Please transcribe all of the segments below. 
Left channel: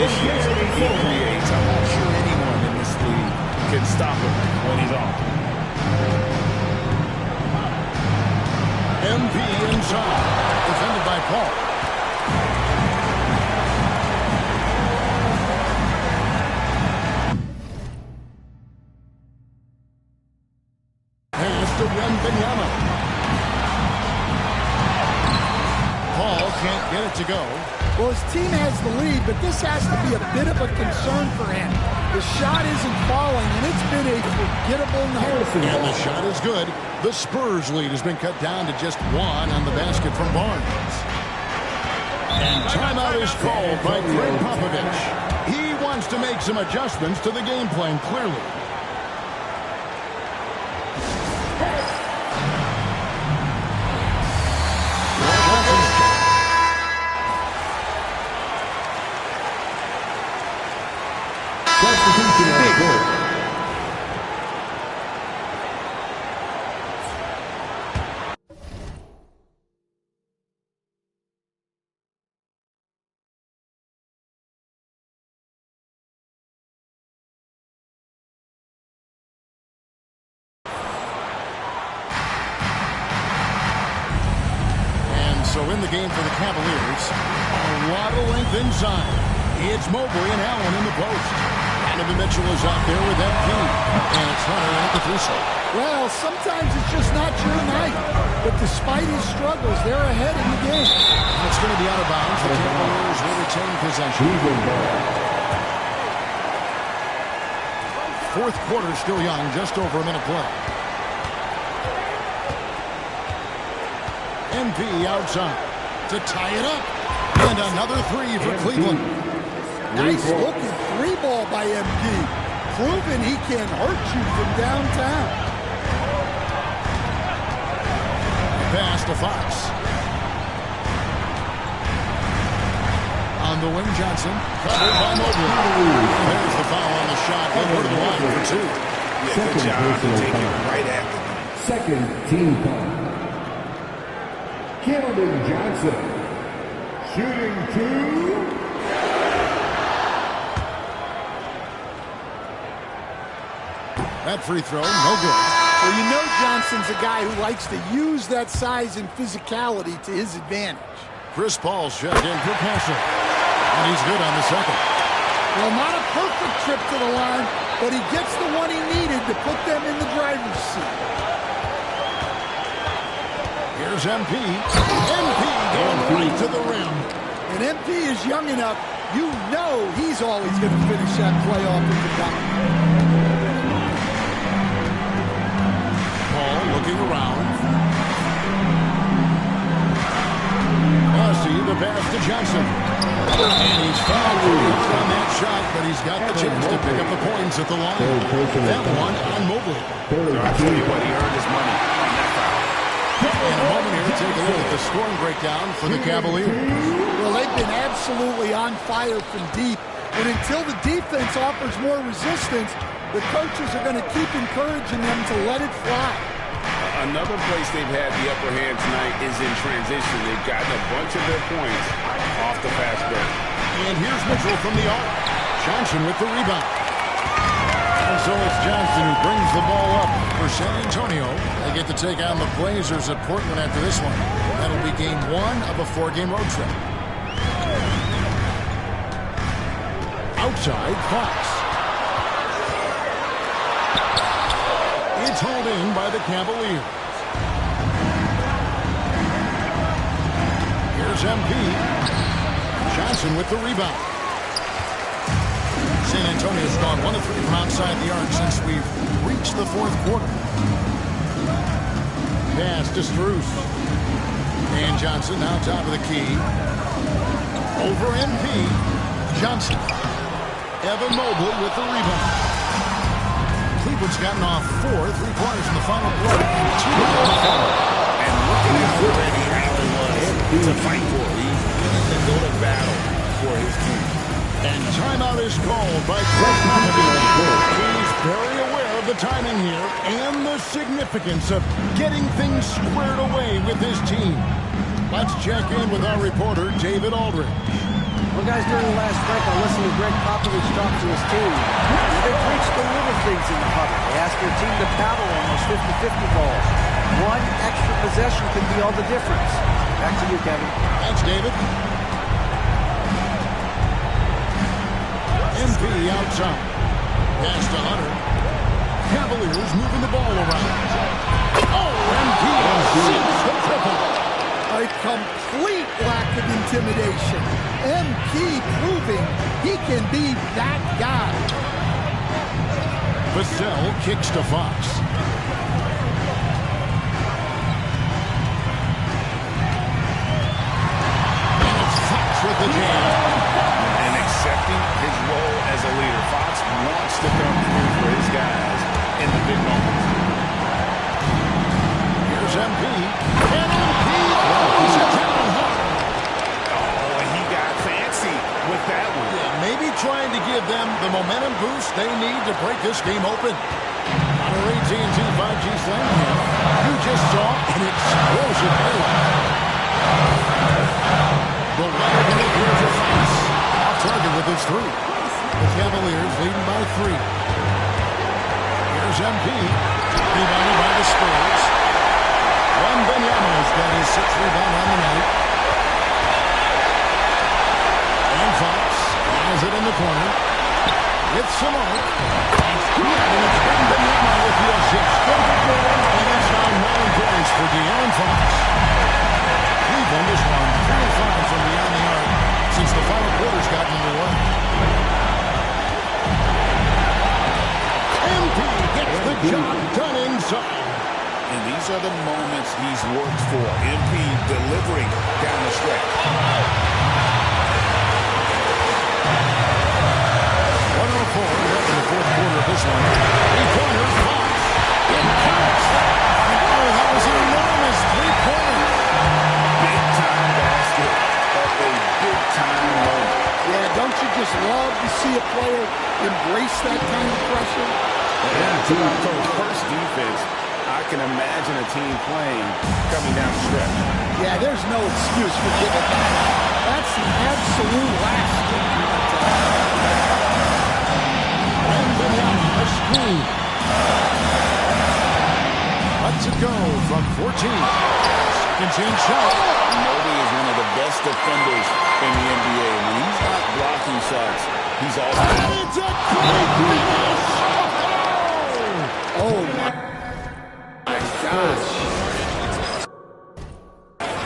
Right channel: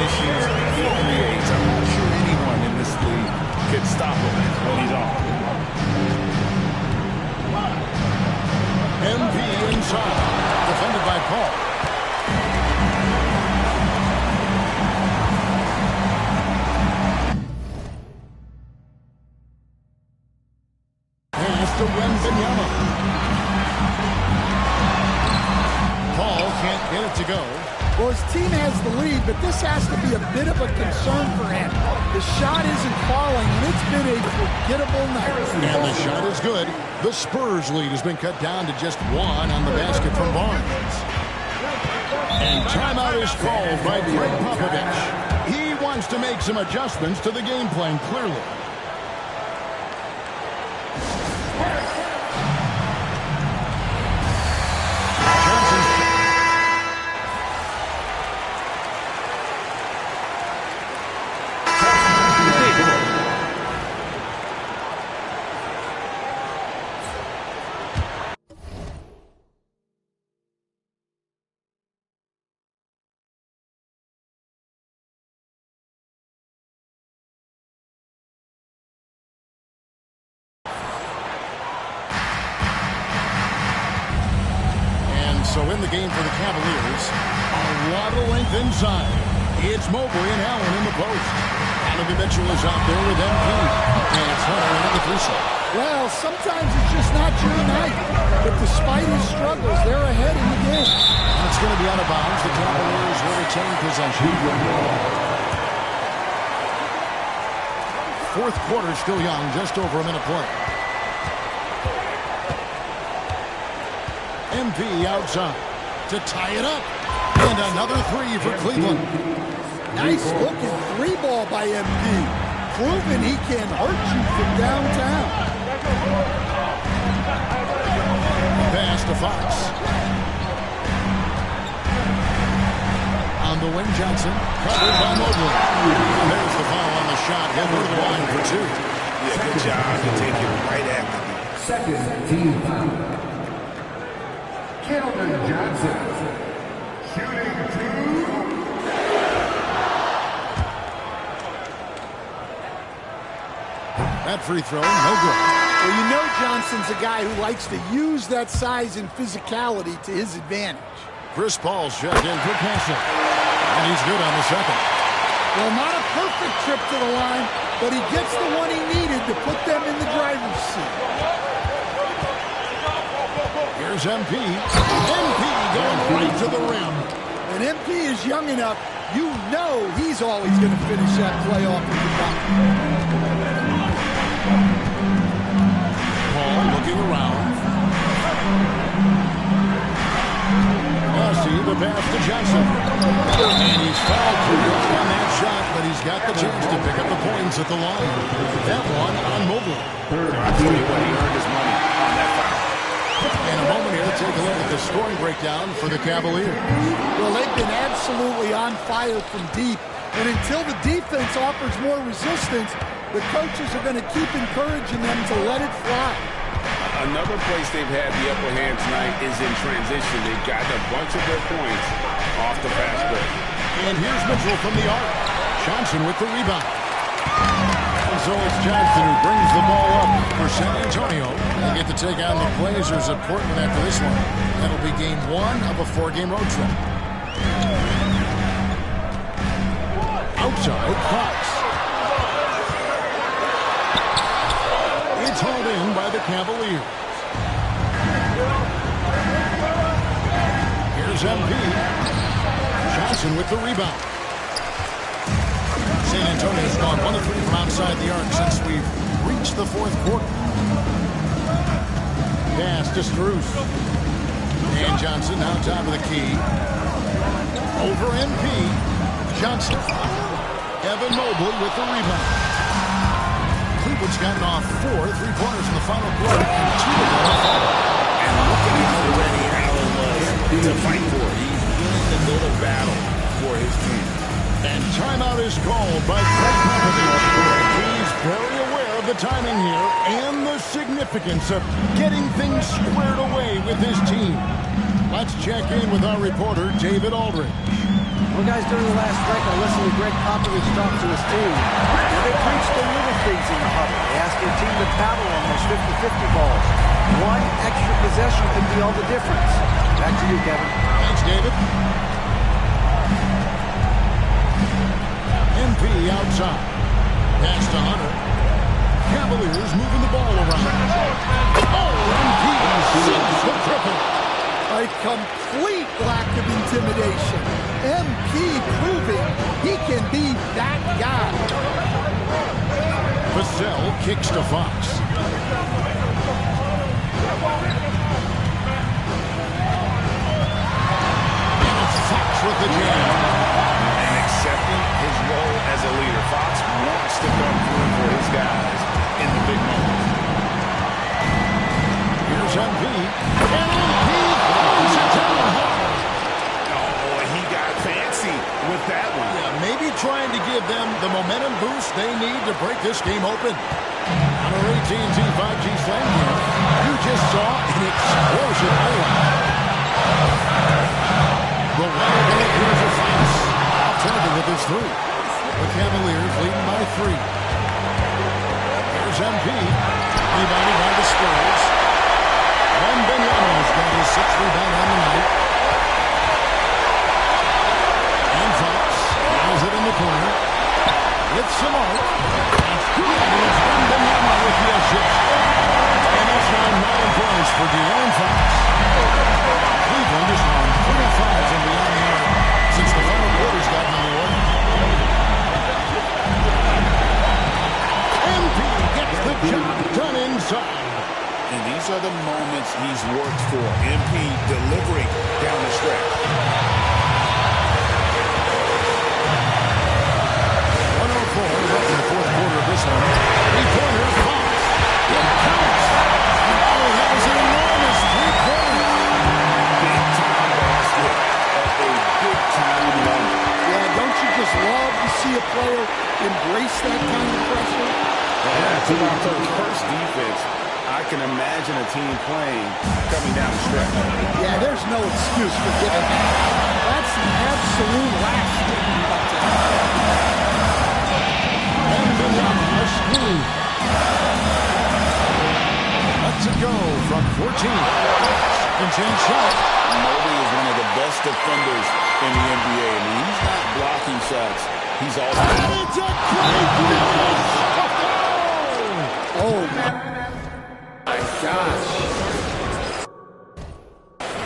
issues he creates, I'm not sure anyone in this league can stop him when he's on. MP inside. Defended by Paul. Pass to Wembanyama. Paul can't get it to go. Well, his team has the lead, but this has to be a bit of a concern for him. The shot isn't falling, and it's been a forgettable night. And the shot is good. The Spurs lead has been cut down to just one on the basket from Barnes. And timeout is called by Greg Popovich. He wants to make some adjustments to the game plan, clearly. So in the game for the Cavaliers, a lot of length inside. It's Mobley and Allen in the post. Donovan Mitchell is out there with MP. And it's Hunter at the three slot. Well, sometimes it's just not your night. But despite his struggles, they're ahead in the game. And it's going to be out of bounds. The Cavaliers will retain possession. Fourth quarter still young, just over a minute play. MP outside to tie it up. And another three for Cleveland. Nice looking three ball by MP. Proving he can hurt you from downtown. Pass to Fox. On the wing, Johnson. Covered by Mobley. And there's the foul on the shot. He'll go to the line for two. Yeah, good job to take it right after the second team foul. Keldon Johnson, shooting two. That free throw, no good. Well, you know Johnson's a guy who likes to use that size and physicality to his advantage. Chris Paul's checked in for Castle. And he's good on the second. Well, not a perfect trip to the line, but he gets the one he needed to put them in the driver's seat. Here's MP. MP going right to the rim. And MP is young enough, you know he's always going to finish that play off at the bucket. Paul looking around. Massey, the pass to Johnson. And he's fouled pretty hard on that shot, but he's got the chance to pick up the points at the line. That one on Mobley. I'll tell you what, he earned his money on that foul. And a moment here to take a look at the scoring breakdown for the Cavaliers. Well, they've been absolutely on fire from deep. And until the defense offers more resistance, the coaches are going to keep encouraging them to let it fly. Another place they've had the upper hand tonight is in transition. They've gotten a bunch of their points off the fast break. And here's Mitchell from the arc. Johnson with the rebound. And so it's Johnson who brings the ball up for San Antonio. They get to take on the Blazers at Portland after this one. That'll be game one of a four-game road trip. Outside, Fox. It's hauled in by the Cavaliers. Here's MP. Johnson with the rebound. San Antonio's gone 1 of 3 from outside the arc since we've reached the fourth quarter. Pass to Strus. And Johnson now top of the key. Over MP. Johnson. Evan Mobley with the rebound. Cleveland's gotten off 4 3-pointers in the final quarter, and 2 of them are falling. And look at how ready Allen was to fight for it. He's willing to go to battle for his team. And timeout is called by Greg Popovich. He's very aware of the timing here and the significance of getting things squared away with his team. Let's check in with our reporter, David Aldridge. Well, guys, during the last break, I listened to Greg Popovich talk to his team. Now, they preached the little things in the huddle. They asked their team to paddle on those 50-50 balls. One extra possession could be all the difference. Back to you, Kevin. Thanks, David. MP outside. Pass to Hunter. Cavaliers moving the ball around. Oh, MP sinks the triple. A complete lack of intimidation. MP proving he can be that guy. Vassell kicks to Fox. And it's Fox with the jam. And accepting his role as a leader. Fox wants to come through for his guys in the big moments. Here's MP. And MP throws it down hard. Oh, and he got fancy with that one. Yeah, maybe trying to give them the momentum boost they need to break this game open. On our AT&T 5G Slam Cam, you just saw an explosive highlight. The wide look here for Fox. Off target with his three. The Cavaliers leading by 3. Here's MP. Rebounded by the Spurs. Wembanyama's got his 6th rebound on the night. And Fox has it in the corner. With some arc. That's good. And it's Wembanyama with the assist. And that's now 9 points for De'Aaron Fox. Cleveland has gone 3 of 5 from beyond the arc since the final quarter's gotten underway. MP gets the job done inside. And these are the moments he's worked for. MP delivering down the stretch. 104 left in the 4th quarter of this one. 3-pointer, Fox. It counts. Oh, that was an enormous 3-pointer. Big-time basket at a big-time moment. Yeah, don't you just love to see a player embrace that kind of pressure? Yeah, that's about the first defense I can imagine a team playing coming down the stretch. Yeah, there's no excuse for giving that up. That's the absolute last thing you want to have. Wembanyama, a screen. Lets it go from 14. Second chance shot. Mobley is one of the best defenders in the NBA. When he's not blocking shots, he's also... It's a great finish! Oh, my gosh.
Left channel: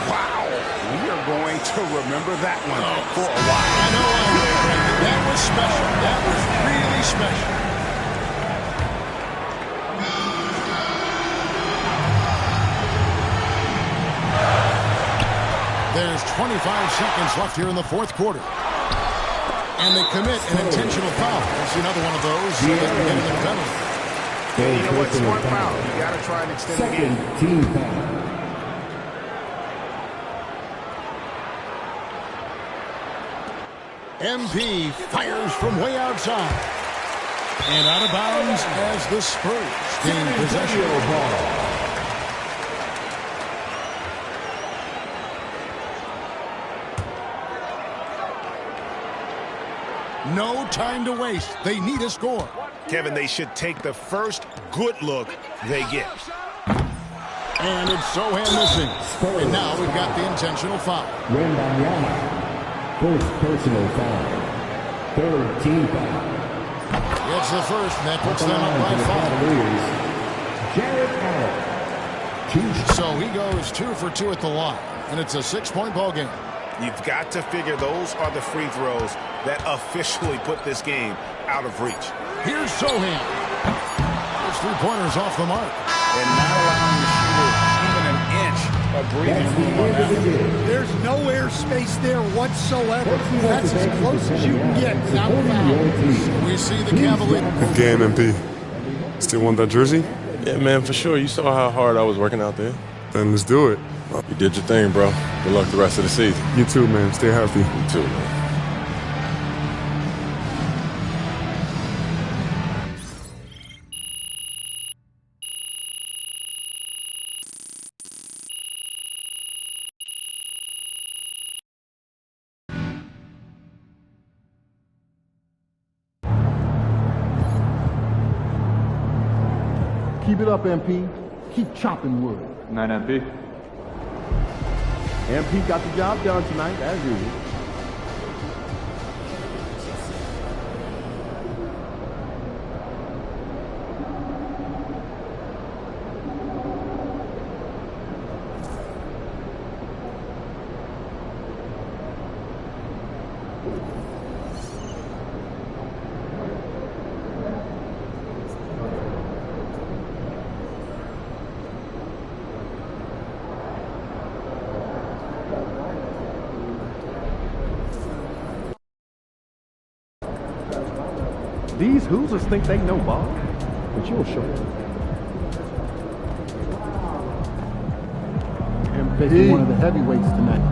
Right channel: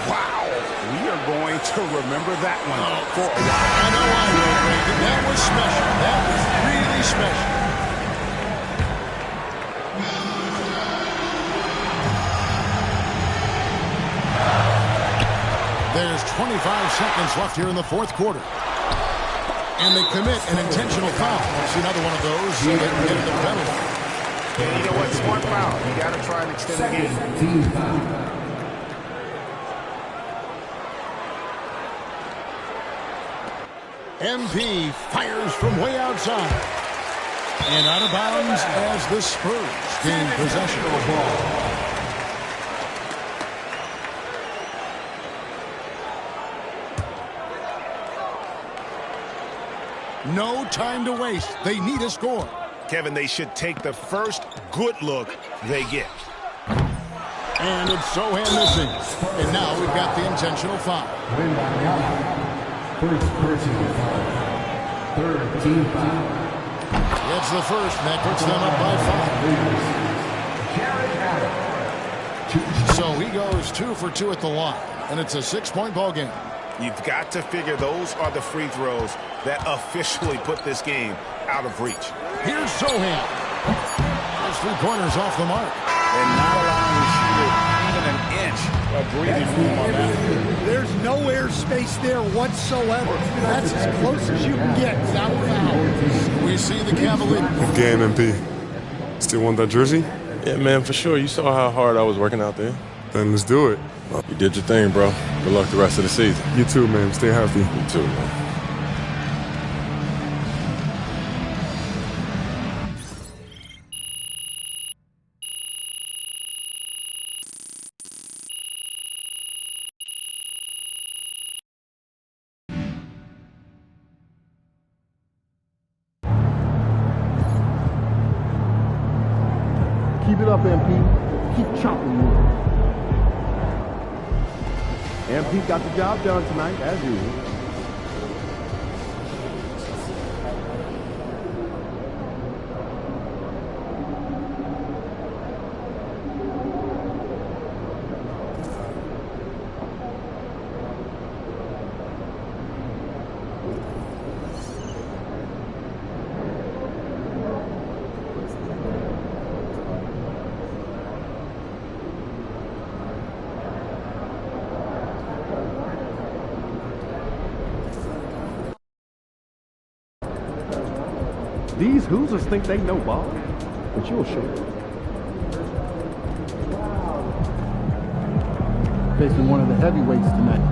Wow! We are going to remember that one for a while. I know I will, Greg. That was special. That was really special. There's 25 seconds left here in the 4th quarter. And they commit an intentional foul. That's another one of those so they can get in the penalty. Yeah, you know what? Smart foul. You got to try and extend the game. Team foul. MP fires from way outside. And out of bounds as the Spurs gain possession of the ball. No time to waste. They need a score. Kevin, they should take the first good look they get. And it's Sohan missing. And now we've got the intentional foul. Wembanyama. First personal foul. 3rd team foul. Gets the first, and that puts them up by 5. Jared Allen. So he goes 2 for 2 at the line, and it's a 6-point ball game. You've got to figure those are the free throws that officially put this game out of reach. Here's Sohan. His 3-pointers off the mark. And not allowing the shooter even an inch of breathing room on that one. There's no airspace there whatsoever. That's as close as you can get without foul. We see the Cavaliers. Good game, MP. Still want that jersey? Yeah, man, for sure. You saw how hard I was working out there. Then let's do it. You did your thing, bro. Good luck the rest of the season. You too, man. Stay healthy. You too, man. Keep it up, MP. Keep chopping wood. Night, MP. MP got the job done tonight, as usual. These Hoosiers think they know ball, but you'll show them. Facing one of the heavyweights tonight.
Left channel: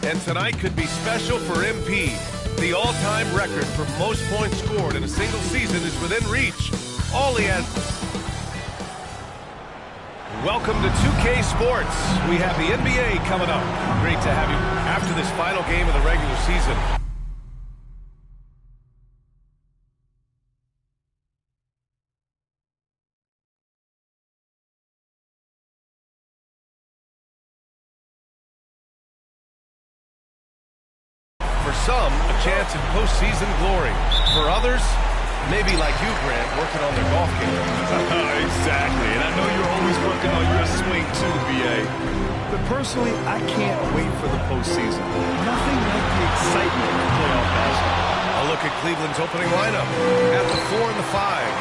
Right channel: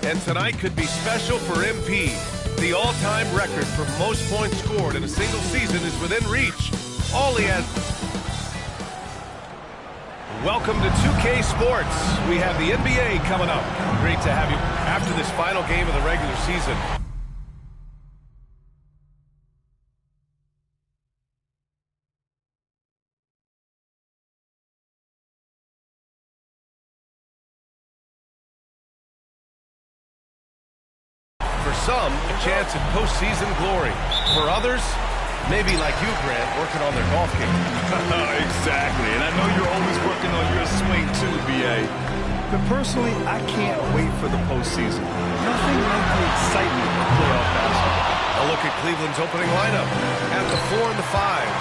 And tonight could be special for MP. The all-time record for most points scored in a single season is within reach. All he has... Welcome to 2K Sports. We have the NBA coming up. Great to have you after this final game of the regular season. For some, a chance at postseason glory. For others, maybe like you, Grant, working on their golf game. Exactly, and I know you're always working on your swing too, B.A. But personally, I can't wait for the postseason. Nothing like the excitement of playoff basketball. A look at Cleveland's opening lineup. At the 4 and the 5,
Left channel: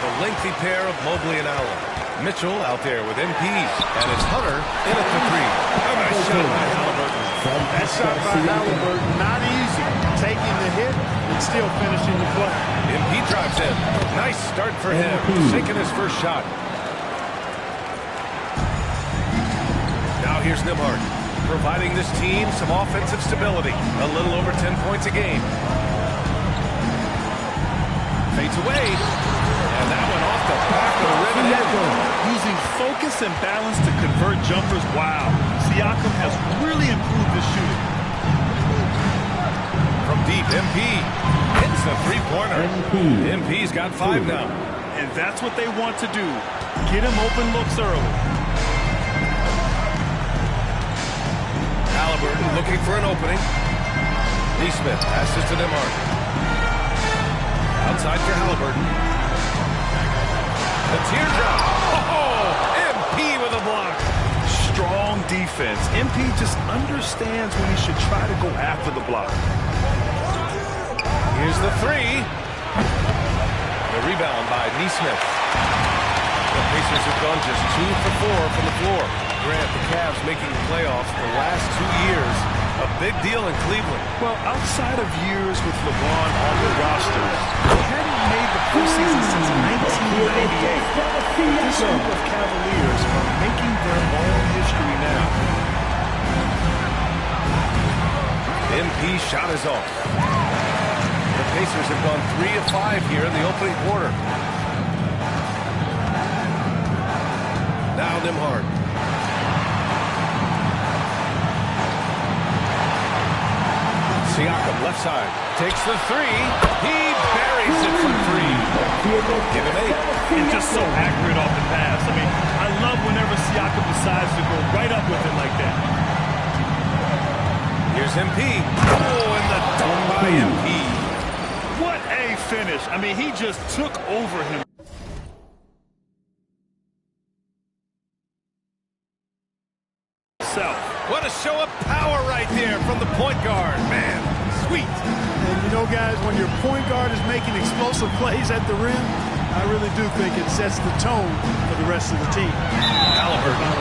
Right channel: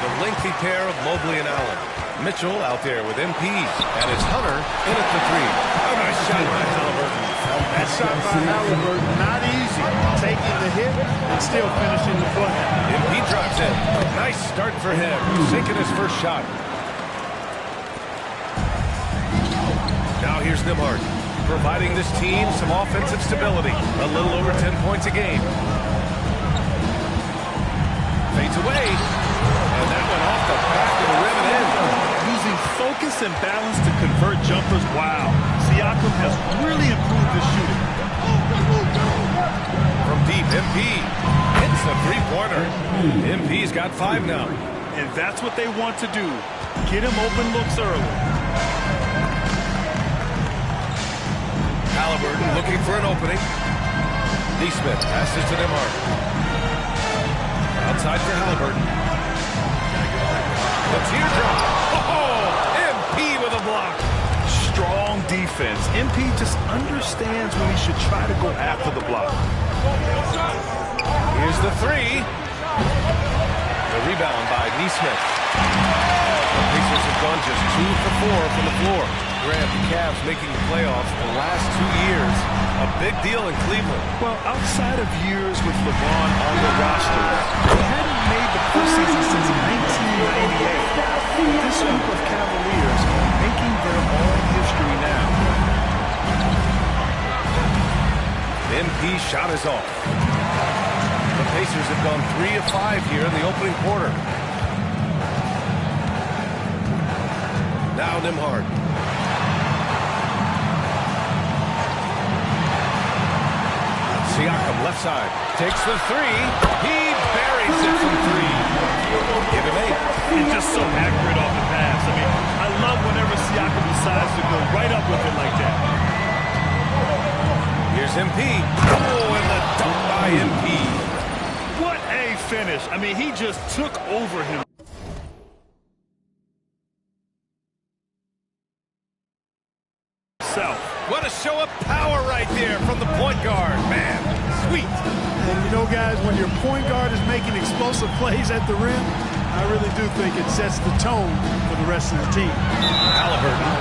the lengthy pair of Mobley and Allen. Mitchell out there with MP, and it's Hunter in at the 3. A nice shot by Halliburton. That shot by Halliburton, not easy. Taking the hit and still finishing the play. MP drives in. Nice start for him. Sinking his first shot. Now here's Nembhard, providing this team some offensive stability. A little over 10 points a game. Fades away. And that one off the back of the rim and in. Using focus and balance to convert jumpers. Wow. Siakam has really improved his shooting. From deep, MP hits a three-pointer. MP's got 5 now. And that's what they want to do. Get him open looks early. Halliburton looking for an opening. Neesmith passes to Nembhard. Outside for Halliburton. The teardrop. Oh, MP with a block. Strong defense. MP just understands when he should try to go after the block. Here's the 3. The rebound by Neesmith. The Pacers have gone just 2 for 4 from the floor. Grant, the Cavs making the playoffs the last 2 years. A big deal in Cleveland. Well, outside of years with LeBron on the roster, they hadn't made the postseason since 1998. This group of Cavaliers are making their own history now. MP's shot is off. The Pacers have gone 3 of 5 here in the opening quarter. Now Nembhard. Siakam, left side, takes the 3. He buries it from 3. Give him 8. And just so accurate off the pass. I mean, I love whenever Siakam decides to go right up with it like that. Here's MP. Oh, and the dunk by MP. What a finish. I mean, he just took over him. What a show of power right there from the point guard. Man, sweet. And you know, guys, when your point guard is making explosive plays at the rim, I really do think it sets the tone for the rest of the team. Halliburton,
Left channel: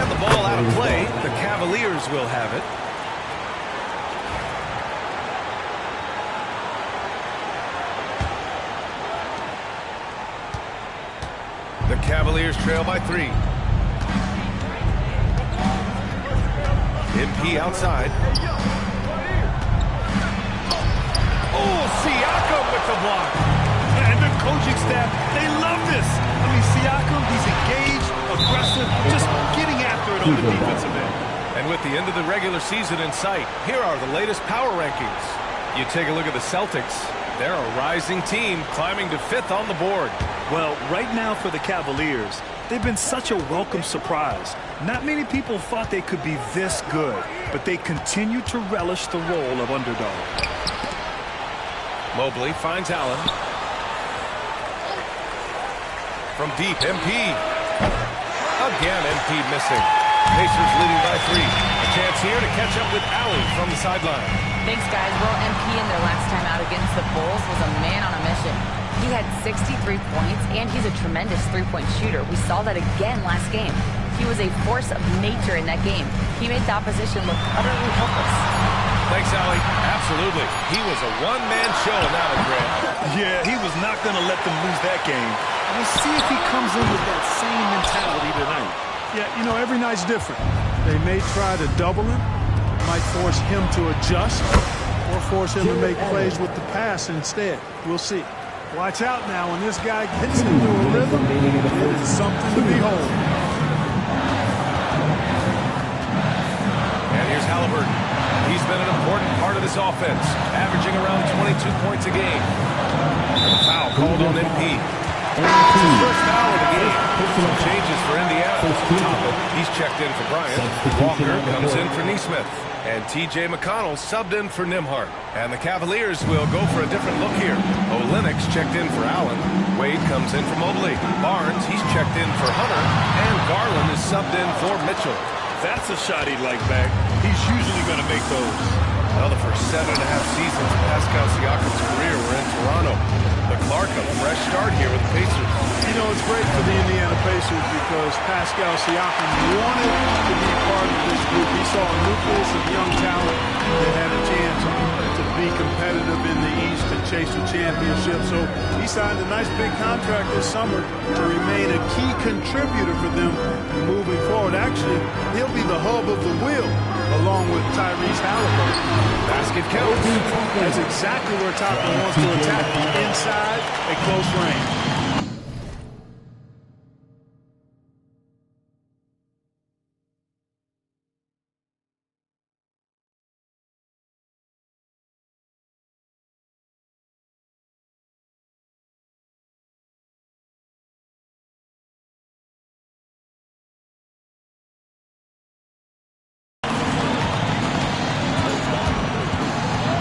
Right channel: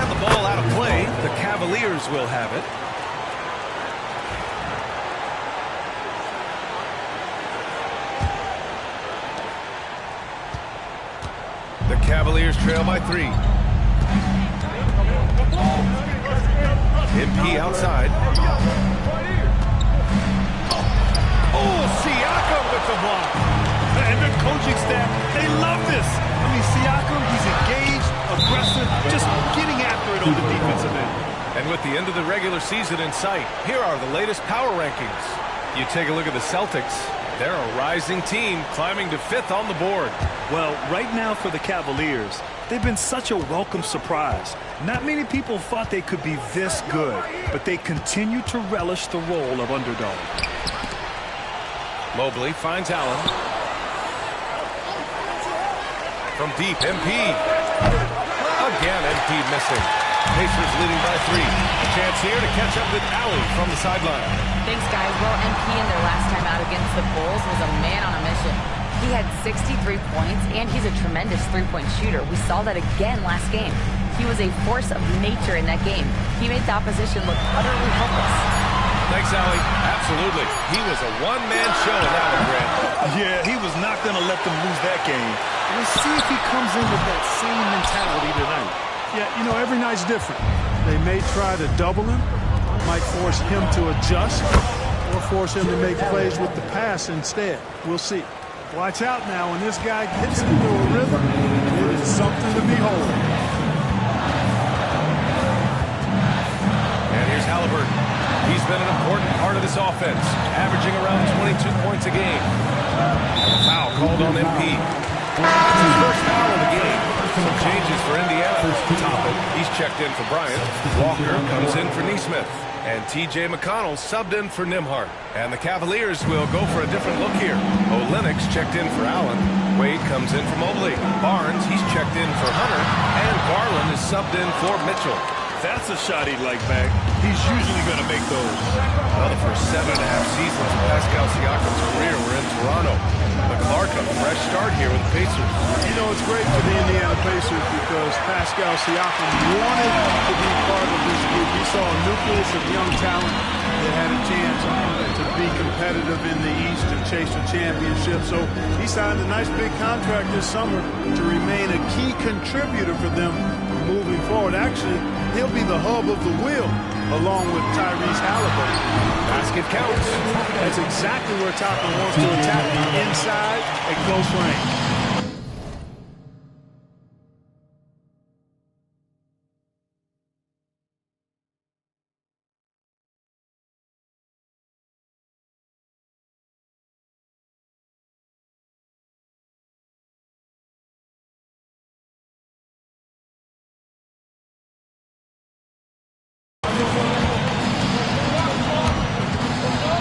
and the ball out of play. The Cavaliers will have it. The Cavaliers trail by 3. MP outside. Oh, Siakam with the block. And the coaching staff, they love this. I mean, Siakam, he's engaged, aggressive, just getting after it on the defensive end. And with the end of the regular season in sight, here are the latest power rankings. You take a look at the Celtics. They're a rising team climbing to 5th on the board. Well, right now for the Cavaliers, they've been such a welcome surprise. Not many people thought they could be this good, but they continue to relish the role of underdog. Mobley finds Allen. From deep, MP. Again, MP missing. Pacers leading by 3. A chance here to catch up with Allie from the sideline. Thanks, guys. Well, MP in their last time out against the Bulls was a man on a mission. He had 63 points, and he's a tremendous three-point shooter. We saw that again last game. He was a force of nature in that game. He made the opposition look utterly helpless. Thanks, Allie. Absolutely. He was a one-man show in that one, Grant. Yeah, he was not going to let them lose that game. We'll see if he comes in with that same mentality tonight. Yeah, you know, every night's different. They may try to double him, might force him to adjust, or force him to make plays with the pass instead. We'll see. Watch out now. When this guy gets into a rhythm, it is something to behold. And here's Halliburton. He's been an important part of this offense, averaging around 22 points a game. And a foul called on MP. It's his first foul of the game. Some changes for Indiana. Top it. He's checked in for Bryant. Walker comes in for Neesmith. And T.J. McConnell subbed in for Nimhart. And the Cavaliers will go for a different look here. Olynyk checked in for Allen. Wade comes in for Mobley. Barnes, he's checked in for Hunter. And Garland is subbed in for Mitchell. That's a shot he'd like back. He's usually going to make those. Well, the first 7.5 seasons of Pascal Siakam's career were in Toronto. But Clark, a fresh start here with the Pacers. You know, it's great for the Indiana Pacers because Pascal Siakam wanted to be part of this group. He saw a nucleus of young talent that had a chance to be competitive in the East and chase a championship. So he signed a nice big contract this summer to remain a key contributor for them moving forward. Actually, he'll be the hub of the wheel along with Tyrese Halliburton. Basket counts. That's exactly where Toppin wants to attack, inside at close range.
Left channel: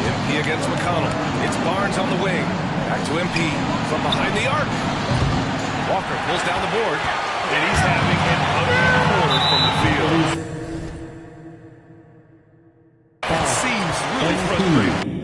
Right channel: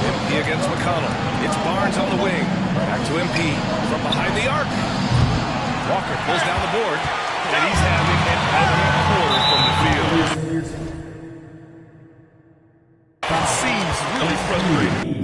MP against McConnell. It's Barnes on the wing. Back to MP from behind the arc. Walker pulls down the board. And he's having an ugly quarter from the field. It seems really frustrating.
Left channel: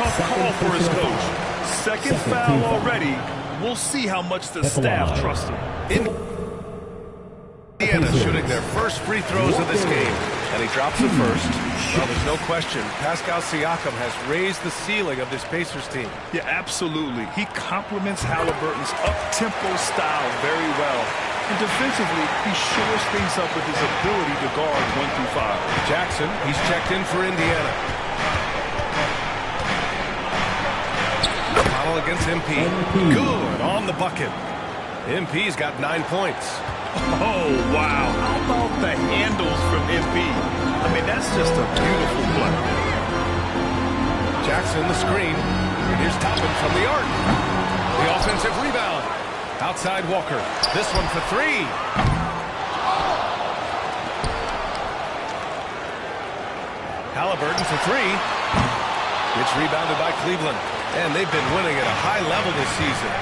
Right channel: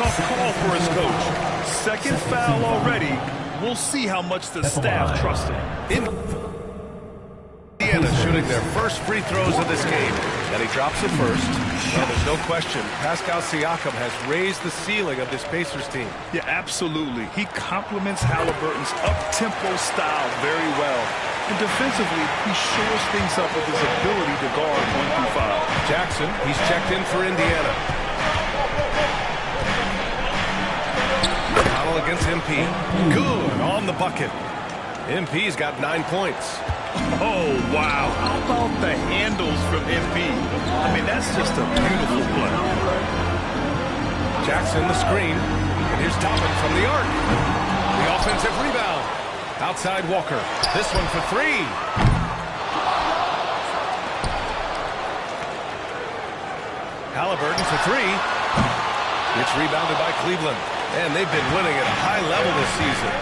tough call for his coach. Second foul already. We'll see how much the staff trusts him. Indiana shooting their first free throws of this game, and he drops the first. Well, there's no question. Pascal Siakam has raised the ceiling of this Pacers team. Yeah, absolutely. He complements Halliburton's up-tempo style very well. And defensively, he shores things up with his ability to guard 1 through 5. Jackson, he's checked in for Indiana. McConnell against MP. Good on the bucket. MP's got 9 points. Oh, wow. How about the handles from MP? I mean, that's just a beautiful play. Jackson, the screen. And here's Toppin from the arc. The offensive rebound. Outside Walker. This one for 3. Halliburton for 3. It's rebounded by Cleveland. And they've been winning at a high level this season.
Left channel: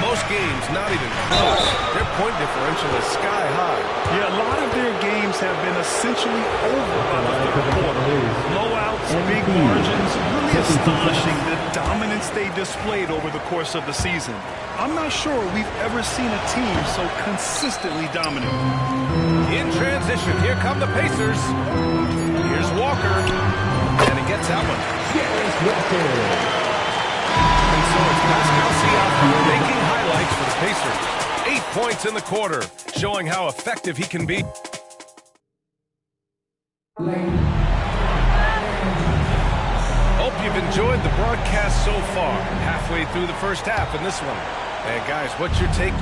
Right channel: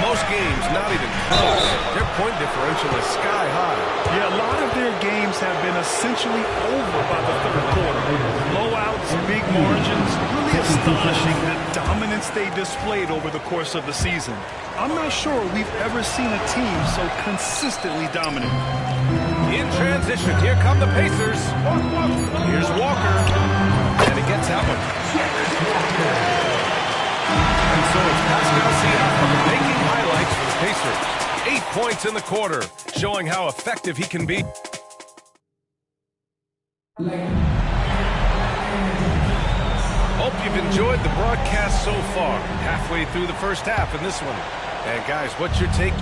Most games not even close. Their point differential is sky high. Yeah, a lot of their games have been essentially over by the third quarter. Blowouts, big margins, really astonishing the dominance they displayed over the course of the season. I'm not sure we've ever seen a team so consistently dominant. In transition, here come the Pacers. Here's Walker. And he gets that one. And so it's Pascal Siakam making highlights for the Pacers. 8 points in the quarter, showing how effective he can be. Hope you've enjoyed the broadcast so far. Halfway through the first half in this one. And guys, what's your take?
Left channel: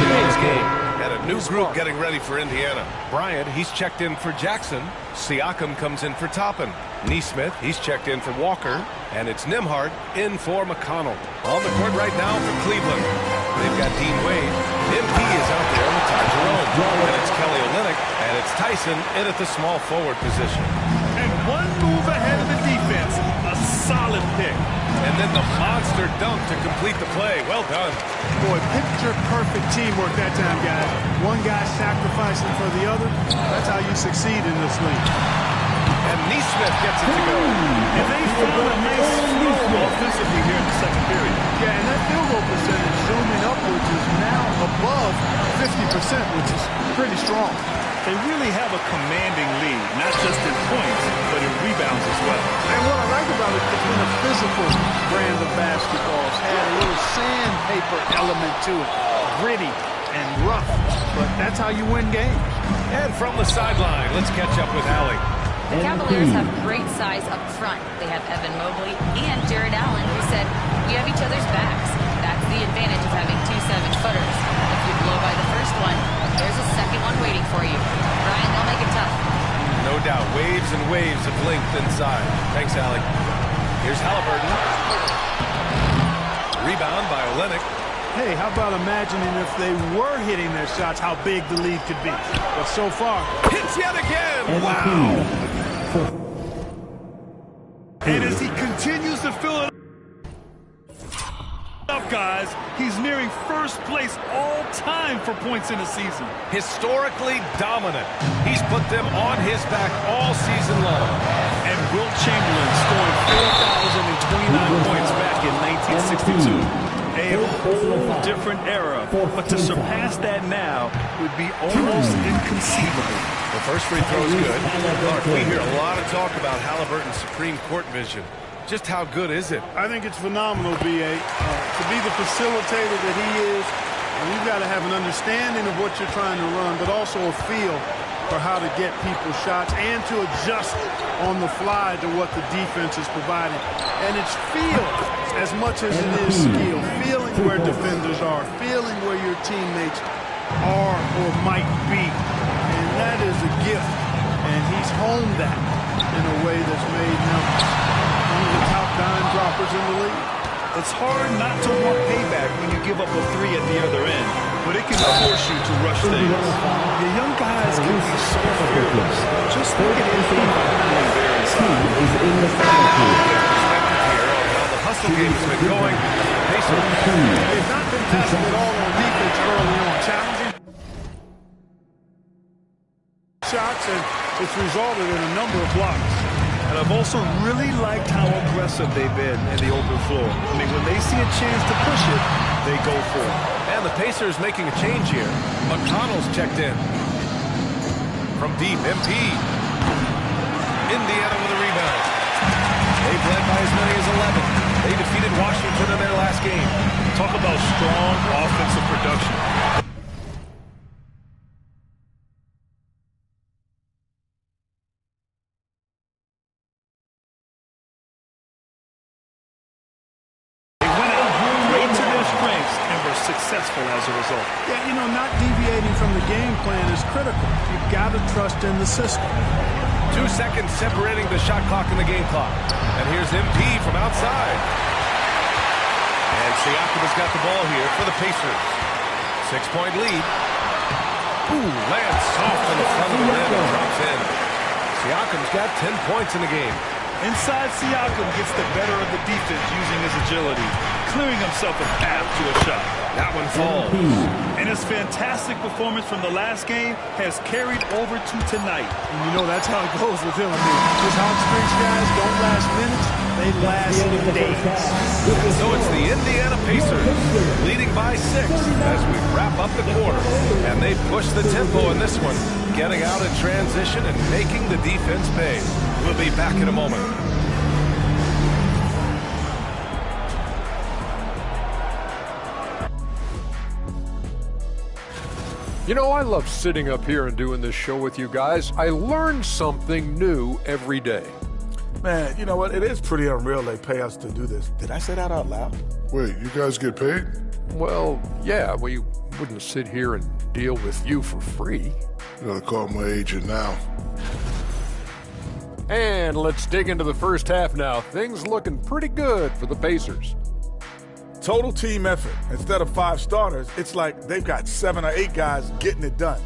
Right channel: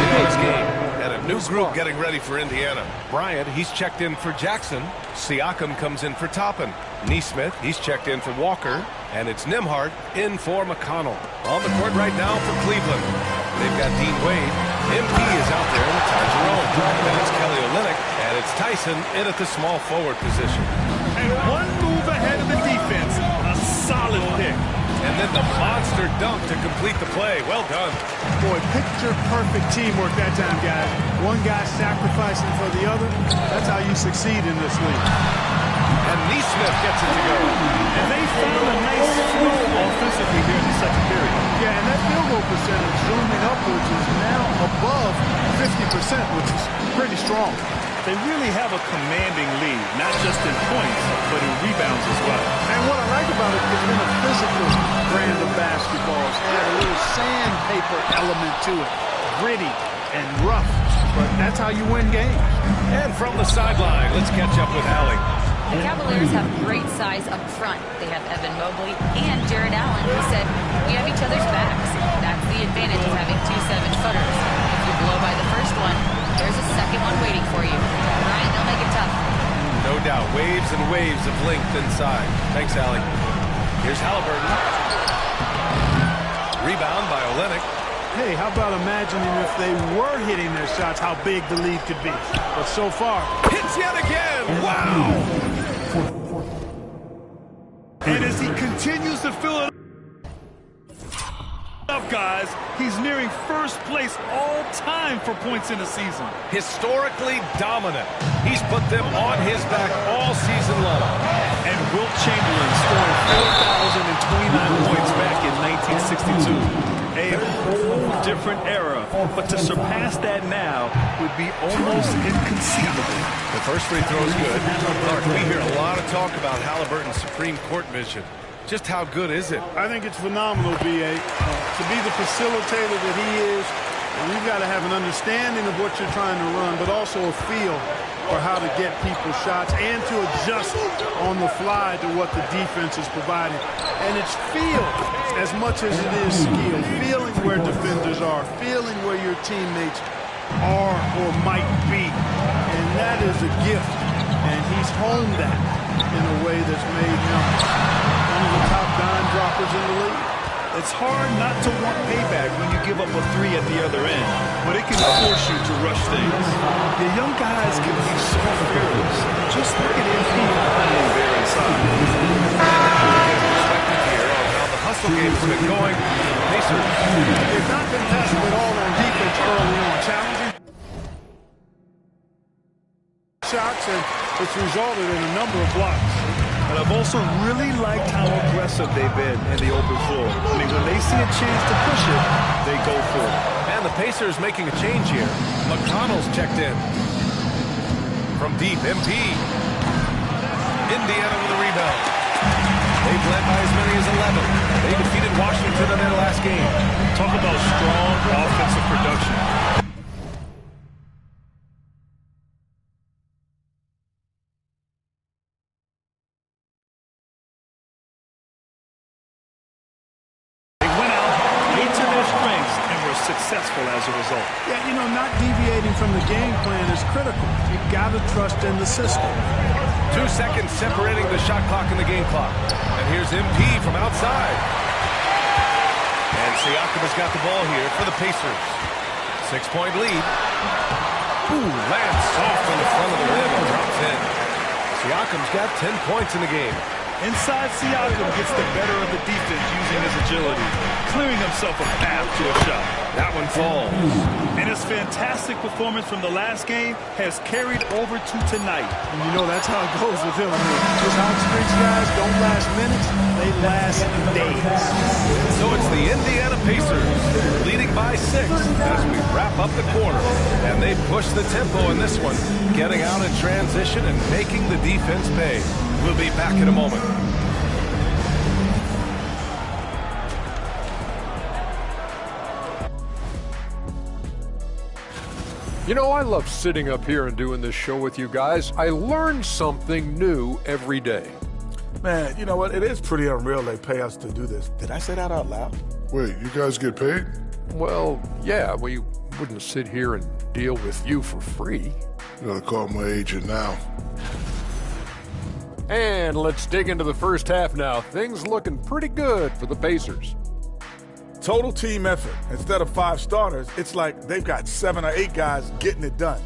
Today's game. And a new group getting ready for Indiana. Bryant, he's checked in for Jackson. Siakam comes in for Toppin. Neesmith, he's checked in for Walker. And it's Nembhard in for McConnell. On the court right now for Cleveland. They've got Dean Wade. MP is out there with Ty Jerome. And it's Kelly Olynyk. And it's Tyson in at the small forward position. And one move ahead of the defense. A solid pick. And then the monster dunk to complete the play. Well done. Boy, picture-perfect teamwork that time, guys. One guy sacrificing for the other. That's how you succeed in this league. And Neesmith gets it to go. And they found a nice flow offensively here in the second period. Yeah, and that field goal percentage zooming upwards is now above 50%, which is pretty strong. They really have a commanding lead, not just in points, but in rebounds as well. And what I like about it, it's been a physical brand of basketball. It's had a little sandpaper element to it. Gritty and rough, but that's how you win games. And from the sideline, let's catch up with Allie. The Cavaliers have great size up front. They have Evan Mobley and Jared Allen, who said, "We have each other's backs." That's the advantage of having 2 7-footers. If you blow by the first one, there's a second one waiting for you. Ryan, they'll make it tough. No doubt. Waves and waves of length inside. Thanks, Allie. Here's Halliburton. Rebound by Olynyk. Hey, how about imagining if they were hitting their shots, how big the lead could be. But so far, hits yet again. Wow. And as he continues to fill it up, guys, he's nearing first place all time for points in a season. Historically dominant. He's put them on his back all season long. And Wilt Chamberlain scoring 4,029 points back in 1962. A whole different era, but to surpass that now would be almost inconceivable. The first free throw is good. Clark, we hear a lot of talk about Halliburton's supreme court vision. Just how good is it? I think it's phenomenal, B.A. To be the facilitator that he is, you've got to have an understanding of what you're trying to run, but also a feel for how to get people shots and to adjust on the fly to what the defense is providing. And it's feel as much as it is skill. Feeling where defenders are, feeling where your teammates are or might be. And that is a gift. And he's honed that in a way that's made him one of the top dime droppers in the league. It's hard not to want payback when you give up a 3 at the other end, but it can force you to rush things. The young guys can be so fearless. Just look at MP playing there inside. And now we get perspective here on how the hustle game has been going. Pacers. They've not been passive at all on defense early on. Challenging shots, and it's resulted in a number of blocks. And I've also really liked how aggressive they've been in the open floor. I mean, when they see a chance to push it, they go for it. And the Pacers making a change here. McConnell's checked in. From deep, MP. Indiana with a rebound. They've led by as many as 11. They defeated Washington in their last game. Talk about strong offensive production. Successful as a result. Yeah, you know, not deviating from the game plan is critical. You've got to trust in the system. 2 seconds separating the shot clock and the game clock. And here's MP from outside. And Siakam has got the ball here for the Pacers. 6-point lead. Ooh, lands soft on the front of the rim and drops in. Siakam's got 10 points in the game. Inside, Siakam gets the better of the defense using his agility, clearing himself a path to a shot. That one falls. And his fantastic performance from the last game has carried over to tonight. And you know that's how it goes with him. I mean, his hot streaks, guys, don't last minutes. They last days. And so it's the Indiana Pacers leading by 6 as we wrap up the quarter. And they push the tempo in this one, getting out in transition and making the defense pay. We'll be back in a moment. You know, I love sitting up here and doing this show with you guys. I learn something new every day. Man, you know what? It is pretty unreal they pay us to do this. Did I say that out loud? Wait, you guys get paid? Well, yeah, we wouldn't sit here and deal with you for free. You gotta call my agent now. And let's dig into the first half now. Things looking pretty good for the Pacers. Total team effort. Instead of 5 starters, it's like they've got 7 or 8 guys getting it done.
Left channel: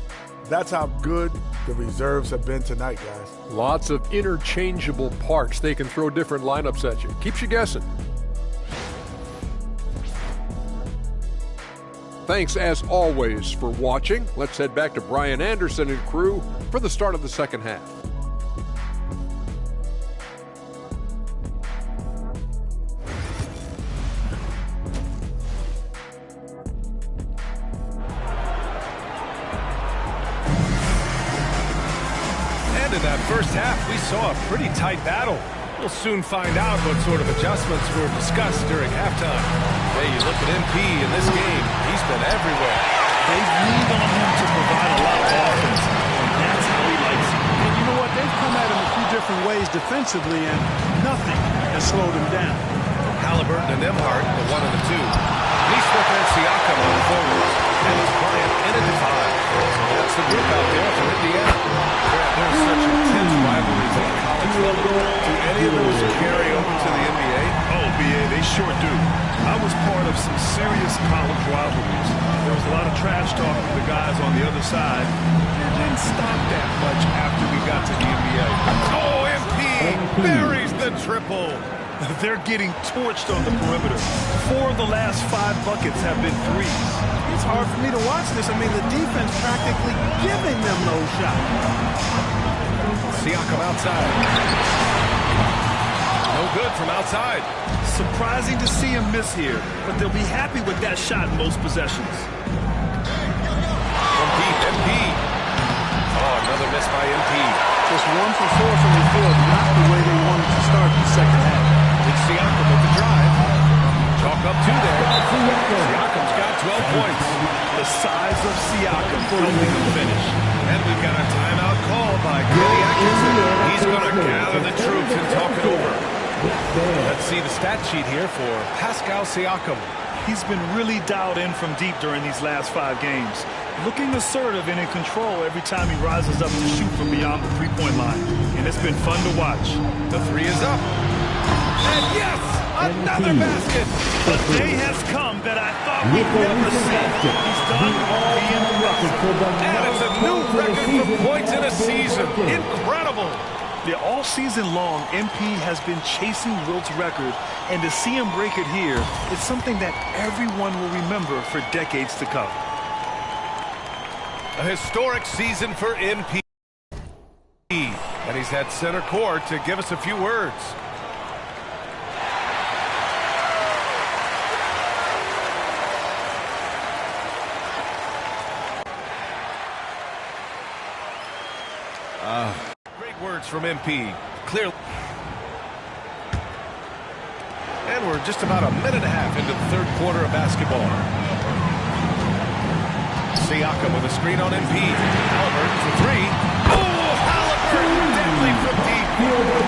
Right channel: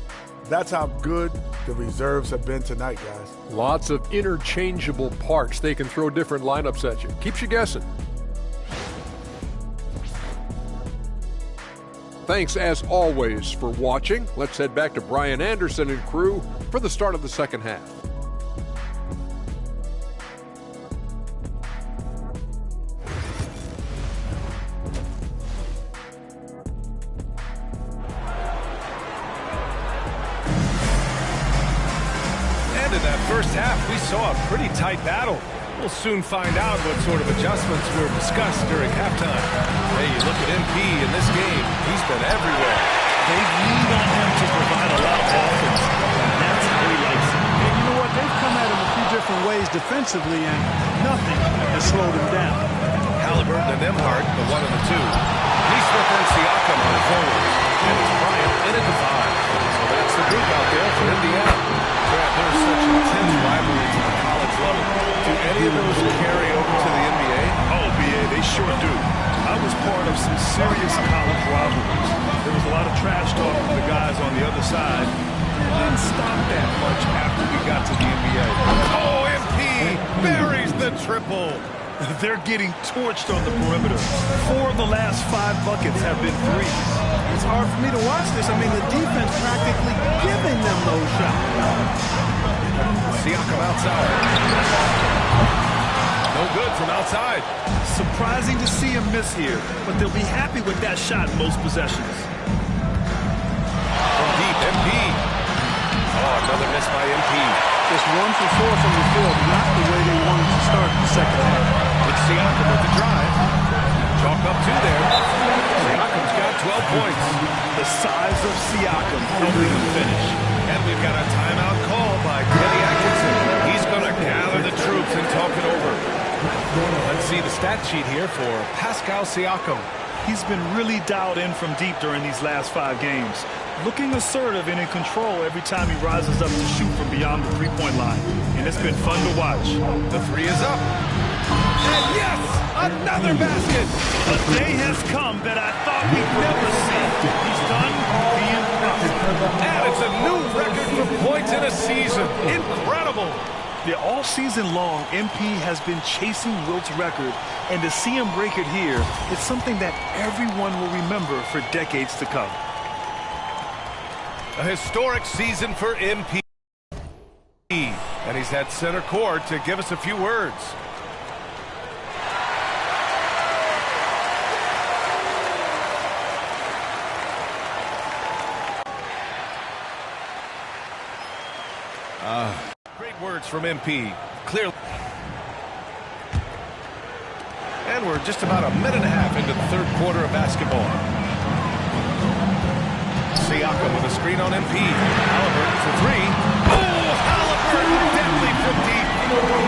That's how good the reserves have been tonight, guys. Lots of interchangeable parts. They can throw different lineups at you. Keeps you guessing. Thanks, as always, for watching. Let's head back to Brian Anderson and crew for the start of the second half. And in that first half, we saw a pretty tight battle. We'll soon find out what sort of adjustments were discussed during halftime. Hey, you look at MP in this game, he's been everywhere. They've leaned on him to provide a lot of offense, and that's how he likes it. And you know what? They've come at him a few different ways defensively, and nothing has slowed him down. Halliburton and Emhart, the 1 and the 2. Neesmith and Siakam on the forwards. And it's Bryant in at the 5. So that's the group out there for Indiana. Grant, there's such intense rivalries at the college level. Do any of those carry over to the NBA? Oh, BA, they sure do. I was part of some serious college rivalries. There was a lot of trash talk from the guys on the other side. It didn't stop that much after we got to the NBA. Oh, MP buries the triple. They're getting torched on the perimeter. 4 of the last 5 buckets have been threes. It's hard for me to watch this. I mean, the defense practically giving them those shots. Siakam outside. No good from outside. Surprising to see him miss here, but they'll be happy with that shot in most possessions. From deep, MP. Oh, another miss by MP. Just 1 for 4 from the field, not the way they wanted to start the second half. It's Siakam with the drive. Chalk up 2 there. Siakam's got 12 points. The size of Siakam helping him finish. And we've got a timeout call by Kenny Atkinson. He's going to gather the troops and talk it over. Let's see the stat sheet here for Pascal Siakam. He's been really dialed in from deep during these last 5 games. Looking assertive and in control every time he rises up to shoot from beyond the three-point line. And it's been fun to watch. The 3 is up. And yes, another basket. A day has come that I thought we'd never see. He's done being rough. And it's a new record for points in a season. Incredible. Yeah, all season long, MP has been chasing Wilt's record, and to see him break it here, it's something that everyone will remember for decades to come. A historic season for MP. And he's at center court to give us a few words. Great words from MP. Clearly. And we're just about a minute and a half into the third quarter of basketball. Siakam with a screen on MP. Halliburton for three. Oh, Halliburton deadly from deep.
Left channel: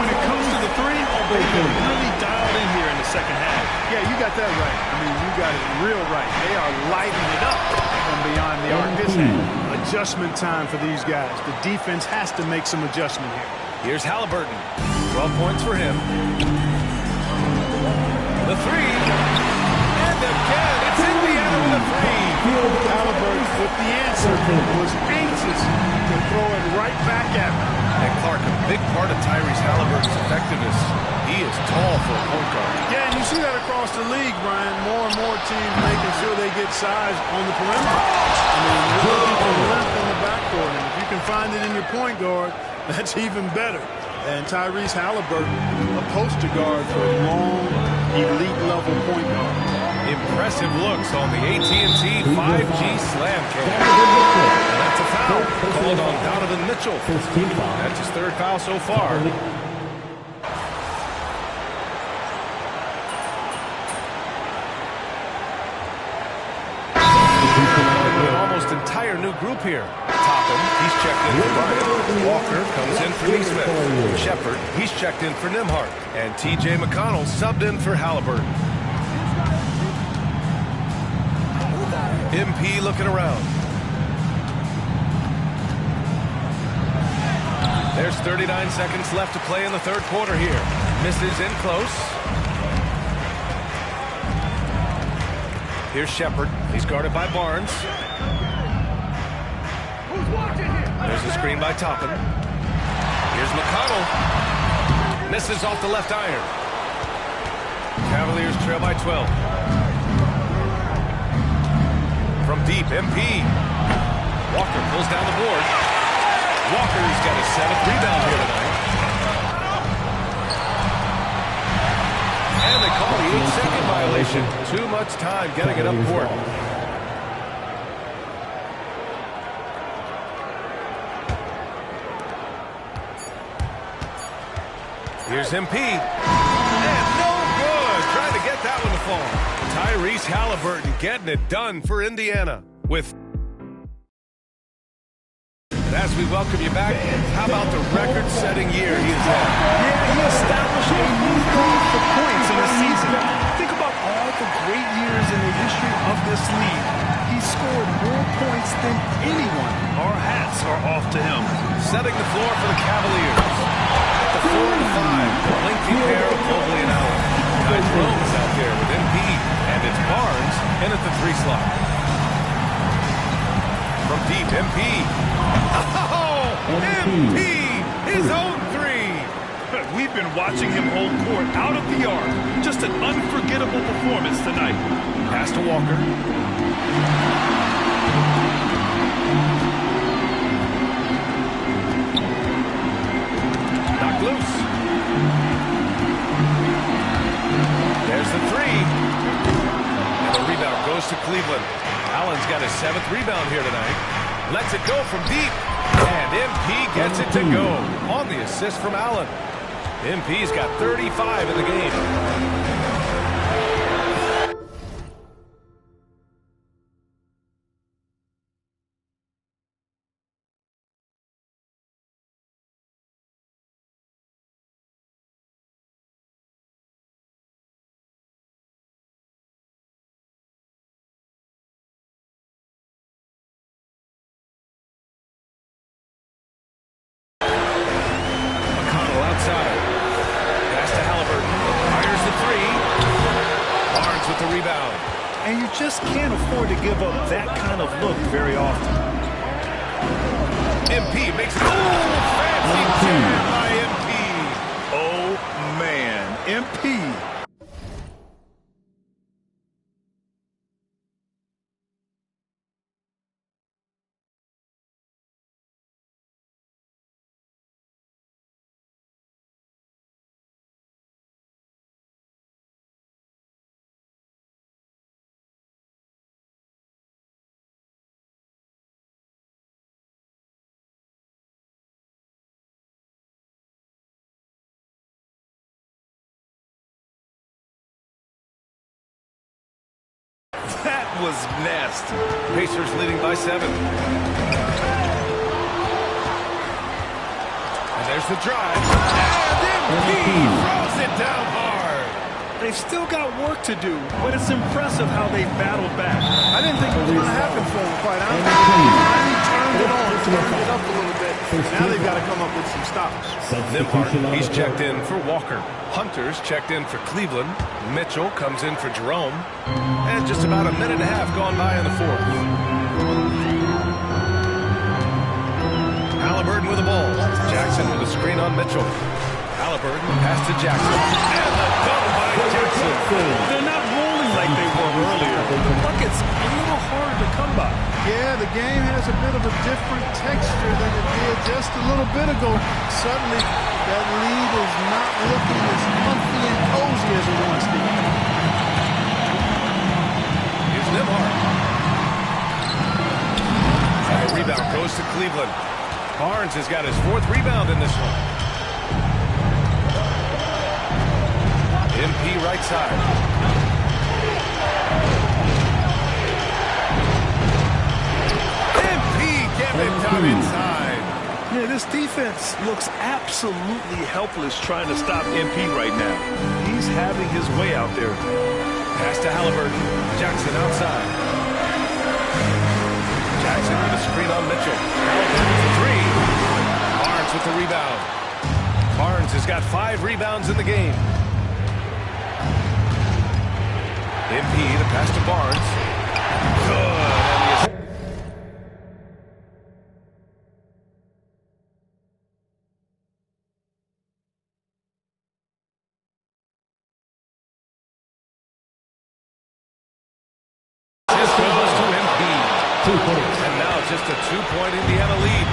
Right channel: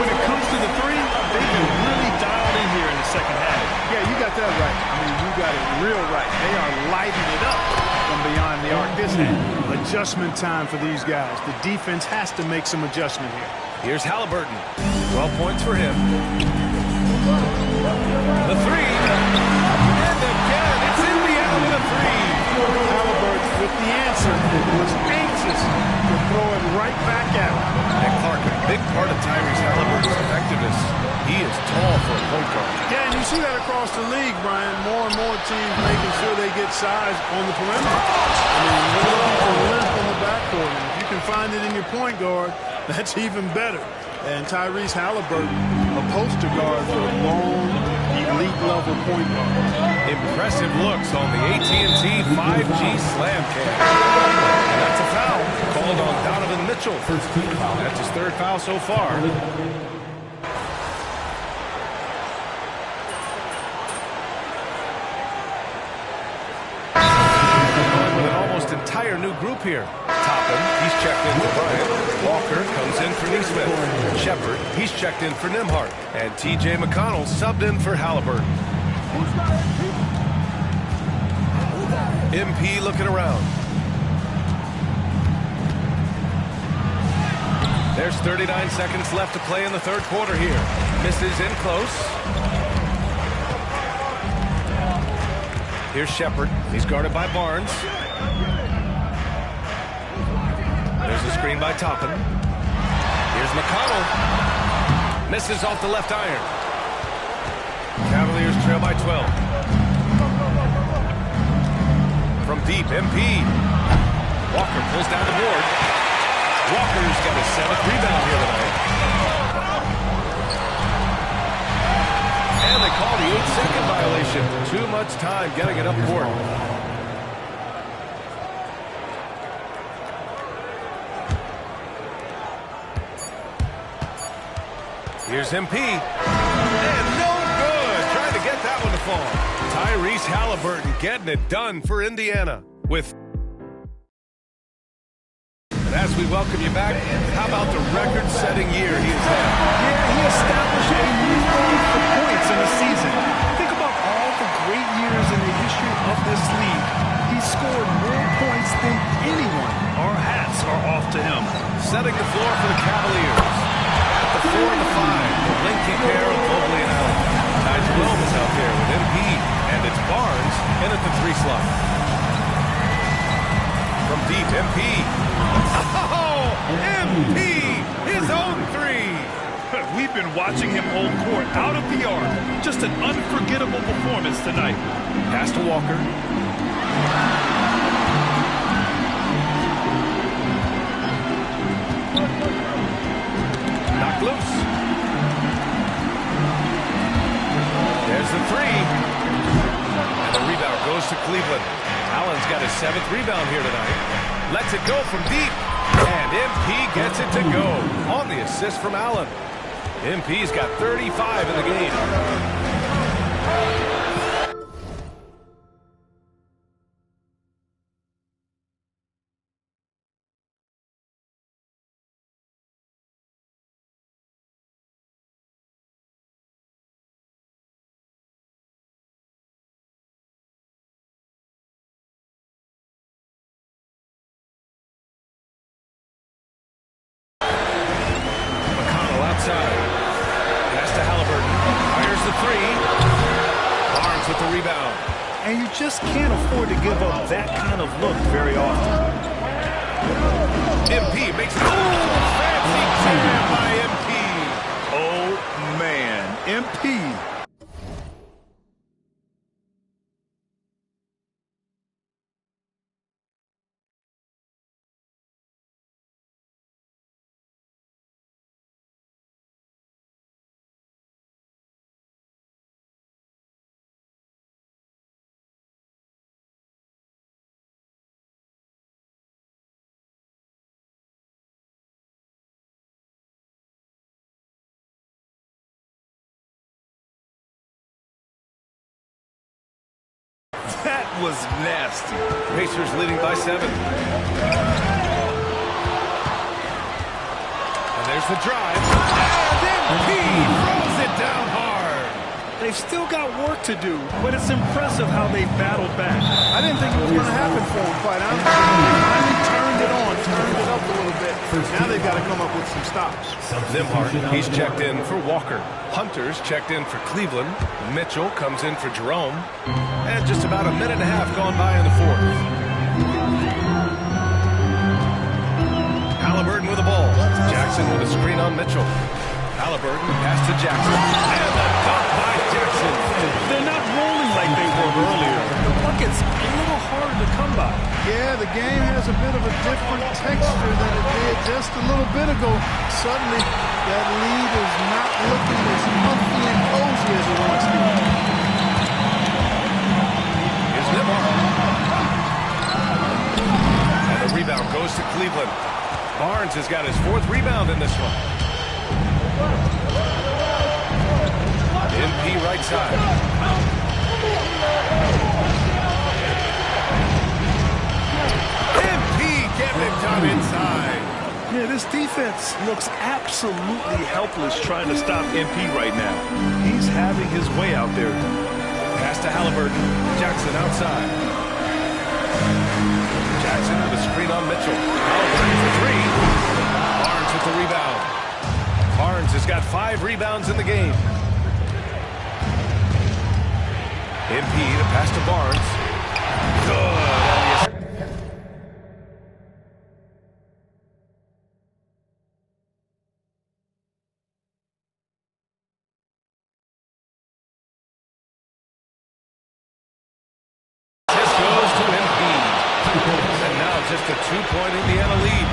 When it comes to the three, they've been really dialed in here in the second half. Yeah, you got that right. I mean, you got it real right. They are lighting it up from beyond the arc this half. Adjustment time for these guys. The defense has to make some adjustment here. Here's Halliburton. 12 points for him. The three. And again, it's Indiana with a three. Halliburton, with the answer, was anxious to throw it right back at him. And Clark, a big part of Tyrese Halliburton's effectiveness. He is tall for a point guard. Yeah, and you see that across the league, Brian. More and more teams making sure they get size on the perimeter. I mean, you're looking for length in the backcourt, and if you can find it in your point guard, that's even better. And Tyrese Halliburton, a poster guard for a long, elite-level point guard. Impressive looks on the AT&T 5G slam cam. And that's a foul called on Donovan Mitchell. That's his third foul so far. With an almost entire new group here. Topham, he's checked in for Bryant. Walker comes in for Nesmith. Shepard, he's checked in for Nembhard. And T.J. McConnell subbed in for Halliburton. MP looking around. There's 39 seconds left to play in the third quarter here. Misses in close. Here's Shepard. He's guarded by Barnes. There's a screen by Topham. Here's McConnell. Misses off the left iron. Cavaliers trail by 12. From deep, MP. Walker pulls down the board. Walker's got his 7th rebound here tonight. And they call the 8-second violation. Too much time getting it up court. Here's MP. And no good. Trying to get that one to fall. Tyrese Halliburton getting it done for Indiana. And as we welcome you back, how about the record-setting year he has had? Yeah, he established a new record for points in the season. Think about all the great years in the history of this league. He scored more points than anyone. Our hats are off to him. Setting the floor for the Cavaliers. At the 4 and the 5, the lengthy pair of Mobley and Allen. Ty Jerome is out there with MP, and it's Barnes in at the 3 slot. From deep, MP. Oh, MP! His own 3! We've been watching him hold court out of the arc. Just an unforgettable performance tonight. Pass to Walker. Knocked loose. There's the 3. And the rebound goes to Cleveland. Allen's got his 7th rebound here tonight. Lets it go from deep. And MP gets it to go on the assist from Allen. MP's got 35 in the game. Outside. Pass to Halliburton. Fires the 3. Barnes with the rebound. And you just can't afford to give up that kind of look very often. MP makes it. Oh, fancy jam by MP. Oh, man. MP That was nasty. Pacers leading by 7. And there's the drive. And MP throws it down hard. They've still got work to do, but it's impressive how they battled back. I didn't think it was going to happen for them, quite honestly. They finally turned it on, turned it up a little bit. Now they've got to come up with some stops. Nembhard, he's checked in for Walker. Hunter's checked in for Cleveland. Mitchell comes in for Jerome. And just about a minute and a half gone by in the fourth. Halliburton with the ball. Jackson with a screen on Mitchell. Halliburton, the pass to Jackson. And the dunk by Jackson. They're not rolling like they were earlier. The bucket's a little harder to come by. Yeah, the game has a bit of a different texture than it did just a little bit ago. Suddenly, that lead is not looking as comfy and cozy as it once did. Here's Nembhard. And the rebound goes to Cleveland. Barnes has got his 4th rebound in this one. MP right side. MP getting it done inside. Yeah, this defense looks absolutely helpless trying to stop MP right now. He's having his way out there. Pass to Halliburton. Jackson outside. Jackson with a screen on Mitchell. Halliburton for 3. Barnes with the rebound. Barnes has got 5 rebounds in the game. MP, the pass to Barnes. Good. And the assist goes to MP. And now just a 2-point Indiana lead.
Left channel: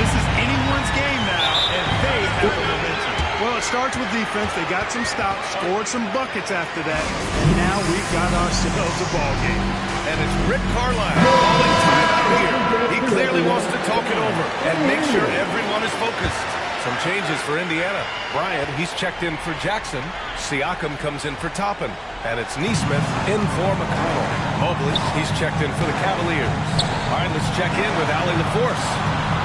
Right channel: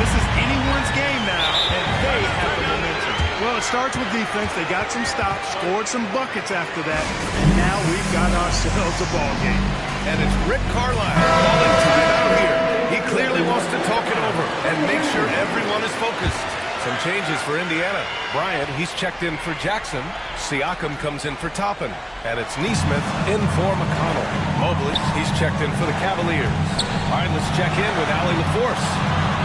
This is anyone's game now, and they have the momentum. Well, it starts with defense. They got some stops, scored some buckets after that, and now we've got ourselves a ball game. And it's Rick Carlisle calling timeout here. He clearly wants to talk it over and make sure everyone is focused. Some changes for Indiana. Bryant, he's checked in for Jackson. Siakam comes in for Toppin. And it's Nesmith in for McConnell. Mobley, he's checked in for the Cavaliers. All right, let's check in with Allie LaForce.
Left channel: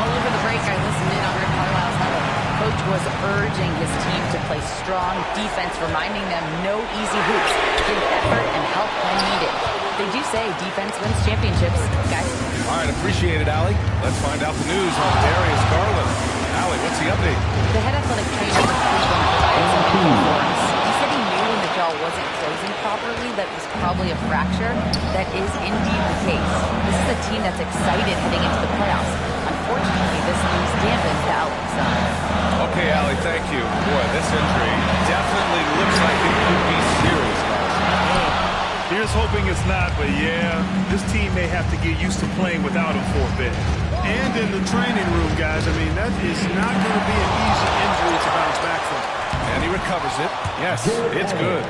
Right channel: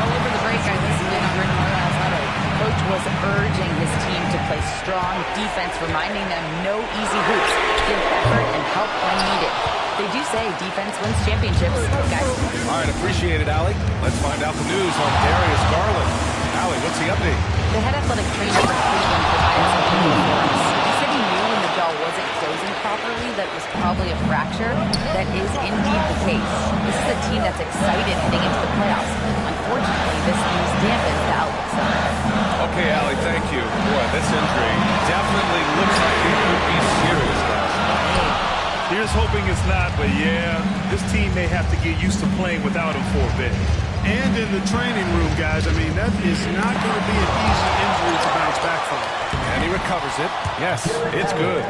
Well, over the break, I listened in on Rick Carlisle's huddle. Coach was urging his team to play strong defense, reminding them no easy hoops. Give effort and help when needed. They do say defense wins championships, guys. All right, appreciate it, Allie. Let's find out the news on Darius Garland. Allie, what's the update? The head athletic trainer for Cleveland provided some info for us. He said he knew when the jaw wasn't closing properly that it was probably a fracture. That is indeed the case. This is a team that's excited heading into the playoffs. Unfortunately, this news dampens the outlook some. Okay, Allie, thank you. Boy, this injury definitely looks like it could be serious, guys. Here's hoping it's not, but yeah, this team may have to get used to playing without him for a bit. And in the training room, guys, I mean, that is not going to be an easy injury to bounce back from. And he recovers it. Yes, it's good.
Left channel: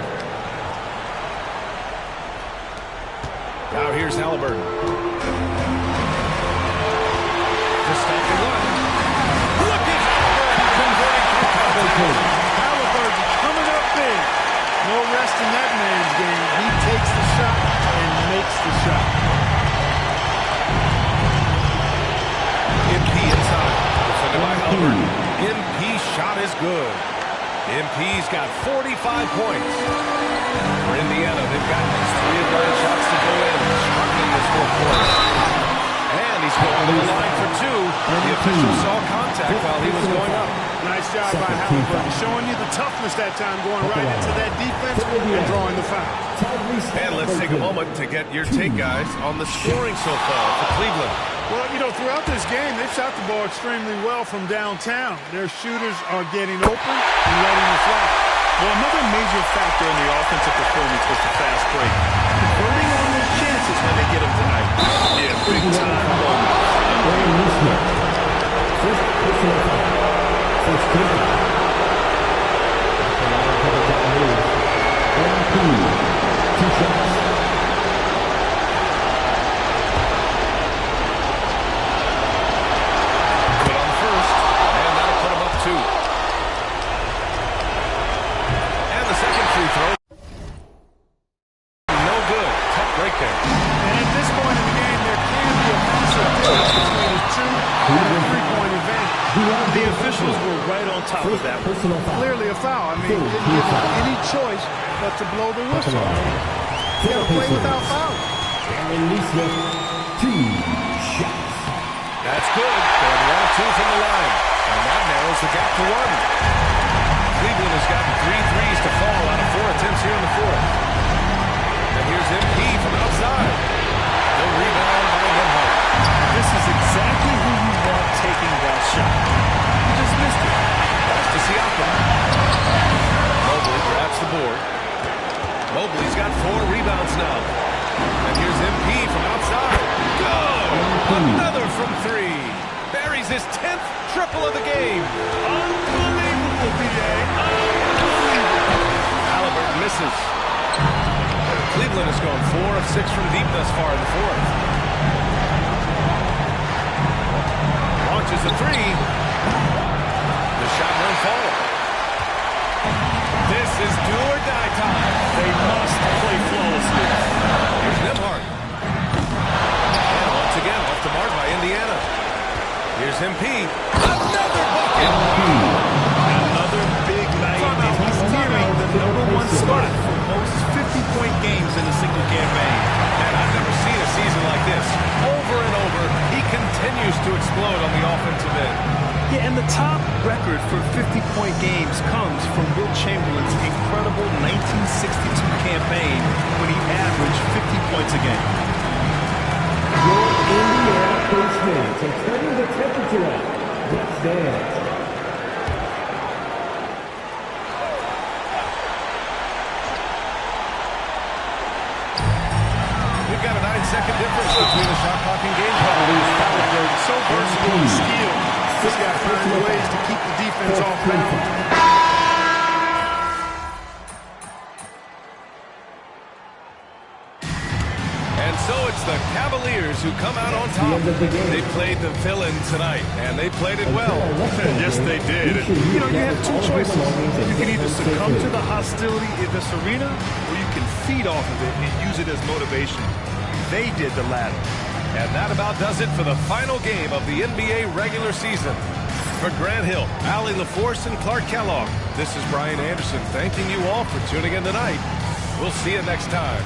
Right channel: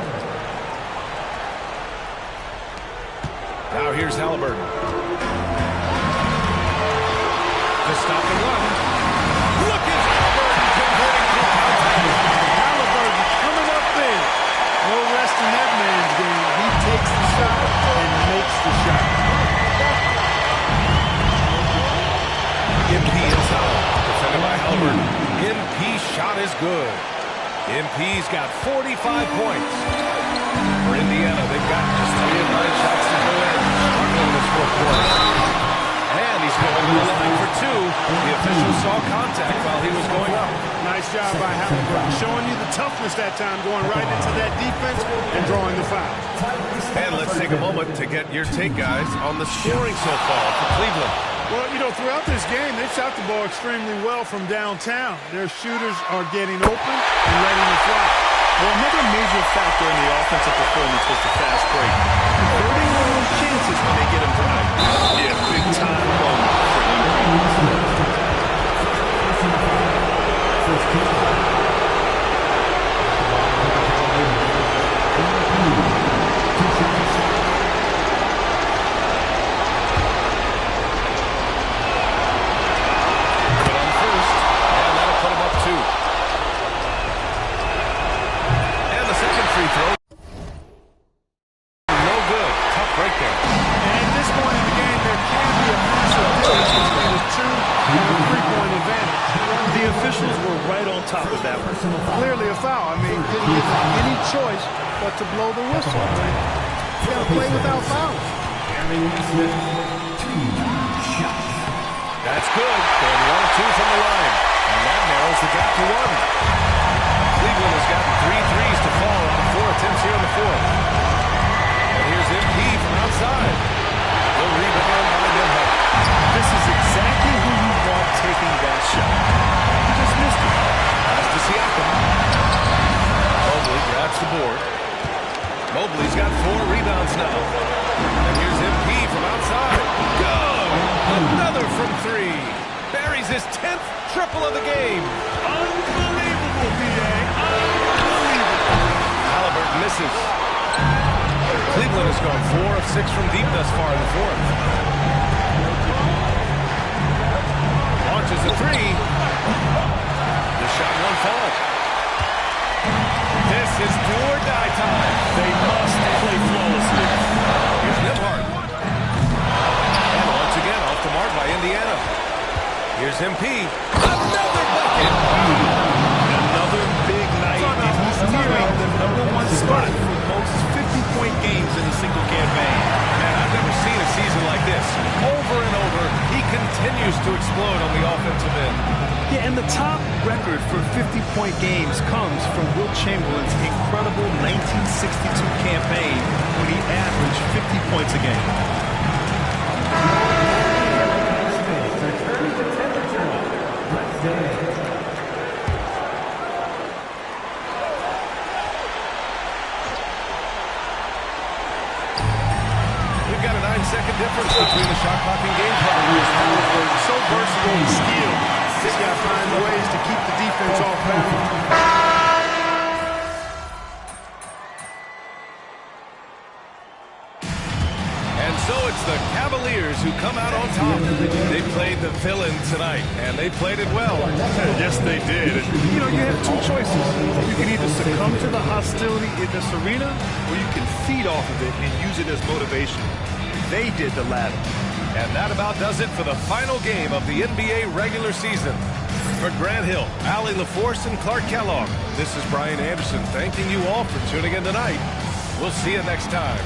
Now here's Halliburton. To stop the run. Look at Halliburton converting through contact. Halliburton coming up big. No rest in that man's game. He takes the shot and makes the shot. MP inside. Defended by Halliburton. MP shot is good. MP's got 45 points. For Indiana, they've gotten just 3 of 9 shots to go in. Struggling this fourth quarter. And he's going to the line for 2. The official saw contact while he was going up. Nice job by Halliburton, showing you the toughness that time, going right into that defense and drawing the foul. And let's take a moment to get your take, guys, on the scoring so far for Cleveland. Well, you know, throughout this game, they've shot the ball extremely well from downtown. Their shooters are getting open and letting it fly. Well, another major factor in the offensive performance was the fast break. Converting on those chances when they get them tonight. Yeah, big-time moment for MVP. Good on first, and that'll put him up 2. And the second free throw. No good. tough break there. And at this point in the game, there can be a massive difference between a 2 and a 3-point advantage. The officials were right on top of that one. Clearly a foul. I mean, didn't give them any choice but to blow the whistle. I mean, you got to play without fouls. That's good. Going 1 of 2 from the line. And that narrows the gap to 1. Cleveland has gotten 3 threes to fall out of 4 attempts here in the fourth. And here's MP from outside. The rebound by Nembhard. This is exactly who you want taking that shot. You just missed it. Pass to Siakam. Mobley grabs the board. Mobley's got 4 rebounds now. And here's MP from outside. Good! Another from 3. Buries his 10th triple of the game. Unbelievable, B.A. Unbelievable. Halliburton misses. Cleveland has gone 4 of 6 from deep thus far in the fourth. Launches a 3. The shot won't fall. This is do or die time. They must play flawlessly. Here's Nembhard. And once again off the mark by Indiana. Here's MP. Another bucket. Another big night, and he's nearing the #1 spot for most 50-point games in a single campaign. Man, I've never seen a season like this. Over and over, he continues to explode on the offensive end. Yeah, and the top record for 50-point games comes from Wilt Chamberlain's incredible 1962 campaign when he averaged 50 points a game. So turning the temperature up. Let's go. We've got a 9-second difference between the shot clock and game clock. Halliburton, so versatile and skilled. This guy finds ways to keep the defense off balance. And so it's the Cavaliers who come out on top. They played the villain tonight, and they played it well. Yes, they did. And, you know, you have 2 choices. You can either succumb to the hostility in this arena, or you can feed off of it and use it as motivation. They did the latter. And that about does it for the final game of the NBA regular season. For Grant Hill, Allie LaForce, and Clark Kellogg, this is Brian Anderson thanking you all for tuning in tonight. We'll see you next time.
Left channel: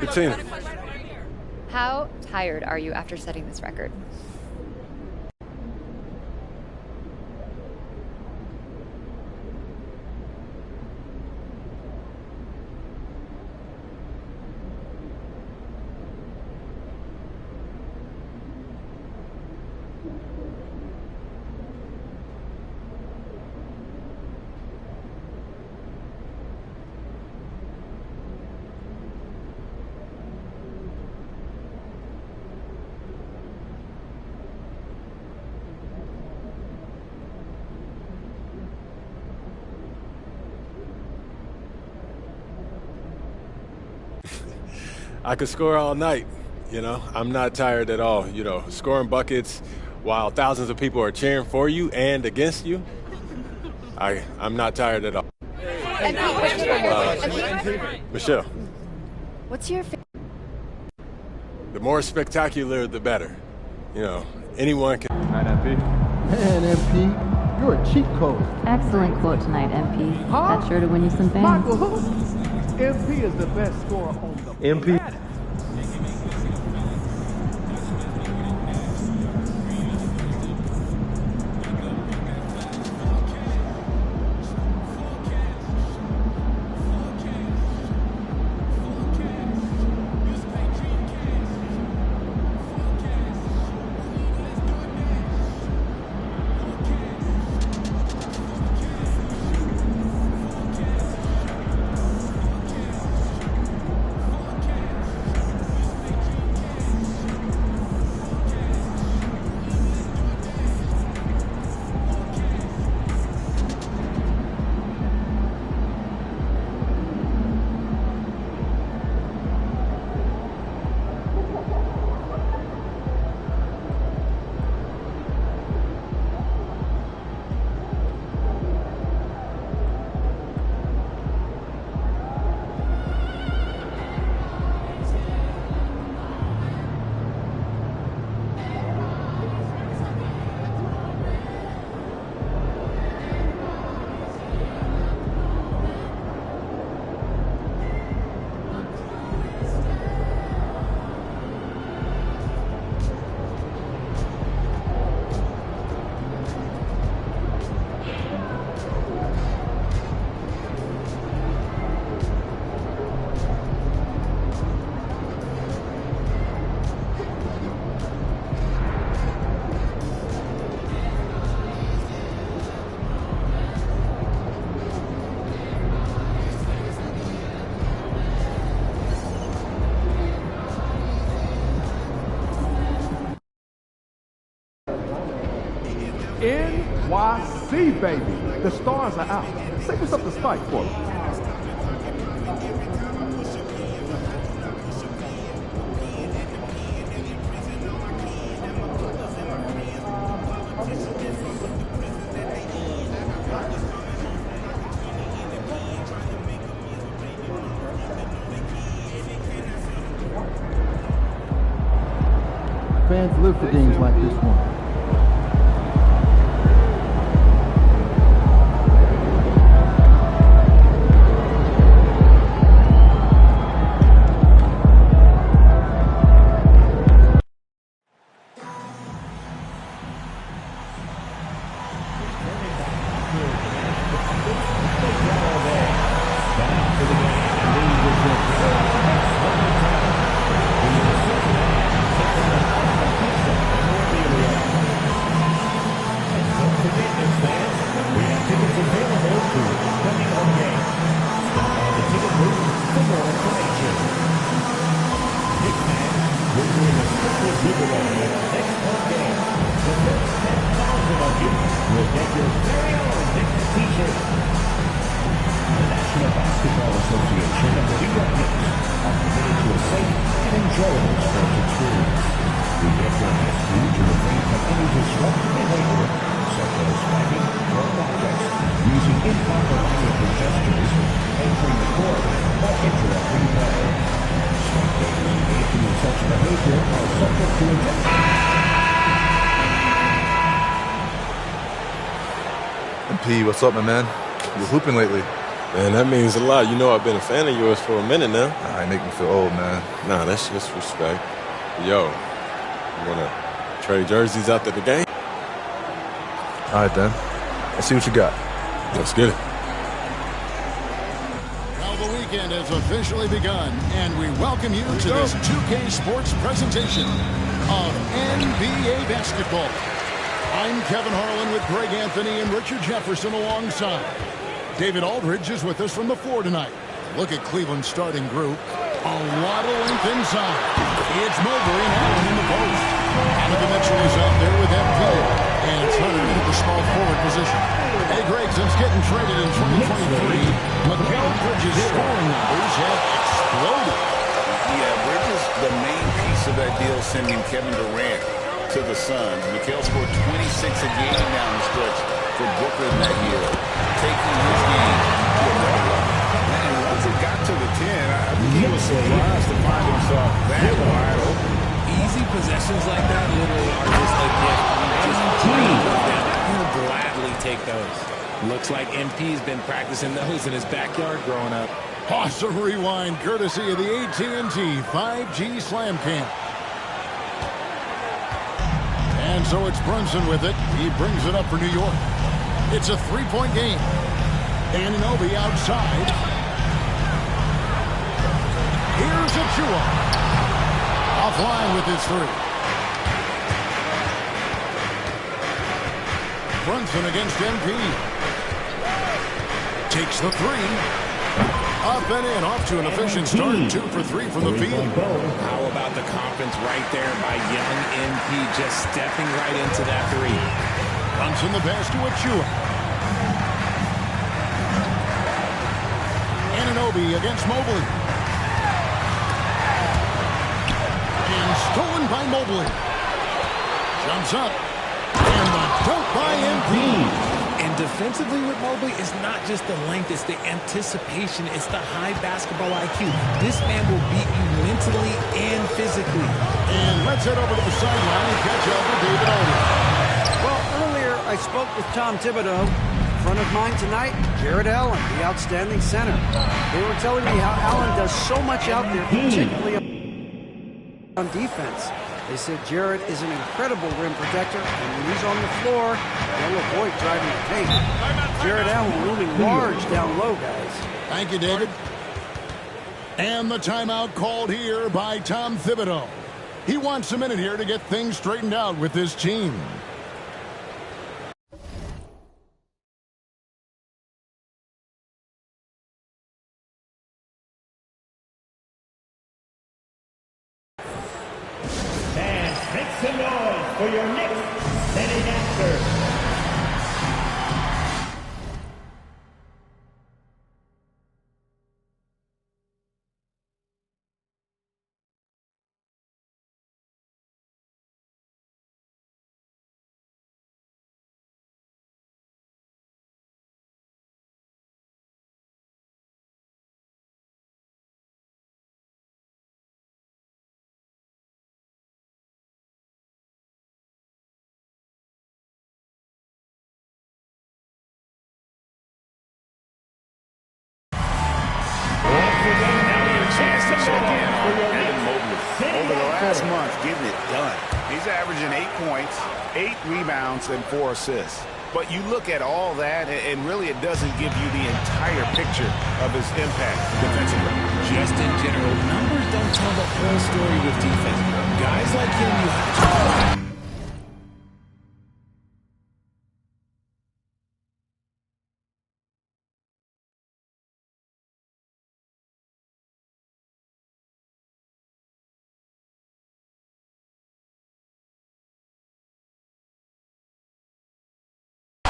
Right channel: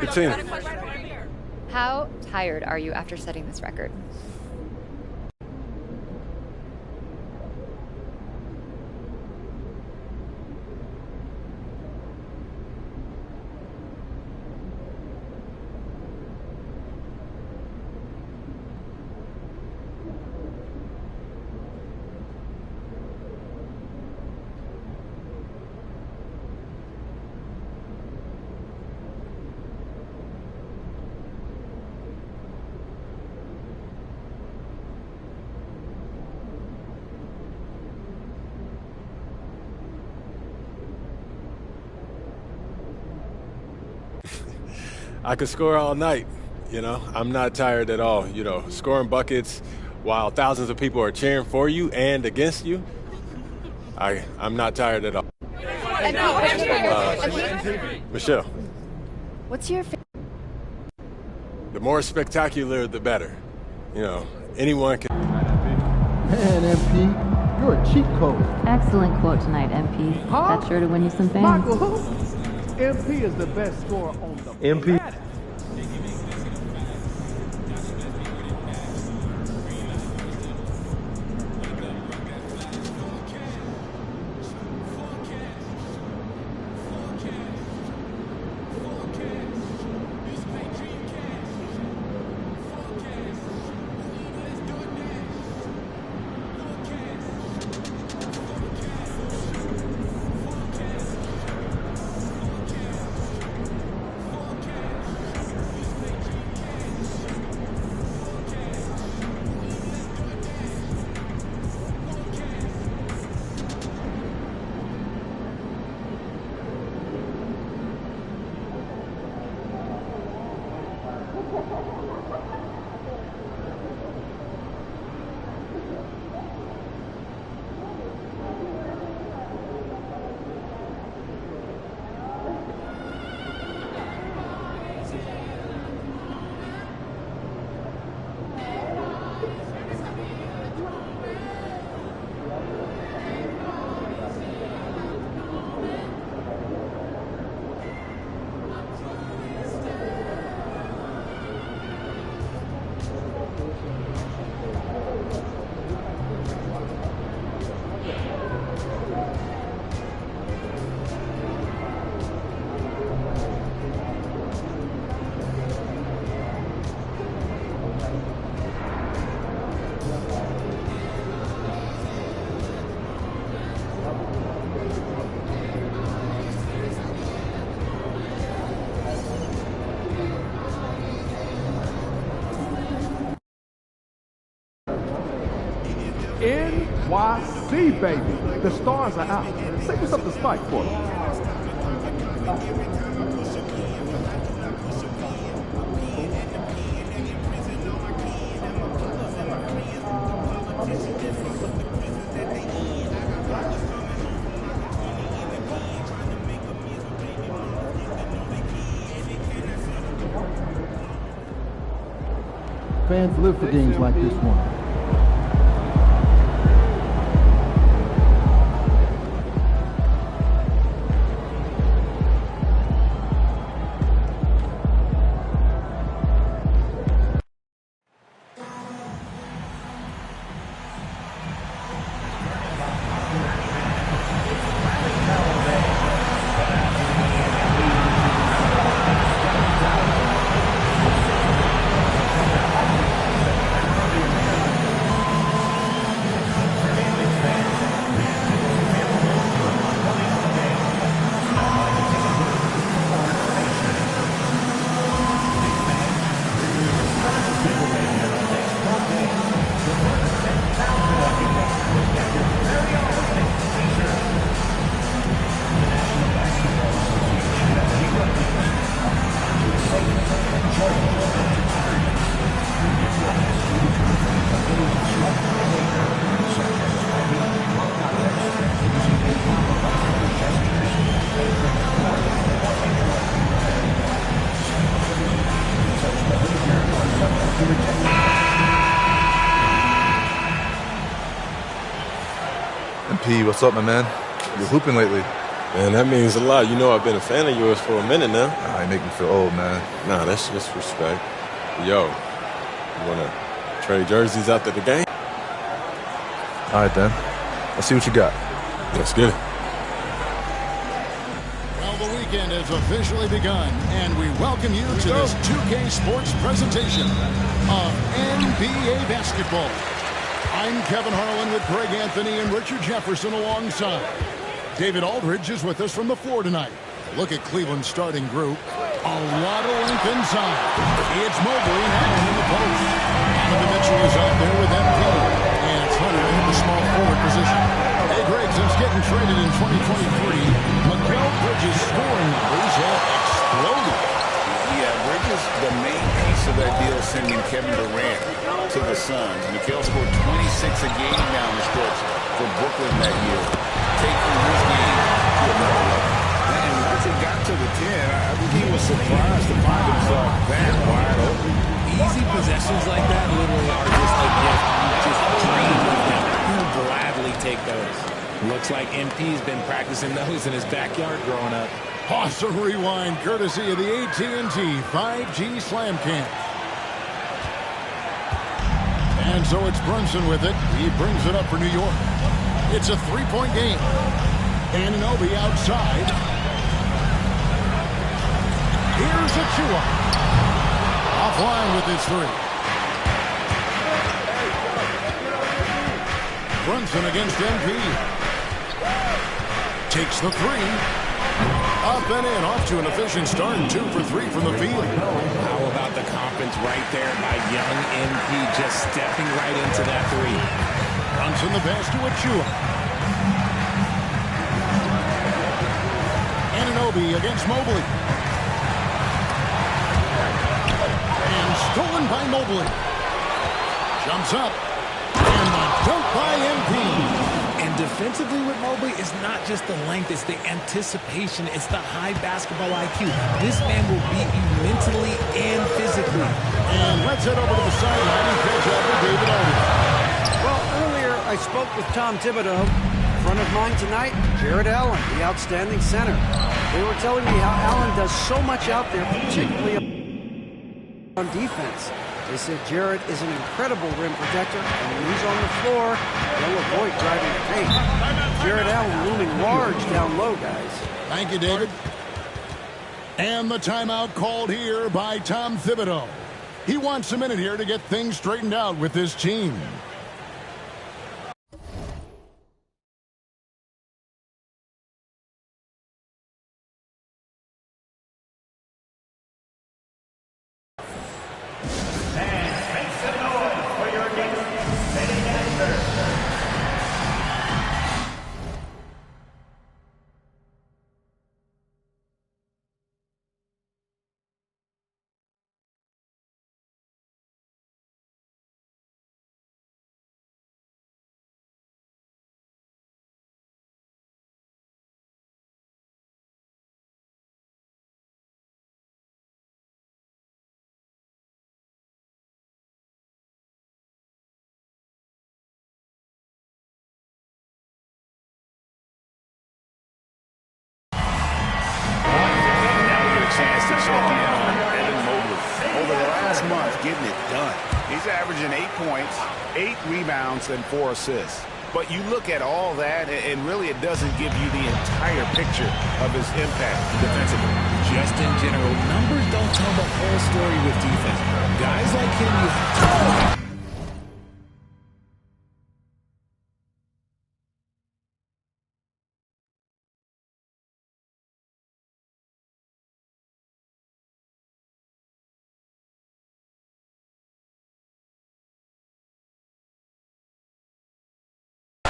Good team. How tired are you after setting this record? I could score all night, you know. I'm not tired at all, you know. Scoring buckets while thousands of people are cheering for you and against you, I'm not tired at all. Michelle. What's your favorite? The more spectacular, the better. You know, anyone can. Man, MP, you're a cheat code. Excellent quote tonight, MP. Huh? That's sure to win you some fans. Michael, who? MP is the best scorer on the planet. NYC, baby. The stars are out. Say what's up to Spike for me. Fans live for games like this one. MP, what's up, my man? You're hooping lately. Man, that means a lot. You know I've been a fan of yours for a minute now. You make me feel old, man. Nah, that's just respect. Yo, you want to trade jerseys after the game? All right, then. Let's see what you got. Let's get it. Well, the weekend has officially begun, and we welcome you to this 2K Sports presentation of NBA basketball. I'm Kevin Harlan with Greg Anthony and Richard Jefferson alongside. David Aldridge is with us from the floor tonight. Look at Cleveland's starting group. A lot of length inside. It's Mobley and Allen in the post. Donovan Mitchell is out there with MP. And it's Hunter in the small forward position. Hey, Greg, since getting traded in 2023, Mikal Bridges' scoring numbers have exploded. Yeah, Bridges, the main piece of that deal, sending Kevin Durant to the Suns. Mikal scored 26 a game down the stretch for Brooklyn that year, taking his game to another level. And once it got to the 10, I think he was surprised to find himself that wide open. Easy possessions like that literally are just a gift. You just dream of them. He'll gladly take those. Looks like MP's been practicing those in his backyard growing up. Awesome rewind courtesy of the AT&T 5G Slam Cam. And so it's Brunson with it. He brings it up for New York. It's a three-point game. Anunoby outside. Here's Achua. Offline with his three. Brunson against MP. Takes the three. Up and in, off to an efficient start. 2 for 3 from the field. How about the confidence right there by young MP, just stepping right into that three. Brunson the pass to Achua. Anunoby against Mobley. And stolen by Mobley. Jumps up. And the dunk by MP. And defensively with Mobley, it's not just the length, it's the anticipation, it's the high basketball IQ. This man will beat you mentally and physically. And let's head over to the sideline and catch up with David Aldridge. Well, earlier I spoke with Tom Thibodeau. In front of mine tonight, Jared Allen, the outstanding center. They were telling me how Allen does so much out there, particularly on defense. They said Jared is an incredible rim protector, and when he's on the floor, they'll avoid driving the paint. Jared Allen looming large down low, guys. Thank you, David. And the timeout called here by Tom Thibodeau. He wants a minute here to get things straightened out with his team. For your Knicks, setting after check in on Evan Mobley. Over the last month, getting it done. He's averaging 8 points, 8 rebounds, and 4 assists. But you look at all that, and really it doesn't give you the entire picture of his impact defensively. Just in general, numbers don't tell the whole story with defense. Guys like him, you have to...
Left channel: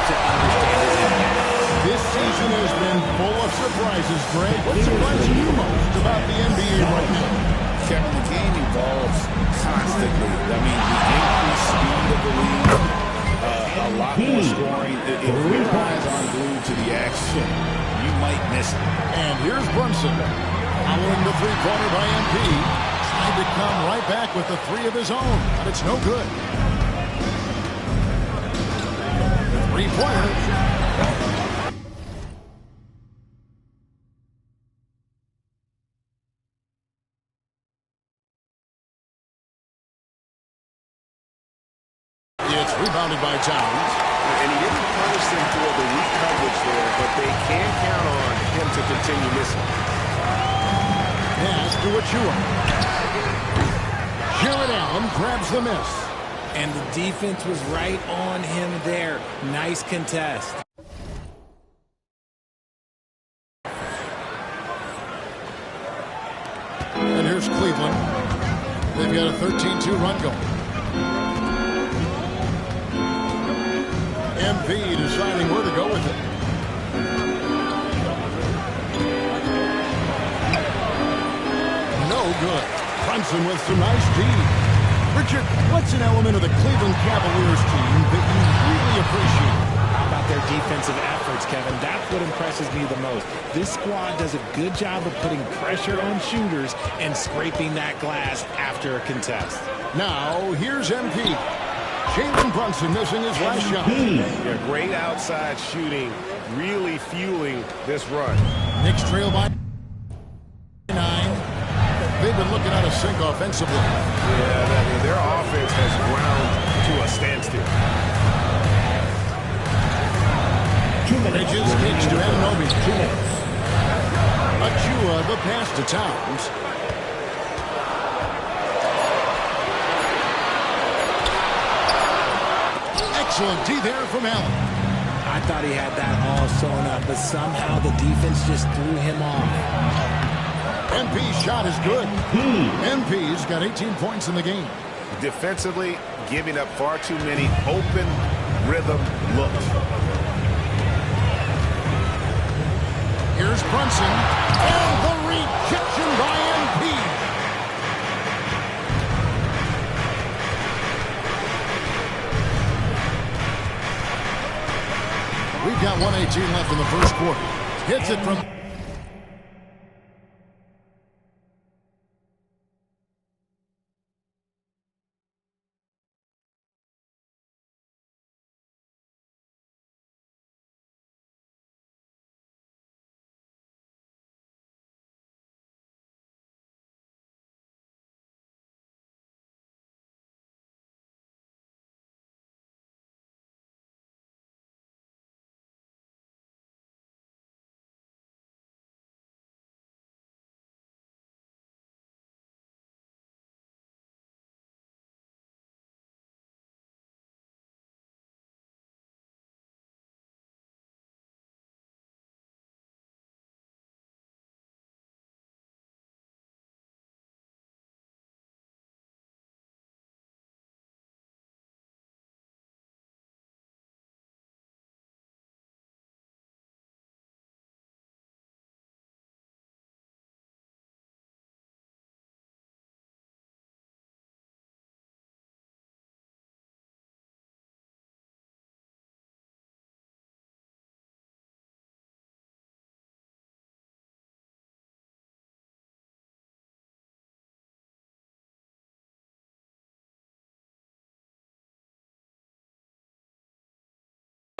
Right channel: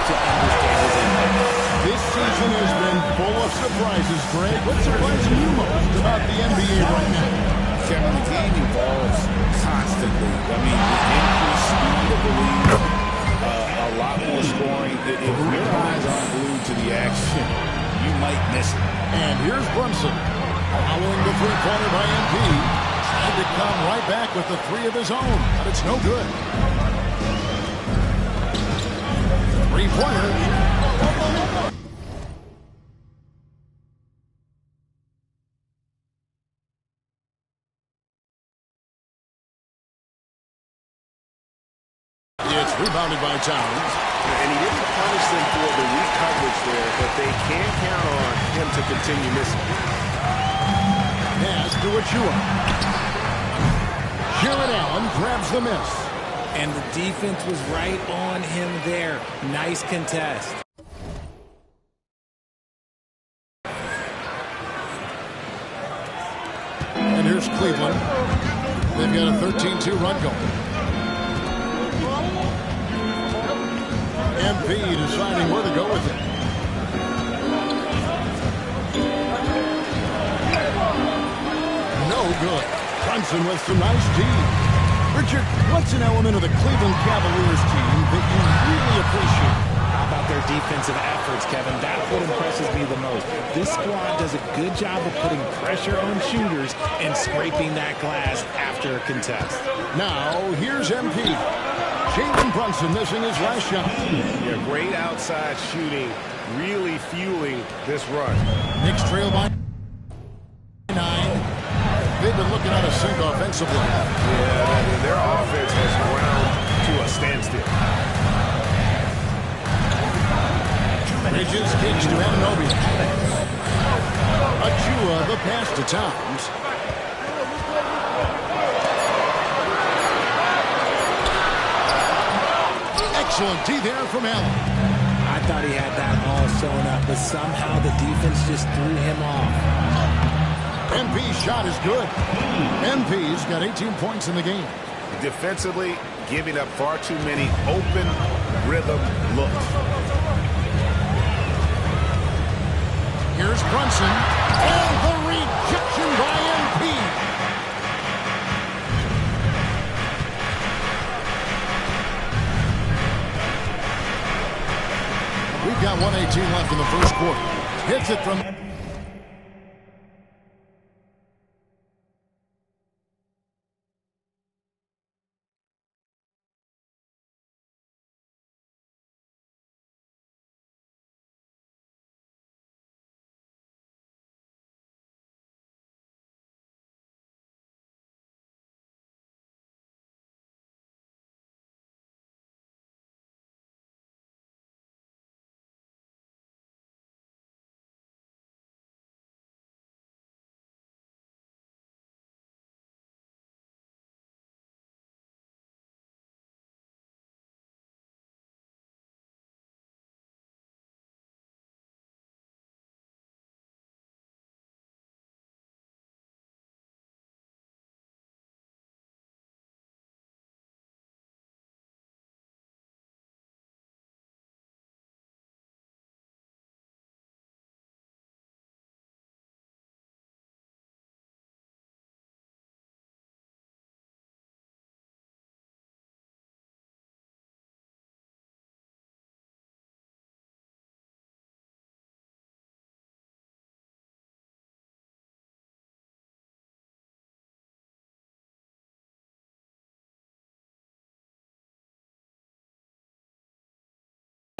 to understand his impact. This season has been full of surprises, Greg. What's surprising you most about the NBA right now? Kevin, the game evolves constantly. I mean, the increased speed of the league, a lot more scoring. If your eyes aren't glued to the action, you might miss it. And here's Brunson. Following the three-pointer by MP. Tried to come right back with the 3 of his own, but it's no good. Three-pointer. It's rebounded by Towns. And he didn't punish them for the weak coverage there, but they can count on him to continue missing. Pass to Achua. Jared Allen grabs the miss. And the defense was right on him there. Nice contest. And here's Cleveland. They've got a 13-2 run going. MP deciding where to go with it. No good. Brunson with some nice D. Richard, what's an element of the Cleveland Cavaliers team that you really appreciate? How about their defensive efforts, Kevin? That's what impresses me the most. This squad does a good job of putting pressure on shooters and scraping that glass after a contest. Now, here's MP. Jalen Brunson missing his last shot. Yeah, great outside shooting, really fueling this run. Knicks trail by 9. They've been looking out of sync offensively. Yeah, their offense has ground to a standstill. Bridges kicks to Anunoby. Achua the pass to Towns. Excellent D there from Allen. I thought he had that all sewn up, but somehow the defense just threw him off. MP's shot is good. MP's got 18 points in the game. Defensively, giving up far too many open rhythm looks. Here's Brunson. And the rejection by MP. We've got 1:18 left in the first quarter. Hits it from...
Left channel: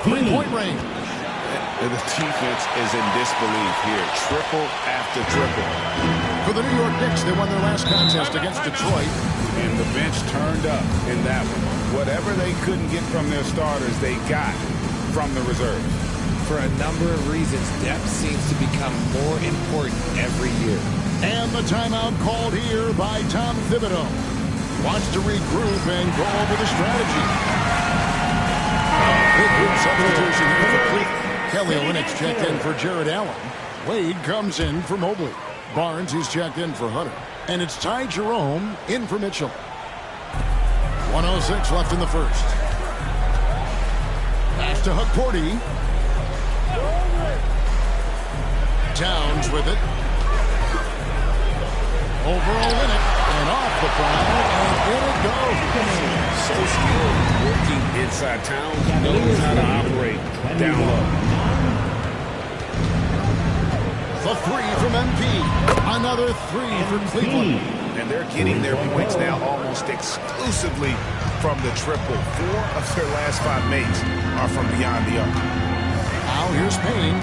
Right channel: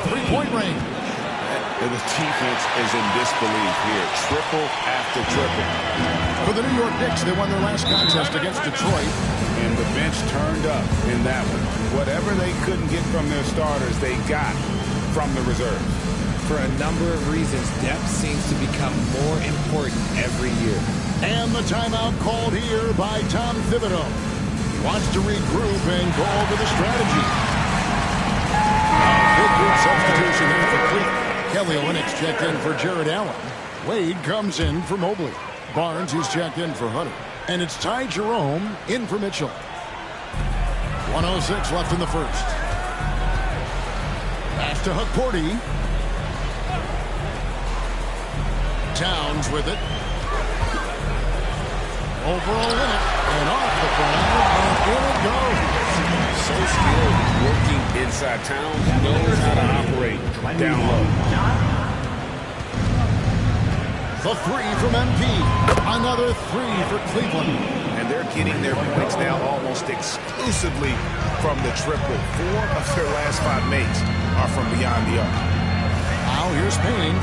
Three-point range. And the defense is in disbelief here. Triple after triple. For the New York Knicks, they won their last contest against Detroit. And the bench turned up in that one. Whatever they couldn't get from their starters, they got from the reserves. For a number of reasons, depth seems to become more important every year. And the timeout called here by Tom Thibodeau. He wants to regroup and go over the strategy. Big group substitution here for Cleveland. Kelly Olynyk's checked in for Jared Allen. Wade comes in for Mobley. Barnes, he's checked in for Hunter. And it's Ty Jerome in for Mitchell. 1:06 left in the first. Pass to Hukporty. Towns with it. Over Olynyk. And off the foul. And in it goes. So skilled working inside. Towns knows how to operate down low. The three from MP. Another three for Cleveland. And they're getting their points now almost exclusively from the triple. 4 of their last 5 makes are from beyond the arc. Now here's Payne.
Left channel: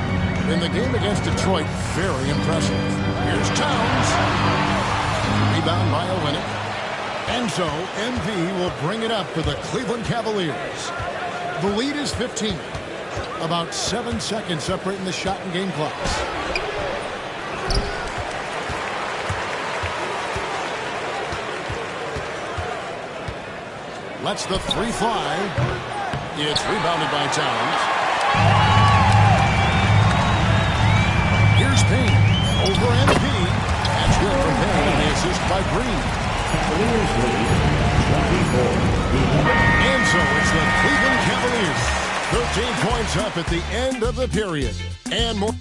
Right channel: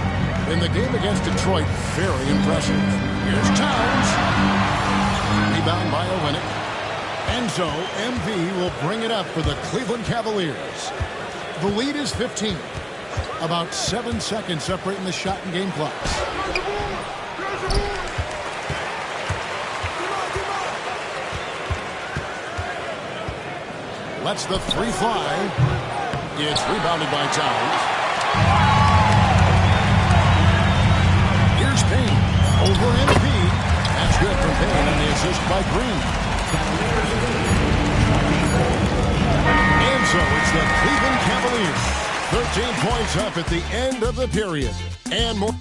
In the game against Detroit, very impressive. Here's Towns. Rebound by Olynyk. And so MP will bring it up for the Cleveland Cavaliers. The lead is 15. About 7 seconds separating the shot and game clocks. Lets the three fly. It's rebounded by Towns. Here's Payne. Over MP. That's good from Payne on the assist by Green. And so it's the Cleveland Cavaliers. 13 points up at the end of the period. And more.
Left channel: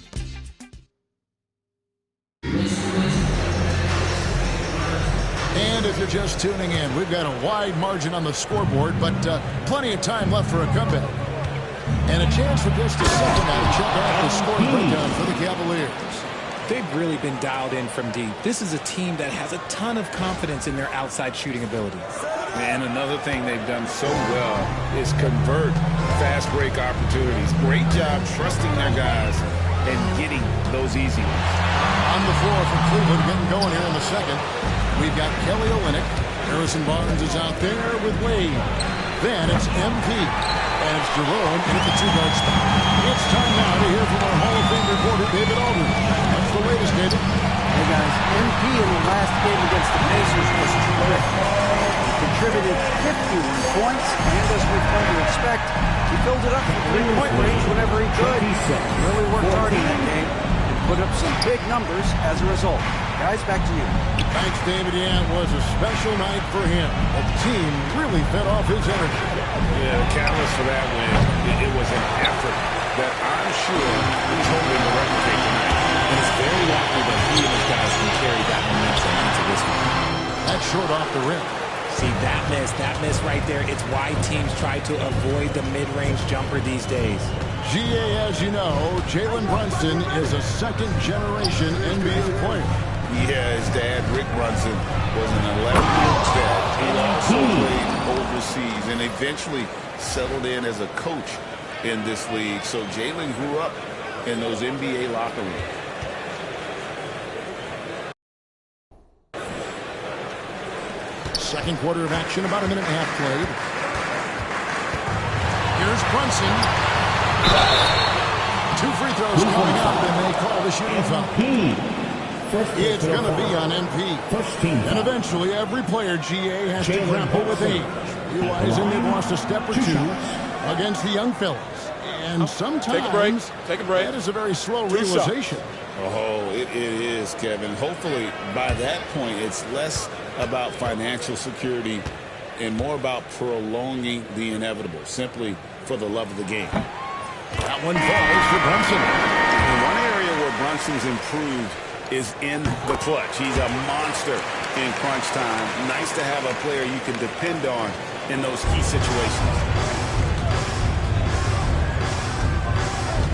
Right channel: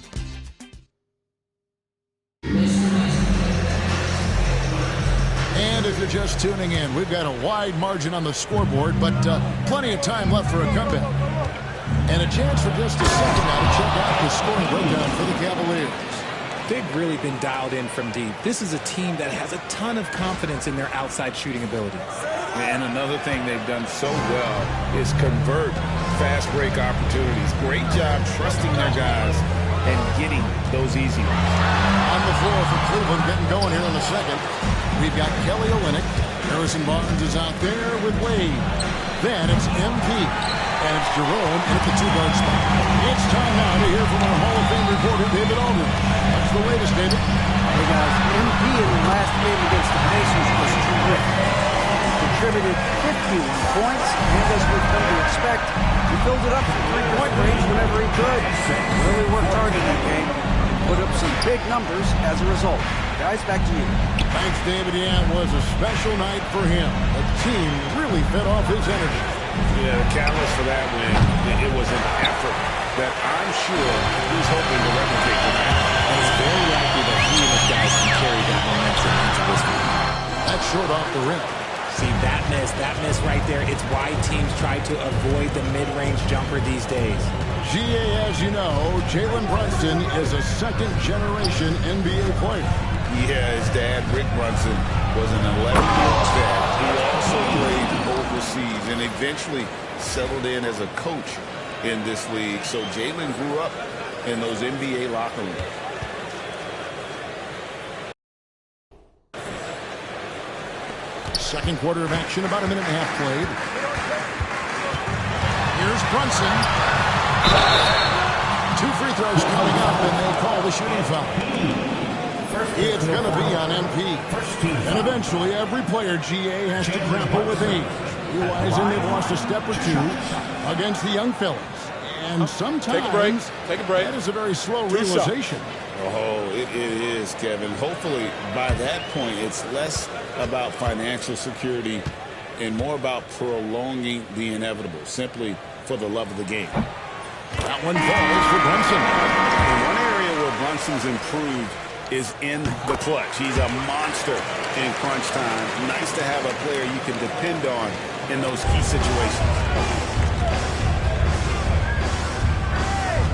And if you're just tuning in, we've got a wide margin on the scoreboard, but plenty of time left for a comeback. And a chance for just a second now to check out the scoring breakdown for the Cavaliers. They've really been dialed in from deep. This is a team that has a ton of confidence in their outside shooting ability. And another thing they've done so well is convert fast break opportunities. Great job trusting their guys and getting those easy ones. On the floor for Cleveland getting going here in the second. We've got Kelly Olynyk. Harrison Barnes is out there with Wade. Then it's MP. And it's Jerome in at the 2-guard spot. It's time now to hear from our Hall of Fame reporter, David Aldridge. What's the latest, David? Hey, guys. MP in the last game against the Pacers was terrific. He contributed 51 points, and as we've come to expect, he filled it up from three-point range whenever he could. He really worked hard in that game and put up some big numbers as a result. Guys, back to you. Thanks, David. Yeah, it was a special night for him. The team really fed off his energy. Yeah, the catalyst for that win, it was an effort that I'm sure he's hoping to replicate tonight. And it's very likely that he and his guys can carry that momentum into this one. That's short off the rim. See, that miss right there, it's why teams try to avoid the mid-range jumper these days. GA, as you know, Jalen Brunson is a second-generation NBA player. Yeah, his dad, Rick Brunson, was an 11-year-old vet. He also played overseas and eventually settled in as a coach in this league. So Jalen grew up in those NBA locker rooms. Second quarter of action, about a minute and a half played. Here's Brunson. 2 free throws coming up, and they call the shooting foul. It's going to be on MP. And eventually, every player, GA, has to grapple with age, realizing they've lost a step or two against the young fellas. And sometimes, Take a break. That is a very slow realization. Oh, it is, Kevin. Hopefully, by that point, it's less about financial security and more about prolonging the inevitable, simply for the love of the game. That one falls for Brunson. And one area where Brunson's improved is in the clutch. He's a monster in crunch time. Nice to have a player you can depend on in those key situations.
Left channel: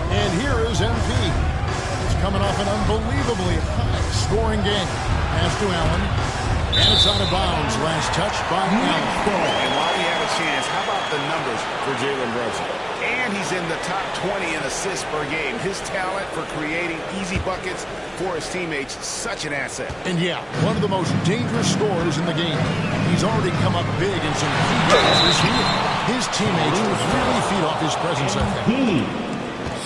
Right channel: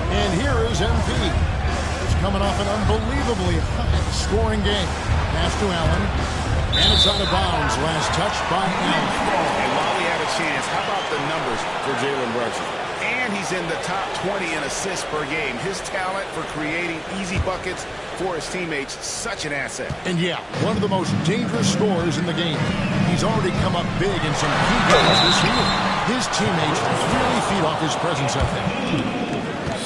And here is MP. He's coming off an unbelievably high-scoring game. Pass to Allen. And it's out of bounds. Last touch by Allen. And while we have a chance, how about the numbers for Jalen Brunson? And he's in the top 20 in assists per game. His talent for creating easy buckets for his teammates, such an asset. And yeah, one of the most dangerous scorers in the game. He's already come up big in some key games this year. His teammates really feed off his presence, I think.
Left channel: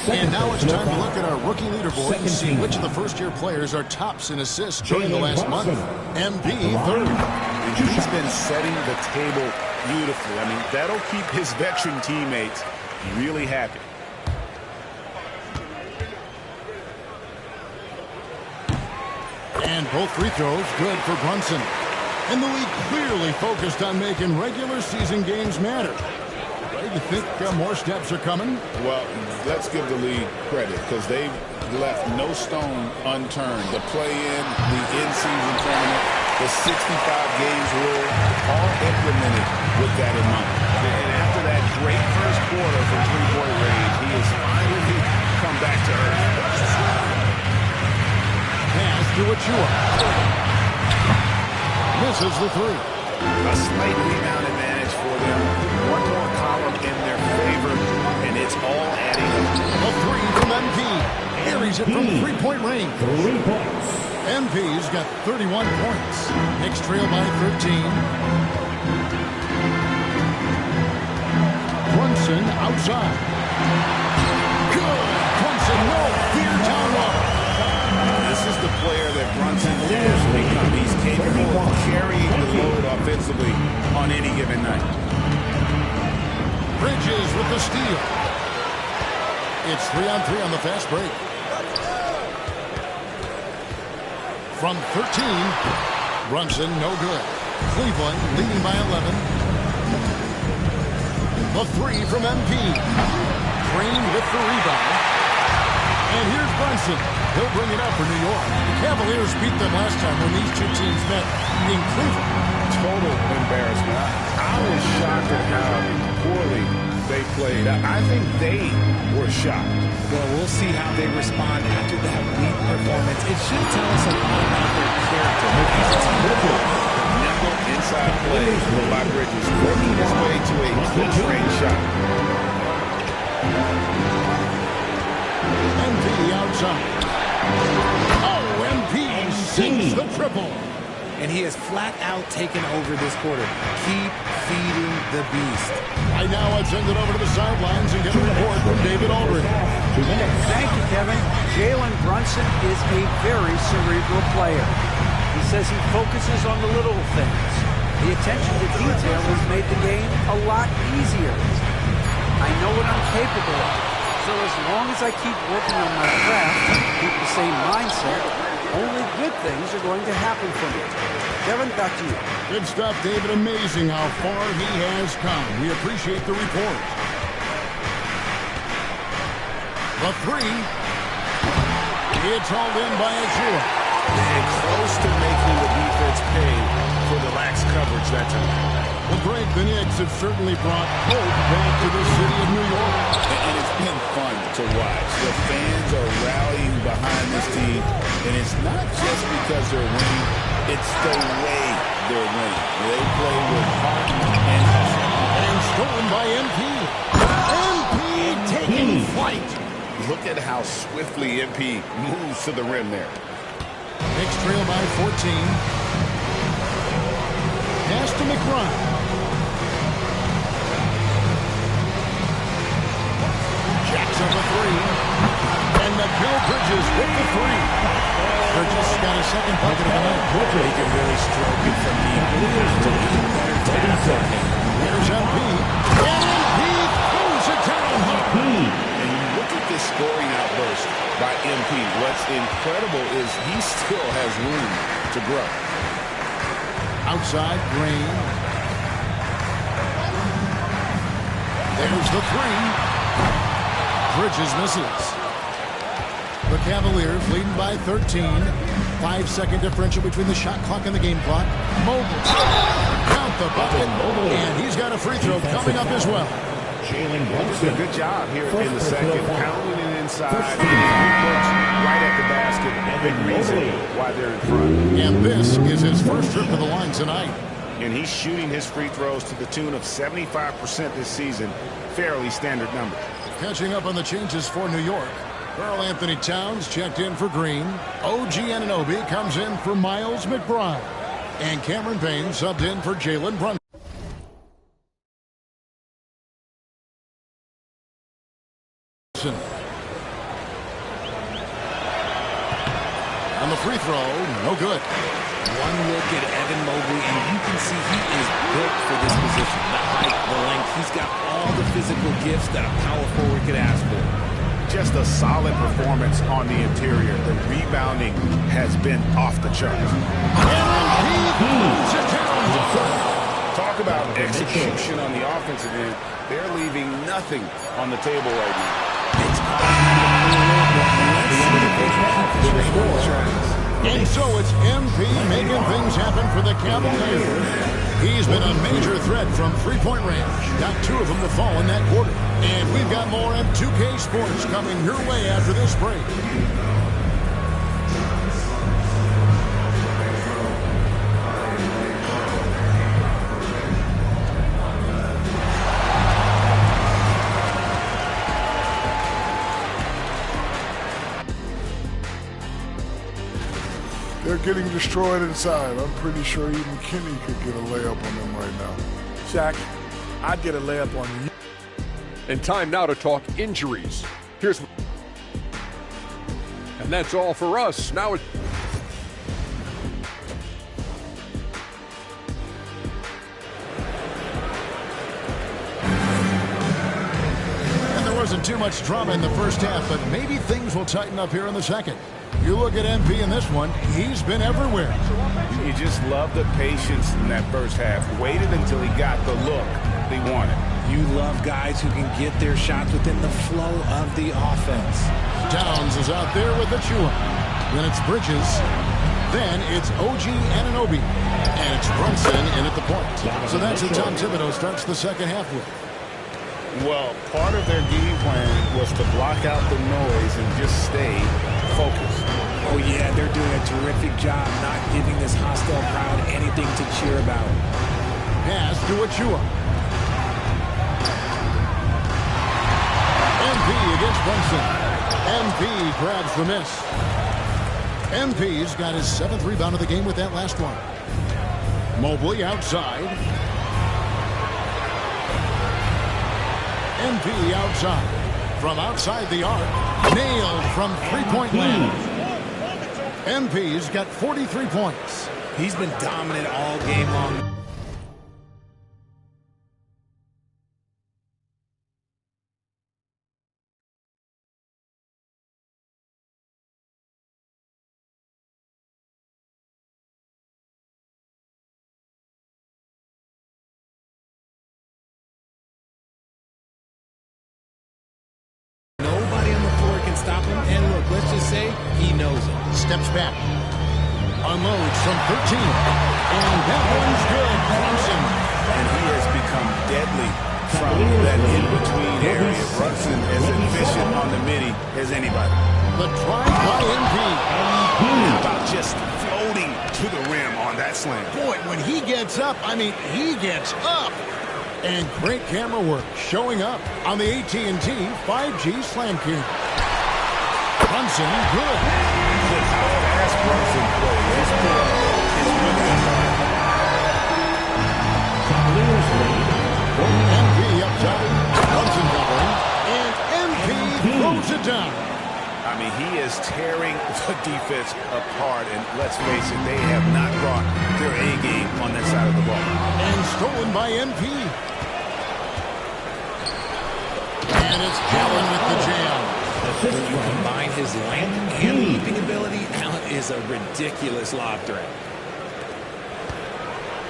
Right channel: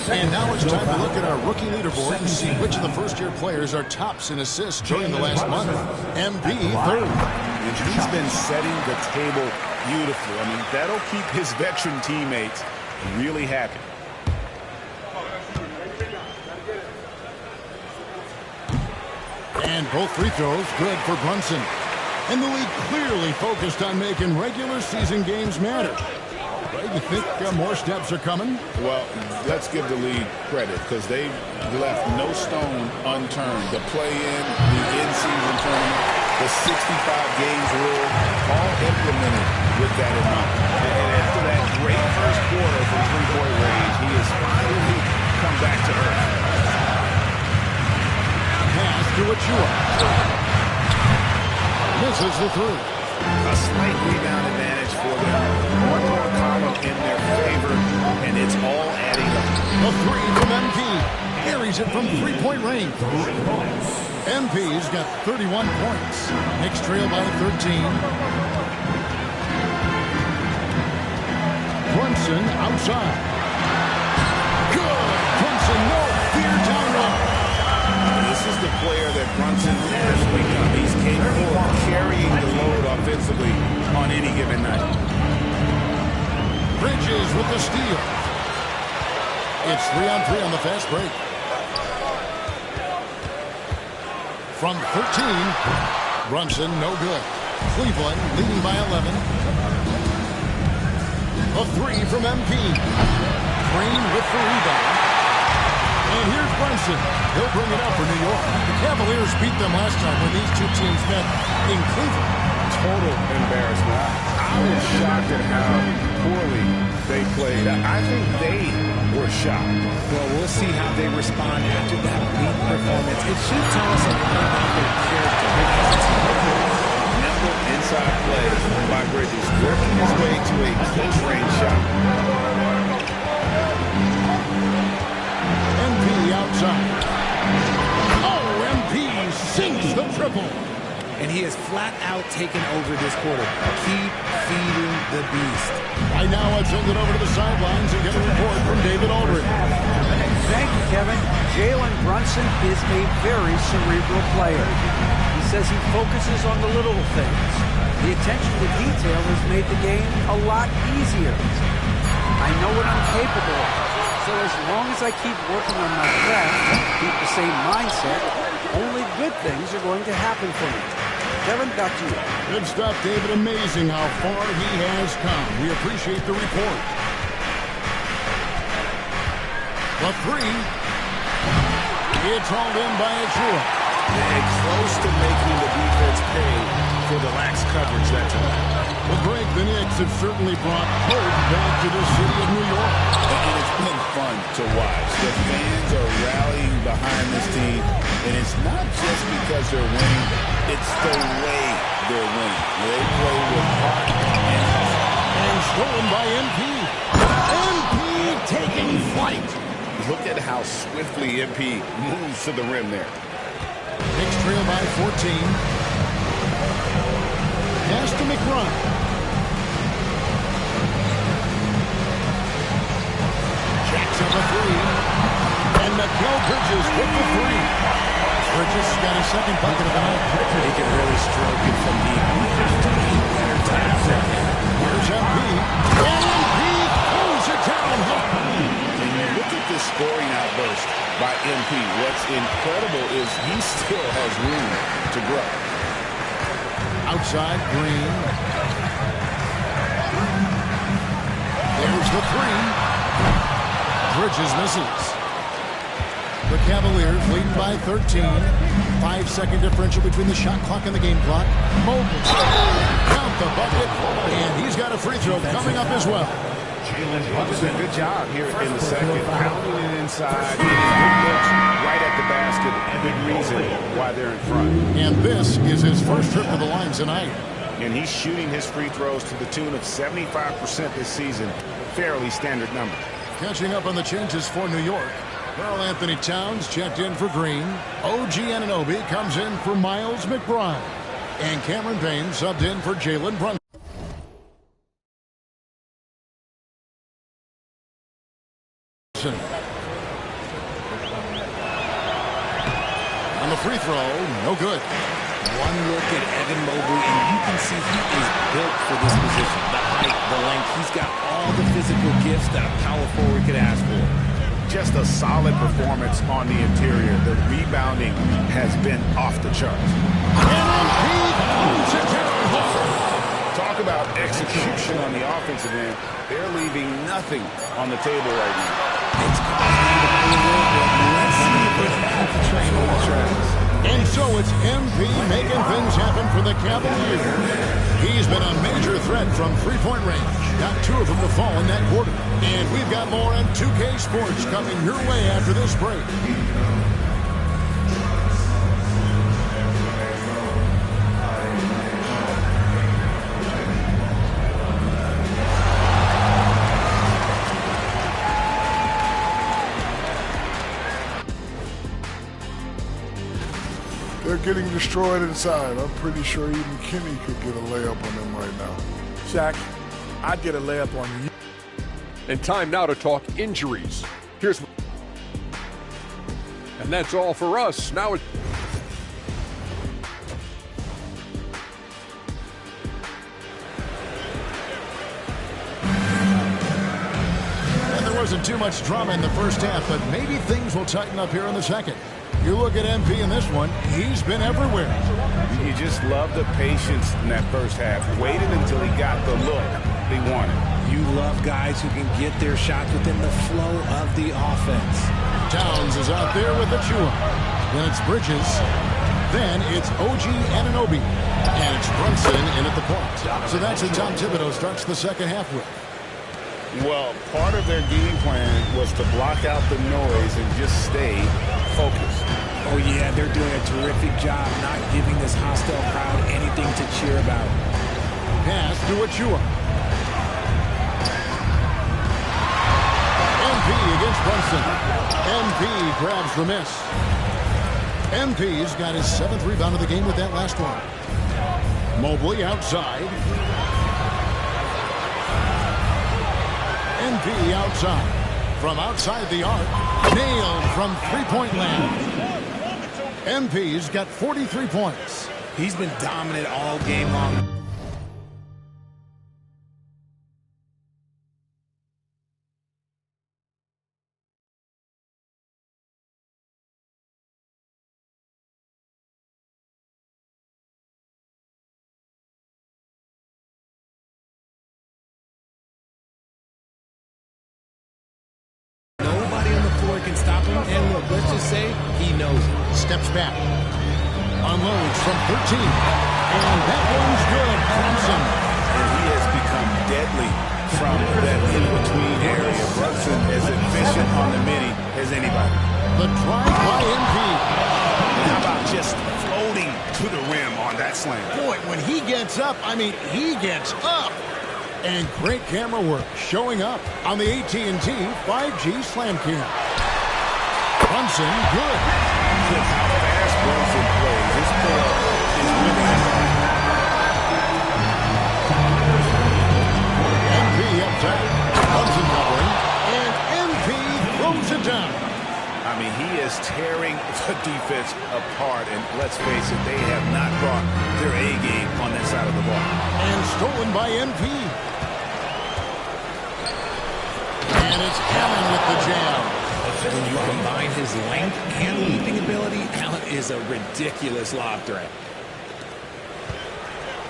And now it's time to look at our rookie leaderboard and see which of the first-year players are tops in assists during the last month. MP third. And he's been setting the table beautifully. I mean, that'll keep his veteran teammates really happy. And both free throws good for Brunson. And the league clearly focused on making regular season games matter. Right, you think more steps are coming? Well, let's give the league credit because they've left no stone unturned. The play-in, the in-season tournament, the 65 games rule, all implemented with that in mind. And after that great first quarter from three-point range, he has finally come back to earth. Pass to Achua. Misses the three. A slight rebound advantage for them. One more column in their favor, and it's all adding up. A three from MP. Carries it from three-point range. 3 points. MP's got 31 points. Knicks trail by 13. Brunson outside. Good. Brunson, no fear down low. This is the player that Brunson has become. He's capable of carrying the load offensively on any given night. Bridges with the steal. It's 3-on-3 on the fast break. From 13, Brunson no good. Cleveland leading by 11. A three from MP. Green with the rebound. And here's Brunson. He'll bring it up for New York. The Cavaliers beat them last time when these two teams met in Cleveland. Total embarrassment. I was shocked at how poorly they played. I think they were shocked. Well, we'll see how they respond after that weak performance. It should tell us a lot about their character as a team. Nimble inside play by Bridges, working his way to a close-range shot. MP outside. Oh, MP sinks the triple. And he has flat out taken over this quarter. Keep feeding the beast. Right now, let's send it over to the sidelines and get a report from David Aldridge. Thank you, Kevin. Jalen Brunson is a very cerebral player. He says he focuses on the little things. The attention to detail has made the game a lot easier. I know what I'm capable of. So as long as I keep working on my craft, keep the same mindset, only good things are going to happen for me. Kevin, back to you. Good stuff, David. Amazing how far he has come. We appreciate the report. The three. It's hauled in by Achua. And close to making the defense pay for the lax coverage that time. Well, Greg, the Knicks have certainly brought hope back to the city of New York. And it's been fun to watch. The fans are rallying behind this team, and it's not just because they're winning, it's the way they're winning. They play with heart and hustle. And stolen by MP. MP taking flight. Look at how swiftly MP moves to the rim there. Knicks trail by 14. Pass to McBride. Jacks up a three. And Mikal Bridges with the three. Bridges got his second bucket of the night. He can really stroke it from deep. You have to keep better tabs on him. Here's MP. And MP throws it down hard. And you look at this scoring outburst by MP. What's incredible is he still has room to grow. Outside, Green. There's the three. Bridges misses. The Cavaliers leading by 13. 5-second differential between the shot clock and the game clock. Mobley. Count the bucket. And he's got a free throw coming up as well. Just a good job here in the second, pounding it inside, getting good looks right at the basket. Big reason why they're in front. And this is his first trip to the line tonight. And he's shooting his free throws to the tune of 75% this season. Fairly standard numbers. Catching up on the changes for New York. Karl Anthony Towns checked in for Green. O.G. Anunoby comes in for Miles McBride. And Cameron Payne subbed in for Jalen Brunson. On the free throw, no good. One look at Evan Mobley, and you can see he is built for this position. The height, the length, he's got all the physical gifts that a power forward could ask for. Just a solid performance on the interior. The rebounding has been off the charts. And he throws it down hard. Talk about execution on the offensive end. They're leaving nothing on the table right now. It's causing them to pull a little bit. Let's see if they can keep the train on the tracks. And so it's MP making things happen for the Cavaliers. He's been a major threat from three-point range. Got 2 of them to fall in that quarter. And we've got more on 2K Sports coming your way after this break. They're getting destroyed inside. I'm pretty sure even Kenny could get a layup on them right now. Shaq, I'd get a layup on you. And time now to talk injuries. And that's all for us. Now it's... And there wasn't too much drama in the first half, but maybe things will tighten up here in the second. You look at MP in this one, he's been everywhere. You just love the patience in that first half. Waited until he got the look he wanted. You love guys who can get their shots within the flow of the offense. Towns is out there with Achua. Then it's Bridges. Then it's O.G. Anunoby. And it's Brunson in at the point. So that's who Tom Thibodeau starts the second half with. Well, part of their game plan was to block out the noise and just stay focused. Oh, yeah, they're doing a terrific job not giving this hostile crowd anything to cheer about. Pass to Achua. MP against Brunson. MP grabs the miss. MP's got his 7th rebound of the game with that last one. Mobley outside. MP outside. From outside the arc. Nailed from three-point land. MP's got 43 points. He's been dominant all game long. Nobody on the floor can stop him. And look, let's just say he knows it. Steps back. Unloads from 13. And that one's good. Brunson. And he has become deadly from that in-between area. Brunson as efficient on the mini as anybody. The drive by MP. How about just floating to the rim on that slam? Boy, when he gets up, I mean, he gets up. And great camera work showing up on the AT&T 5G Slam Cam. Brunson, good. With how fast Brunson plays, his pull-up is really unguarded. MP up top. Brunson covering. And MP throws it down. I mean, he is tearing the defense apart. And let's face it, they have not brought their A game on that side of the ball. And stolen by MP. And it's Allen with the jam. When you combine his length and leaping ability, Allen is a ridiculous lob threat.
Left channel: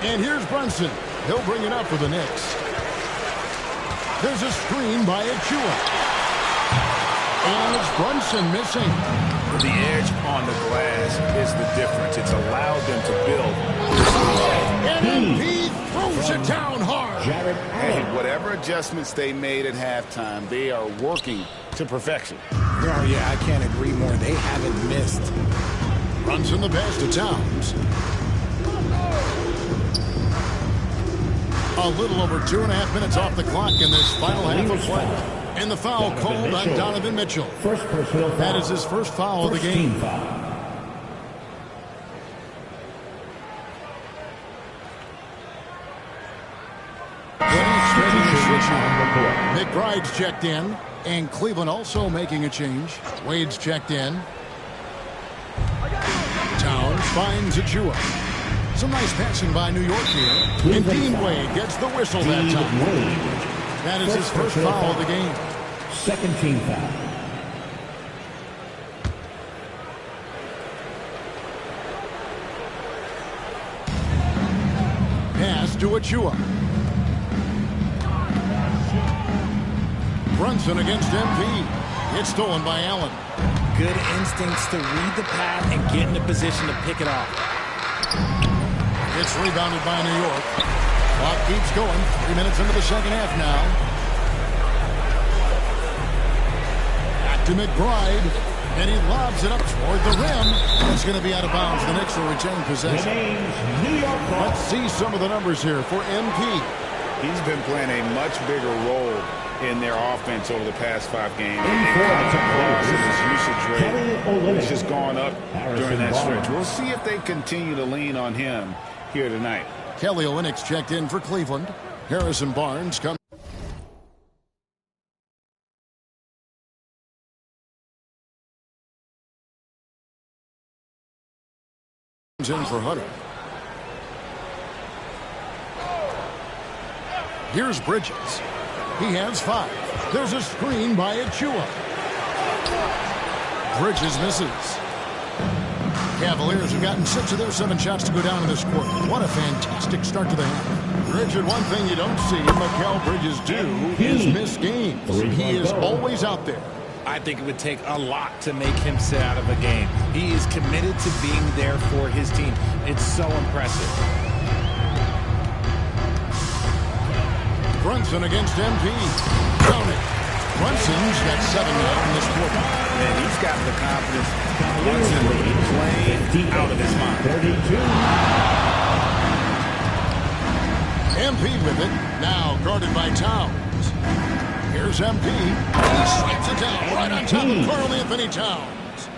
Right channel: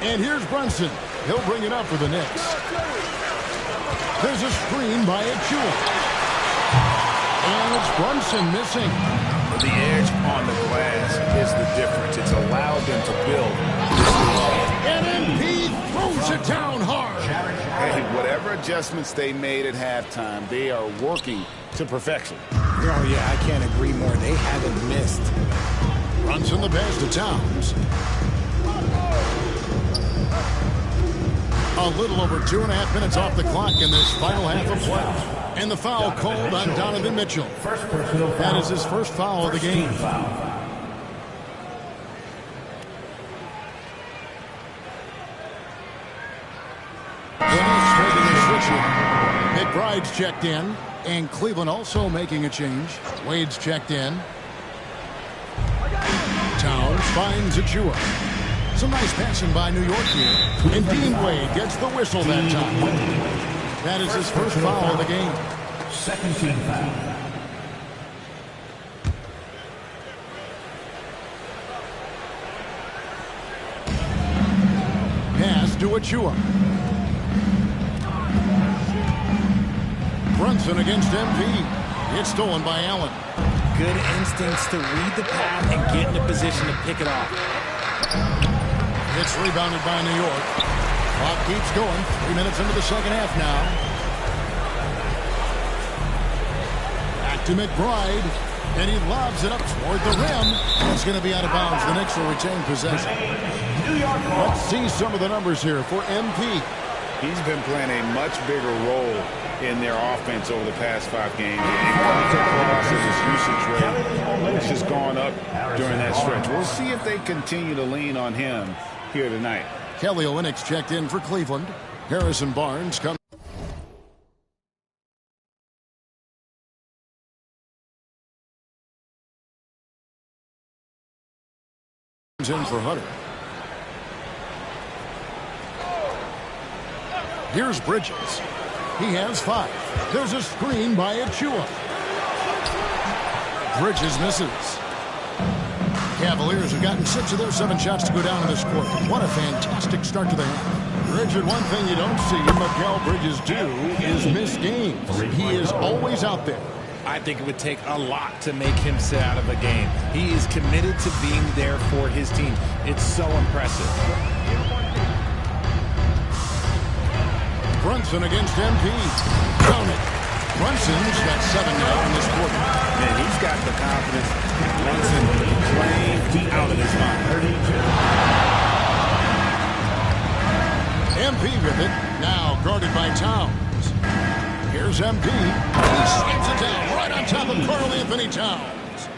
And here's Brunson. He'll bring it up for the Knicks. There's a screen by Achua. And it's Brunson missing. The edge on the glass is the difference. It's allowed them to build. And MP throws it down hard. Hey, whatever adjustments they made at halftime, they are working to perfection. Oh, yeah, I can't agree more. They haven't missed. Brunson the pass to Towns. A little over 2.5 minutes off the clock in this final half of play. And the foul called on Donovan Mitchell. That is his first foul of the game. Phoenix making a switch here. McBride's checked in. And Cleveland also making a change. Wade's checked in. Towns finds Achua. Some nice passing by New York here. And Dean Wade gets the whistle that time. That is his first foul of the game. Second team foul. Pass to Achua. Brunson against MP. It's stolen by Allen. Good instincts to read the path and get in a position to pick it off. It's rebounded by New York. Clock keeps going. 3 minutes into the second half now. Back to McBride. And he lobs it up toward the rim. It's going to be out of bounds. The Knicks will retain possession. Let's see some of the numbers here for MP. He's been playing a much bigger role in their offense over the past 5 games. It comes across in his usage rate, which has gone up during that stretch. We'll see if they continue to lean on him here tonight. Kelly Olynyk's checked in for Cleveland. Harrison Barnes comes in for Hunter. Here's Bridges. He has 5. There's a screen by Achua. Bridges misses. Cavaliers have gotten 6 of their 7 shots to go down in this quarter. What a fantastic start to the half. Richard, one thing you don't see Mikal Bridges do is miss games. He is always out there. I think it would take a lot to make him sit out of a game. He is committed to being there for his team. It's so impressive. Brunson against MP. Count it. Brunson's got 7 now in this quarter. Man, he's got the confidence. Brunson playing out of his mind. MP with it. Now guarded by Towns. Here's MP. He slaps it down right on top of Karl Anthony Towns.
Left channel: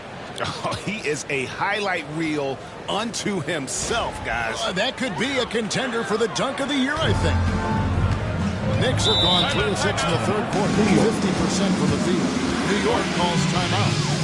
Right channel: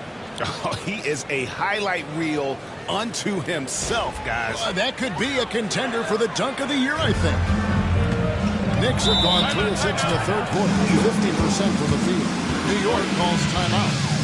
Oh, he is a highlight reel unto himself, guys. That could be a contender for the dunk of the year, I think. Knicks have gone 3 of 6 in the third quarter, 50% from the field. New York calls timeout.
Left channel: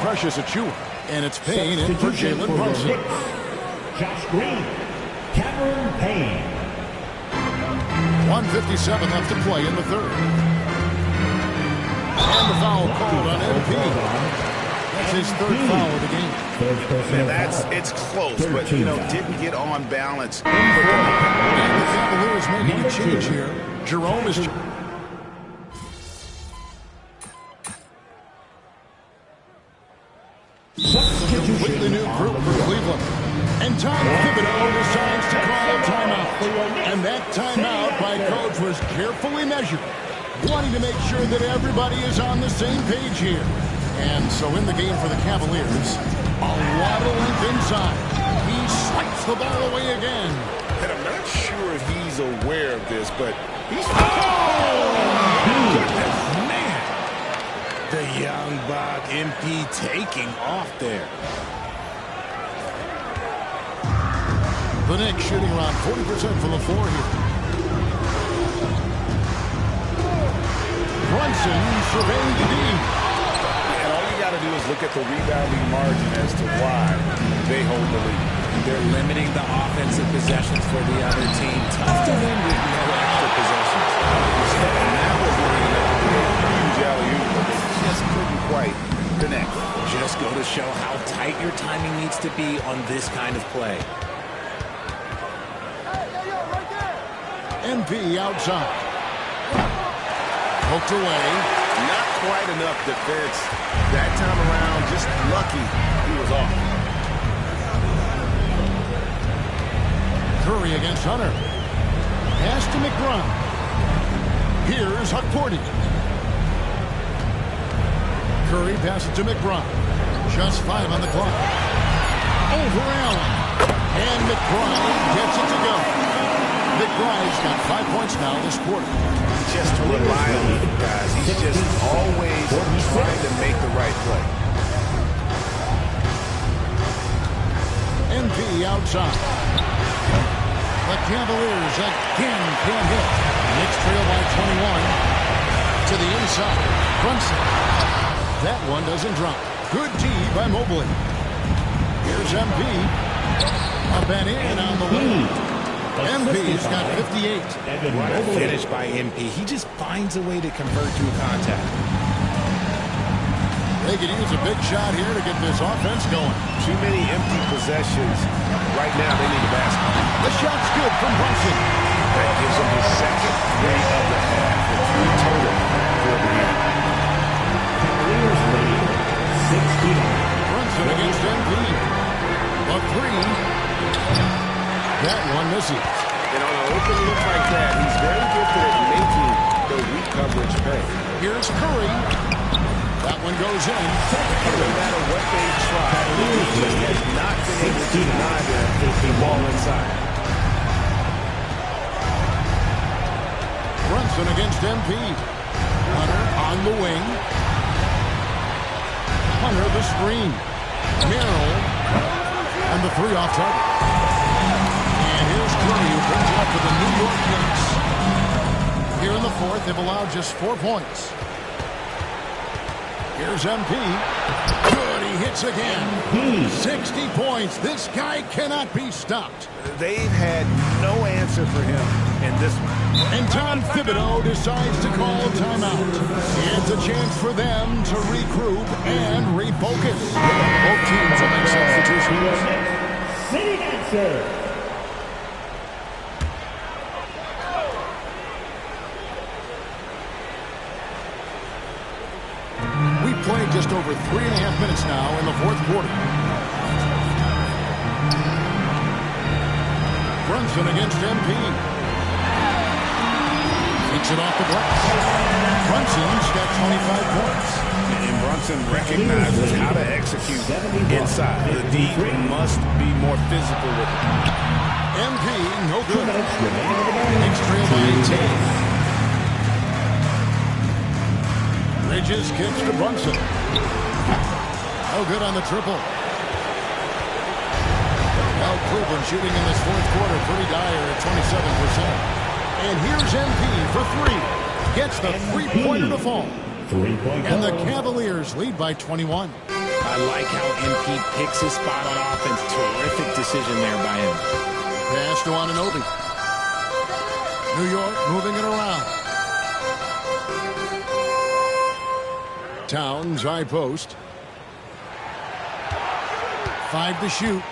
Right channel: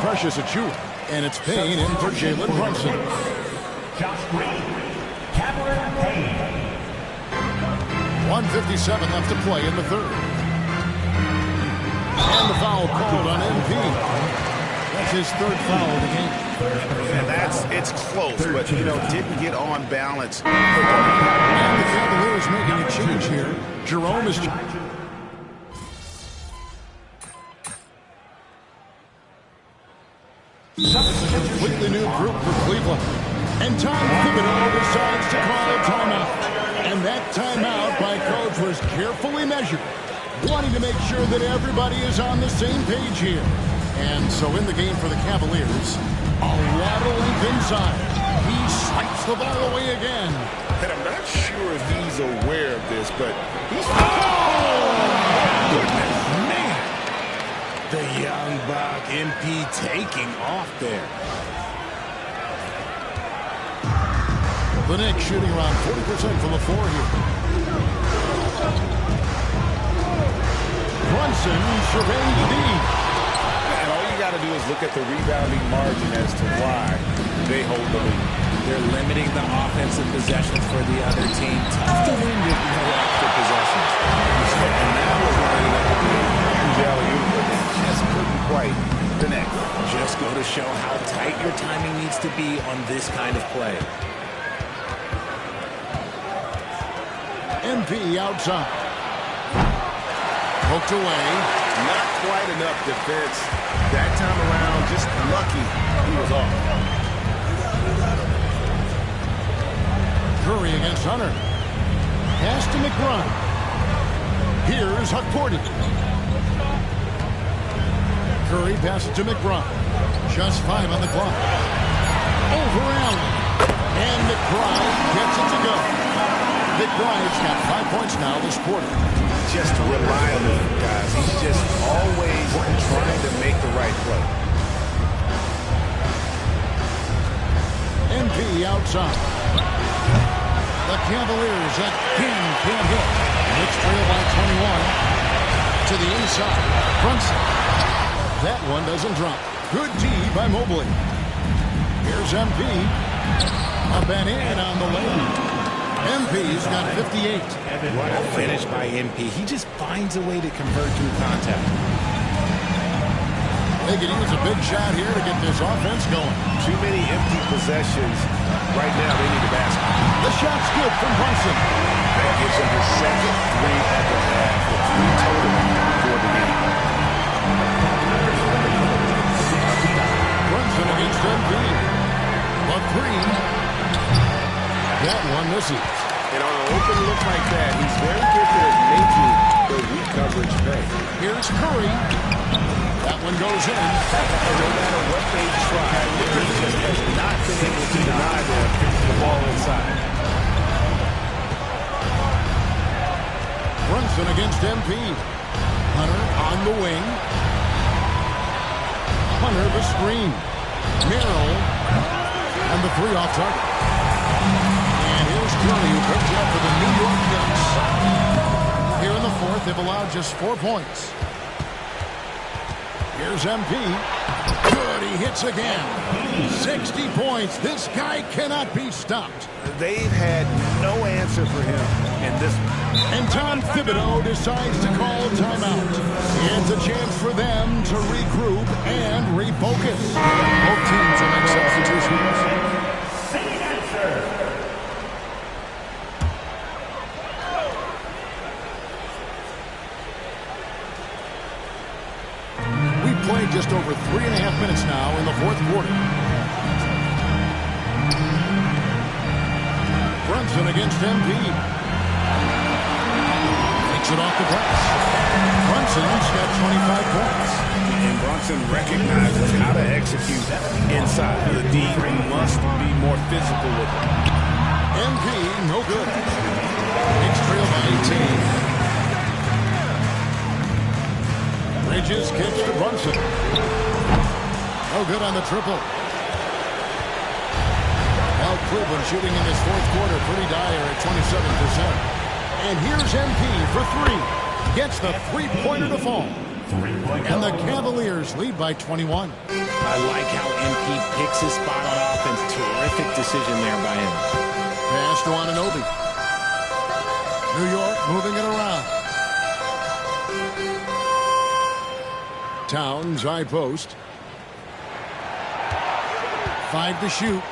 Precious Achua, and it's Payne in for Jalen Brunson. Josh Green, Cameron Payne. 1:57 left to play in the third. And the foul called on MP. That's his third foul of the game. And it's close, but, didn't get on balance. And the Cavaliers making a change here. Jerome is... A completely new group for Cleveland. And Tom Thibodeau decides to call a timeout. And that timeout by coach was carefully measured, wanting to make sure that everybody is on the same page here. And so in the game for the Cavaliers, a lot of length inside. He swipes the ball away again. And I'm not sure if he's aware of this, but he's... Oh, my goodness, man. The young buck, MP taking off there. The Knicks shooting around 40% from the floor here. Brunson surveying the D. And all you got got to do is look at the rebounding margin as to why they hold the lead. They're limiting the offensive possessions for the other team. Tough to win with no extra possessions. And that was lining up to be a huge alley-oop, but they just couldn't quite connect. Just go to show how tight your timing needs to be on this kind of play. MP outside. Poked away. Not quite enough defense. That time around, just lucky he was off. Curry against Hunter. Pass to McBride. Here's Hukporti. Curry passes to McBride. Just 5 on the clock. Over Allen. And McBride gets it to go. McBride's got 5 points now this quarter. Just rely on him, guys. He's just always trying to make the right play. MP outside. The Cavaliers again can't hit. Knicks trail by 21. To the inside. Brunson. That one doesn't drop. Good D by Mobley. Here's MP. Up and in on the lane. MP's got 58. What a finish by MP. He just finds a way to convert through contact. They could use a big shot here to get this offense going. Too many empty possessions. Right now, they need a basket. The shot's good from Brunson. That gives him his second 3 of the half, with 3 total for the game. Brunson against MP. A 3. That one misses. And on an open look like that, he's very gifted at making the weak coverage pay. Here's Curry. That one goes in. And no matter what they've tried, the defense has not been able to deny them the ball inside. Brunson against MP. Hunter on the wing. Hunter the screen. Merrill. And the 3 off target. And here's Curry, who brings it up for the New York Knicks. Here in the 4th, they've allowed just 4 points. Here's MP. Good, he hits again. 60 points. This guy cannot be stopped. They've had no answer for him in this one. And Tom Thibodeau decides to call timeout. It's a chance for them to regroup and refocus. Both teams will make substitutions. Sitting answer. We've played just over 3.5 minutes now in the 4th quarter. Brunson against MP. Takes it off the glass. Brunson's got 25 points. And Brunson recognizes how to execute inside. The D must be more physical with him. MP, no good. Knicks trail by 18. Bridges kicks to Brunson. No good on the triple. Now Cleveland shooting in this 4th quarter pretty dire at 27%. And here's MP for 3. Gets the 3-pointer to fall. And the Cavaliers lead by 21. I like how MP picks his spot on offense. Terrific decision there by him. Pass to Anunoby. New York moving it around. Towns, high post. 5 to shoot.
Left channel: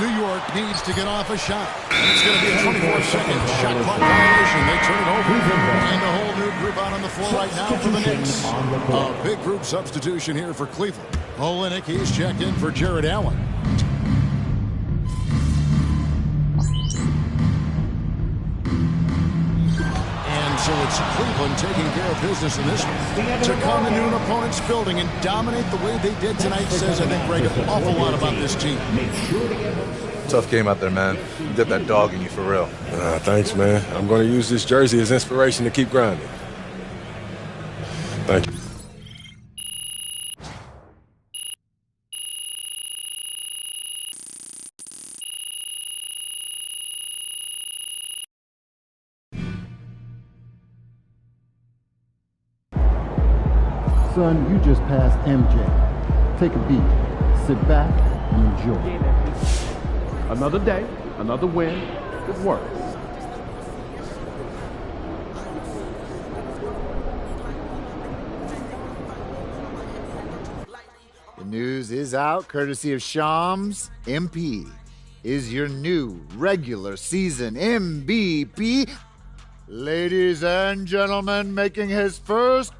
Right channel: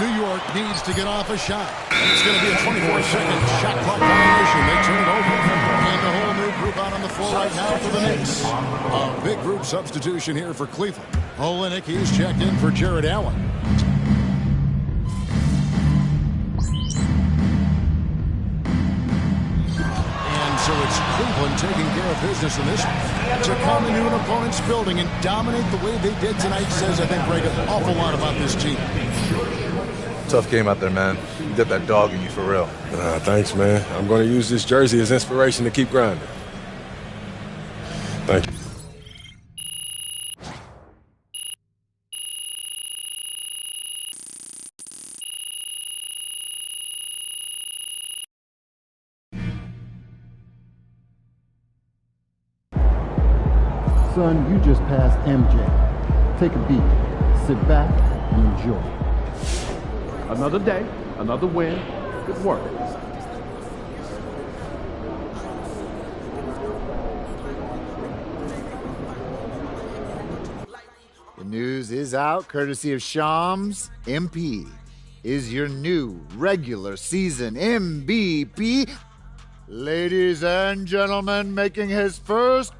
New York needs to get off a shot. It's going to be a 24-second shot clock violation. They turn it over. And a whole new group out on the floor right now for the Knicks. A big group substitution here for Cleveland. Olynyk, he's checked in for Jared Allen. And so it's Cleveland taking care of business in this one. To come into an opponent's building and dominate the way they did tonight says, I think, Greg, an awful lot about this team. Tough game out there, man. You got that dog in you for real. Thanks, man. I'm going to use this jersey as inspiration to keep grinding. Thank you. Son, you just passed MJ. Take a beat, sit back, and enjoy. Another day, another win. Good work. The news is out, courtesy of Shams. MP is your new regular season MVP. Ladies and gentlemen, making his first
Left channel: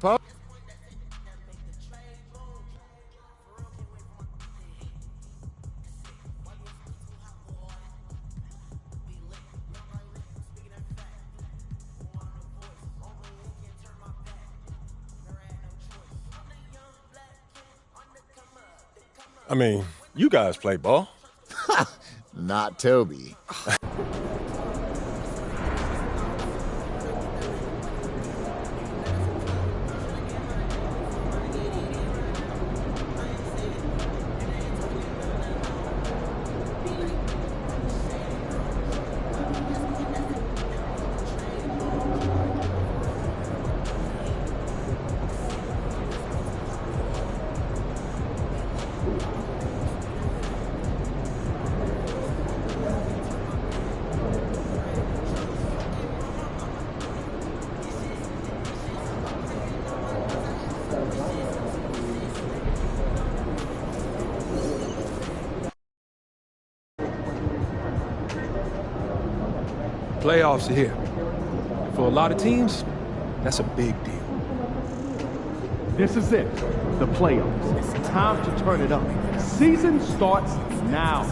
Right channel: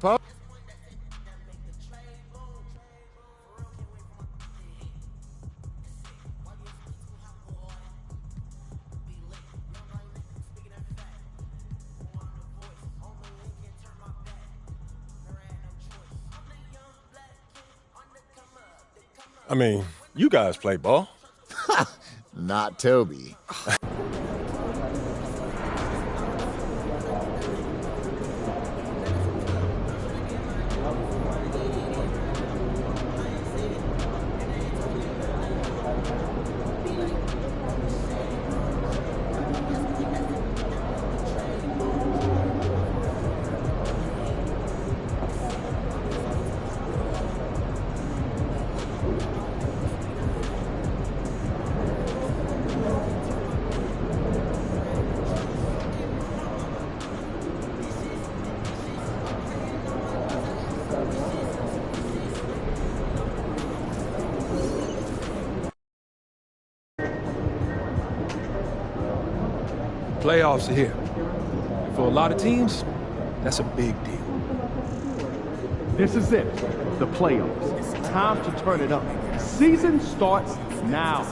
I mean, you guys play ball. Not Toby. Playoffs are here. And for a lot of teams, that's a big deal. This is it. The playoffs. It's time to turn it up. Season starts now.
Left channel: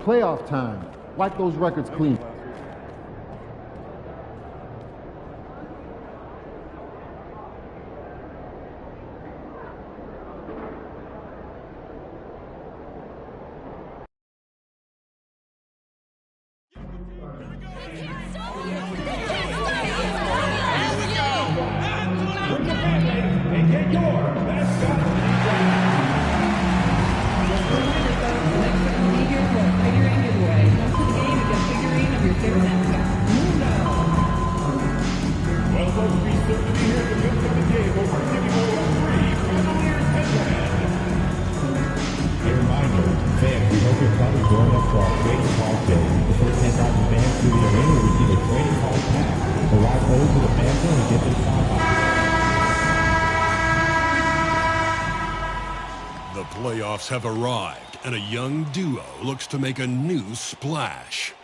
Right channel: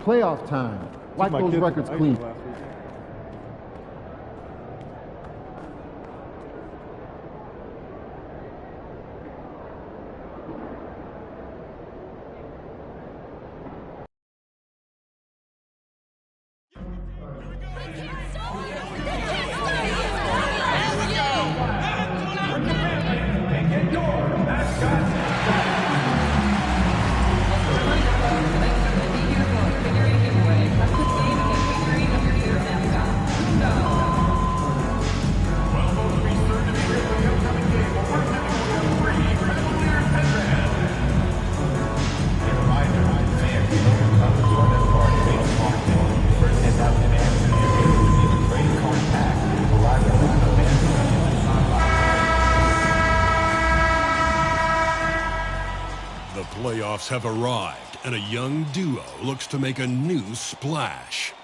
Playoff time. Wipe those records clean. The playoffs have arrived, and a young duo looks to make a new splash.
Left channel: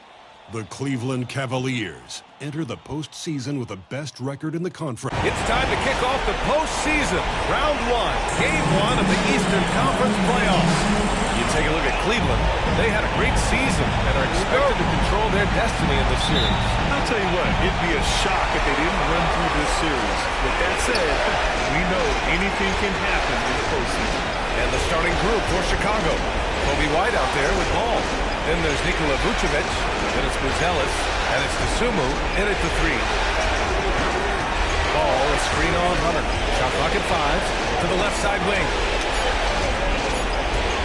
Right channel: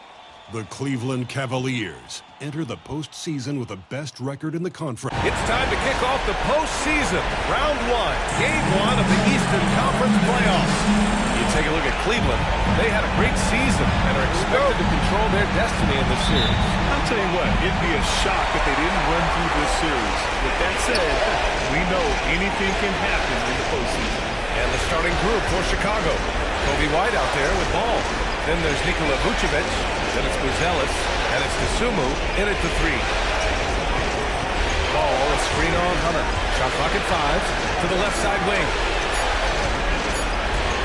The Cleveland Cavaliers enter the postseason with the best record in the conference. It's time to kick off the postseason. Round one, game one of the Eastern Conference playoffs. You take a look at Cleveland. They had a great season and are expected to control their destiny in this series. I'll tell you what, it'd be a shock if they didn't run through this series. With that said, we know anything can happen in the postseason. And the starting group for Chicago. Kobe White out there with ball. Then there's Nikola Vucevic. Then it's Buzelis. And it's Dosunmu in at the three. Ball, a screen on Hunter. Shot clock at 5 to the left side wing.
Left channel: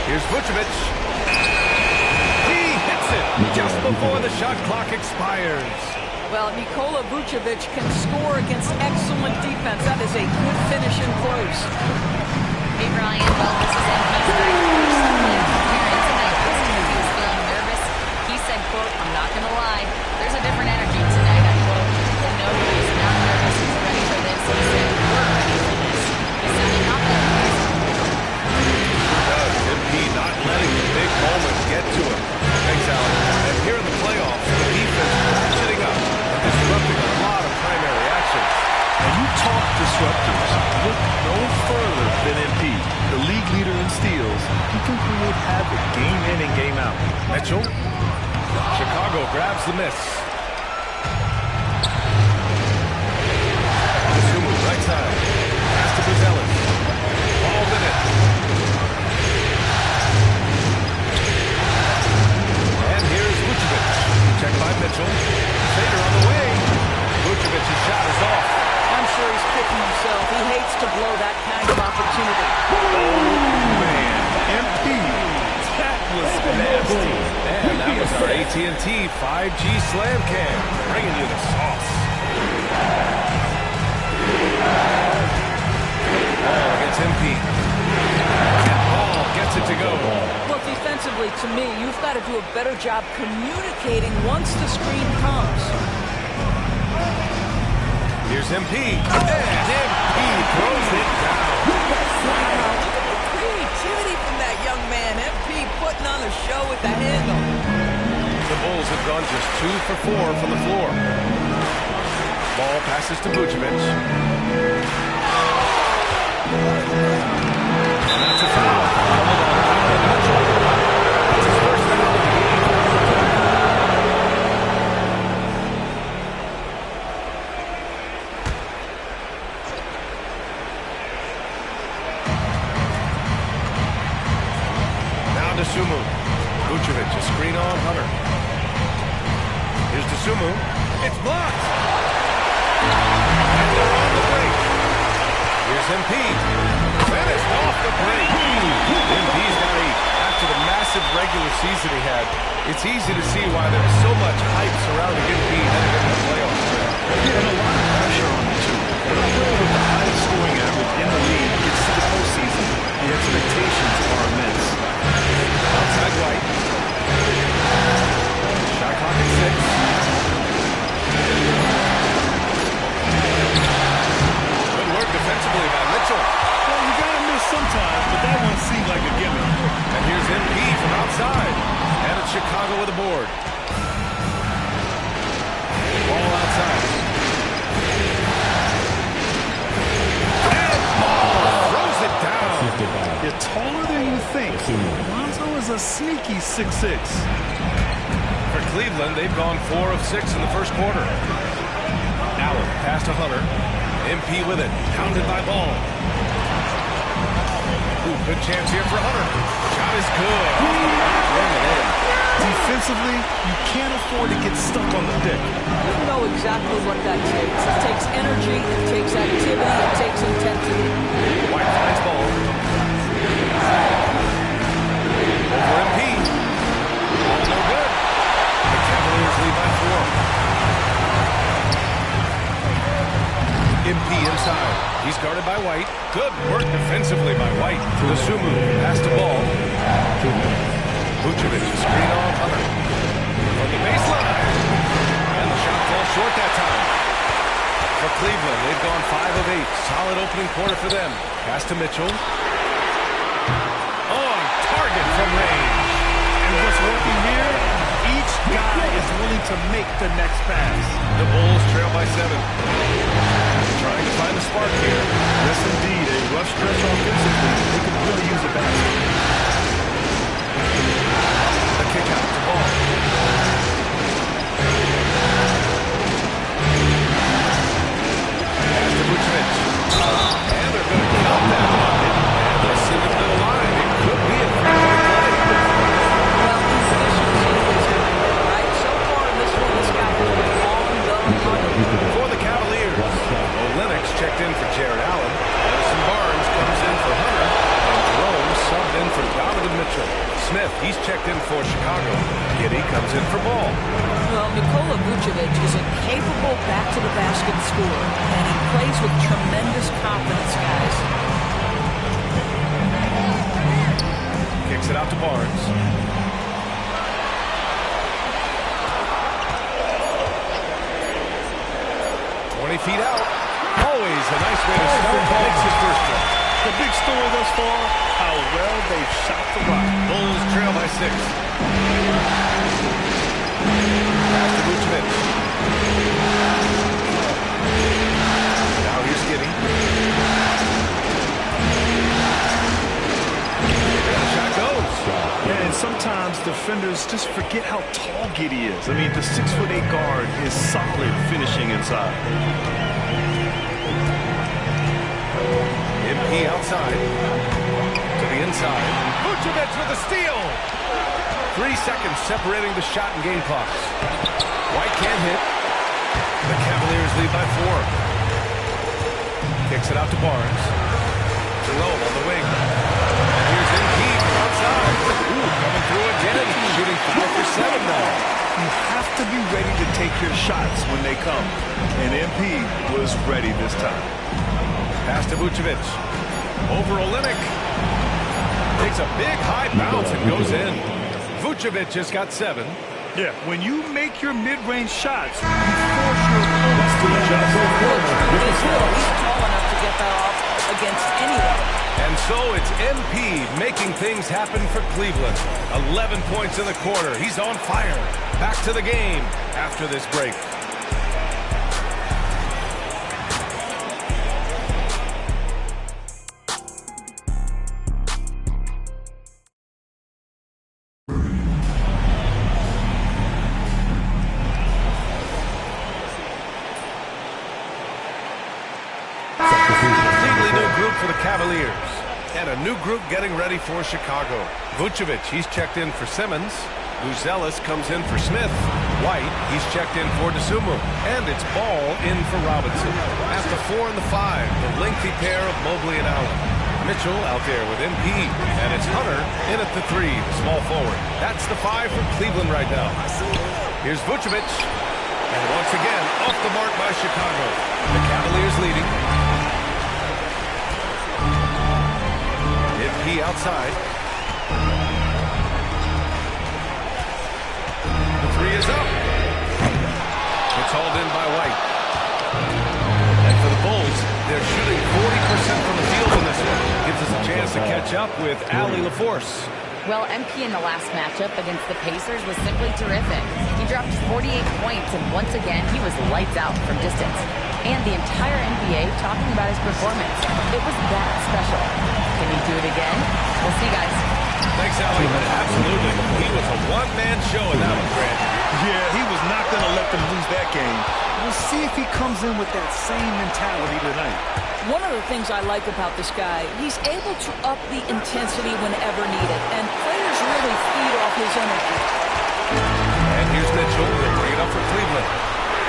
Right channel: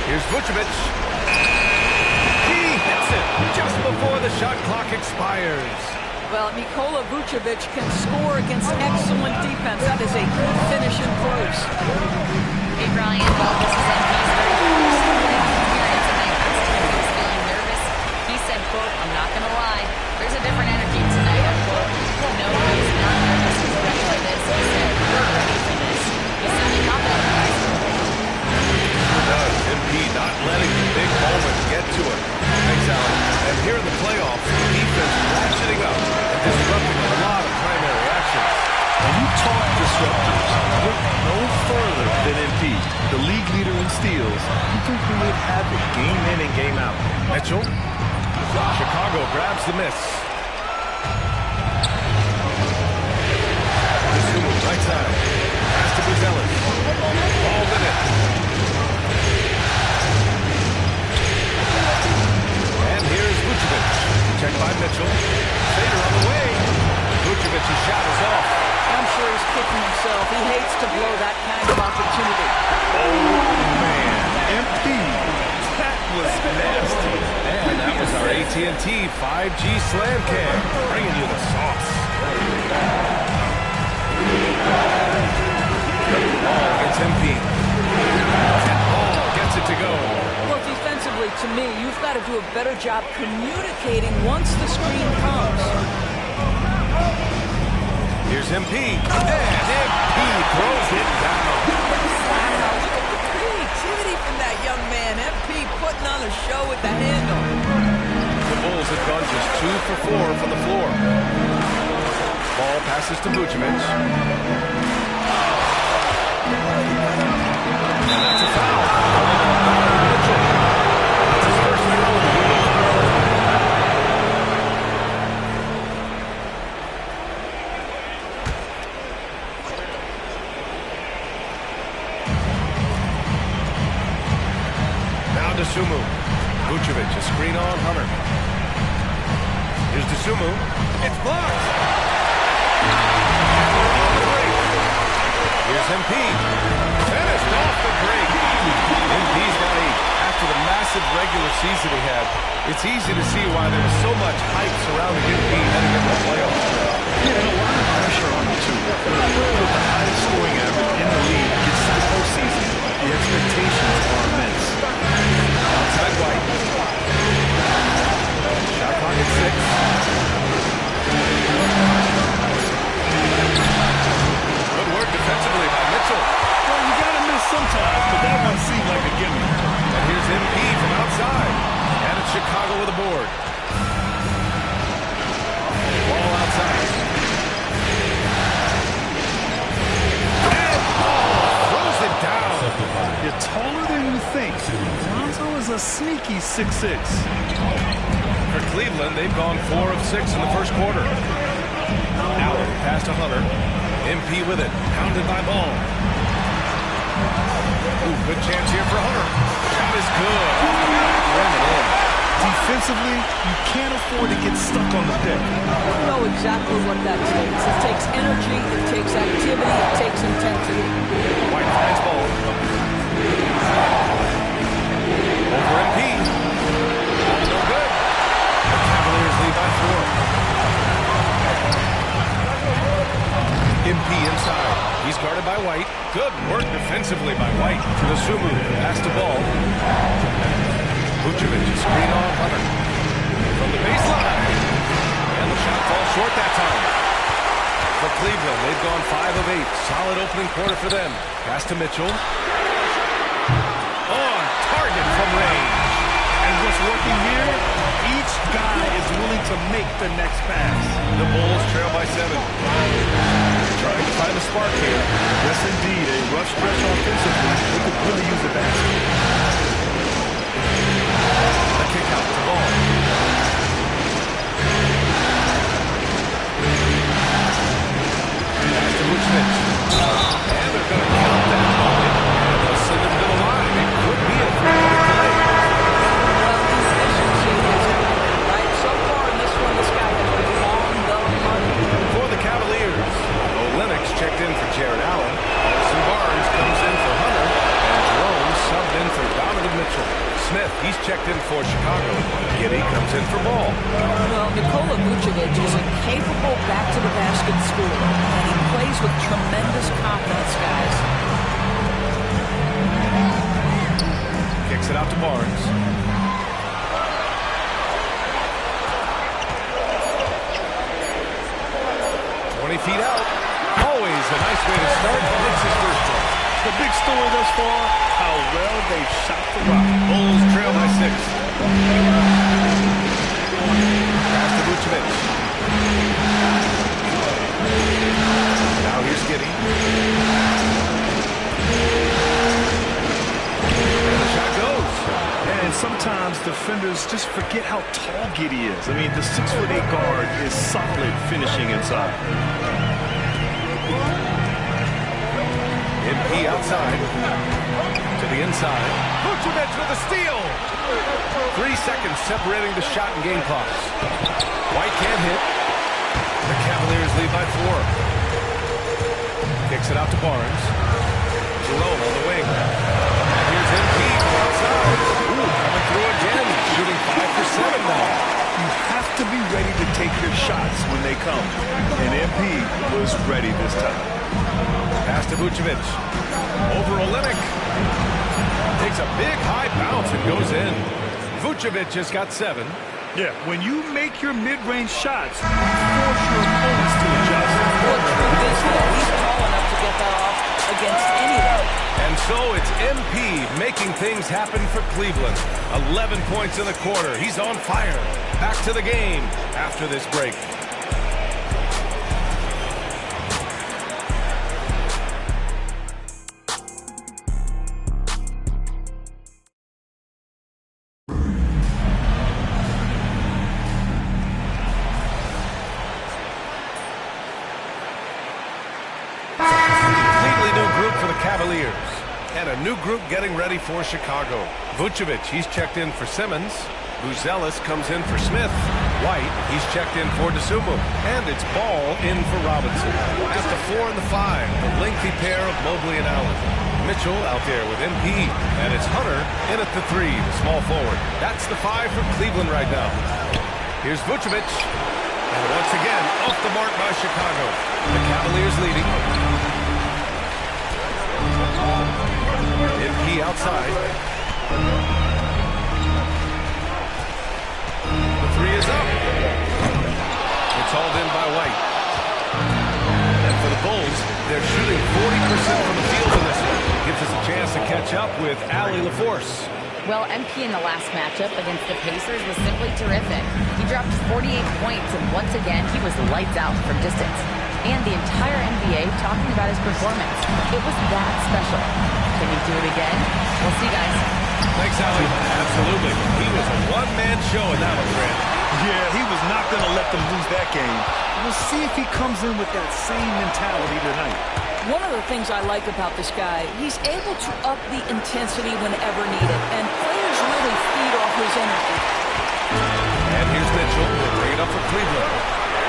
Here's Vucevic. He hits it just before the shot clock expires. Well, Nikola Vucevic can score against excellent defense. That is a good finish in close. Hey, Brian. Well, this is MP's very first playoff appearance, and I asked him if he was feeling nervous. He said, quote, "I'm not going to lie. There's a different energy tonight," unquote. No, he is not nervous. He's ready for this. He said, "We're ready for this." He's sounding confident, guys. Does MP not letting the big moment get to him. Thanks, Alan. And here in the playoffs, the defense ratcheting up and disrupting a lot of primary actions. And you talk disruptors, look no further than MP. The league leader in steals. He can create havoc game in and game out. Mitchell. Chicago grabs the miss. Zumu, right side. Pass to Buzelis. Ball with it. And here's Vucevic. Check by Mitchell. Fader on the way. Vucevic's shot is off. I'm sure he's kicking himself. He hates to blow that kind of opportunity. Oh, man. MP. That was nasty. And that was our AT&T 5G Slam Cam, bringing you the sauce. Ball against MP. And Ball gets it to go. Well, defensively, to me, you've got to do a better job communicating once the screen comes. Here's MP. And MP throws it down. Wow, look at the creativity from that young man. MP putting on a show with the handle. The Bulls have gone just 2 for 4 from the floor. Ball passes to Vucevic. And that's a foul. Called on Donovan Mitchell. That's his first foul of the game. Now DeSumo. Vucevic, a screen on Hunter. Here's DeSumo. It's blocked. And they're on the break. Here's MP. Finished off the break. MP's got 8. After the massive regular season he had, it's easy to see why there was so much hype surrounding MP heading into the playoffs. Yeah, and a lot of pressure on him, too. When a player with the highest scoring average in the league gets to the postseason, the expectations are immense. Outside White. Shot clock at 6. Good work defensively by Mitchell. Well, you got to miss sometimes, but that one seemed like a gimme. And here's MP from outside. And it's Chicago with a board. Ball outside. And Ball throws it down. You're taller than you think. Lonzo is a sneaky 6'6". For Cleveland, they've gone 4 of 6 in the first quarter. Allen pass to Hunter. MP with it. Pounded by Ball. Ooh, good chance here for Hunter. Shot is good. Off the back rim and in. Defensively, you can't afford to get stuck on the pick. You know exactly what that takes. It takes energy, it takes activity, it takes intensity. White finds Ball. Over MP. Ball no good. The Cavaliers lead by 4. MP inside. He's guarded by White. Good work defensively by White. DeSumo pass to Ball. Vucevic, screen on Hunter. From the baseline. And the shot falls short that time. For Cleveland, they've gone 5 of 8. Solid opening quarter for them. Pass to Mitchell. On target from range. And what's working here? Each guy is willing to make the next pass. The Bulls trail by 7. Trying to find the spark here. Yes, indeed. A rough stretch offensively. They could really use a basket. A kick out to Ball. Pass to Vucevic. And they're going to count that bucket. And they'll send him to the line. It could be a 3-point play. Well, his efficiency has been right. So far in this one, this guy has been on the money. For the Cavaliers, Olynyk checked in for Jared Allen. Harrison Barnes comes in for Hunter. And Jerome subbed in for Donovan Mitchell. Smith. He's checked in for Chicago. Giddey comes in for Ball. Well, Nikola Vucevic is a capable back-to-the-basket scorer, and he plays with tremendous confidence, guys. Kicks it out to Barnes. Feet out. Always a nice way to start. Makes his first one. The big story thus far, how well they've shot the rock. Bulls trail by 6. Pass to Vucevic. Now here's Giddey. And the shot goes. And sometimes defenders just forget how tall Giddey is. I mean, the 6'8" guard is solid finishing inside. MP outside. To the inside. Vucevic with a steal. 3 seconds separating the shot and game clocks. White can't hit. The Cavaliers lead by 4. Kicks it out to Barnes. Jerome on the wing. And here's MP from outside. Ooh, coming through again. Shooting 5 for 7 now. You have to be ready to take your shots when they come. And MP was ready this time. Pass to Vucevic. Over Olynyk. Takes a big high bounce and goes in. Vucevic just got 7. Yeah, when you make your mid-range shots, you force your opponents to adjust. Well, the truth is, though, he's tall enough to get that off against anyone. And so it's MP making things happen for Cleveland. 11 points in the quarter. He's on fire. Back to the game after this break. For the Cavaliers. And a new group getting ready for Chicago. Vucevic, he's checked in for Simmons. Buzelis comes in for Smith. White, he's checked in for DeSumo. And it's Ball in for Robinson. At the 4 and the 5, the lengthy pair of Mobley and Allen. Mitchell out there with MP. And it's Hunter in at the 3, the small forward. That's the 5 for Cleveland right now. Here's Vucevic. And once again, off the mark by Chicago. The Cavaliers leading. MP outside. The 3 is up. It's hauled in by White. And for the Bulls, they're shooting 40% from the field in this one. Gives us a chance to catch up with Allie LaForce. Well, MP in the last matchup against the Pacers was simply terrific. He dropped 48 points, and once again, he was lights out from distance. And the entire NBA talking about his performance. It was that special. Can he do it again? We'll see, guys. Thanks, Allie. Absolutely. He was a one-man show in that one, Grant. Yeah, he was not going to let them lose that game. We'll see if he comes in with that same mentality tonight. One of the things I like about this guy, he's able to up the intensity whenever needed, and players really feed off his energy. And here's Mitchell. He'll bring it up for Cleveland.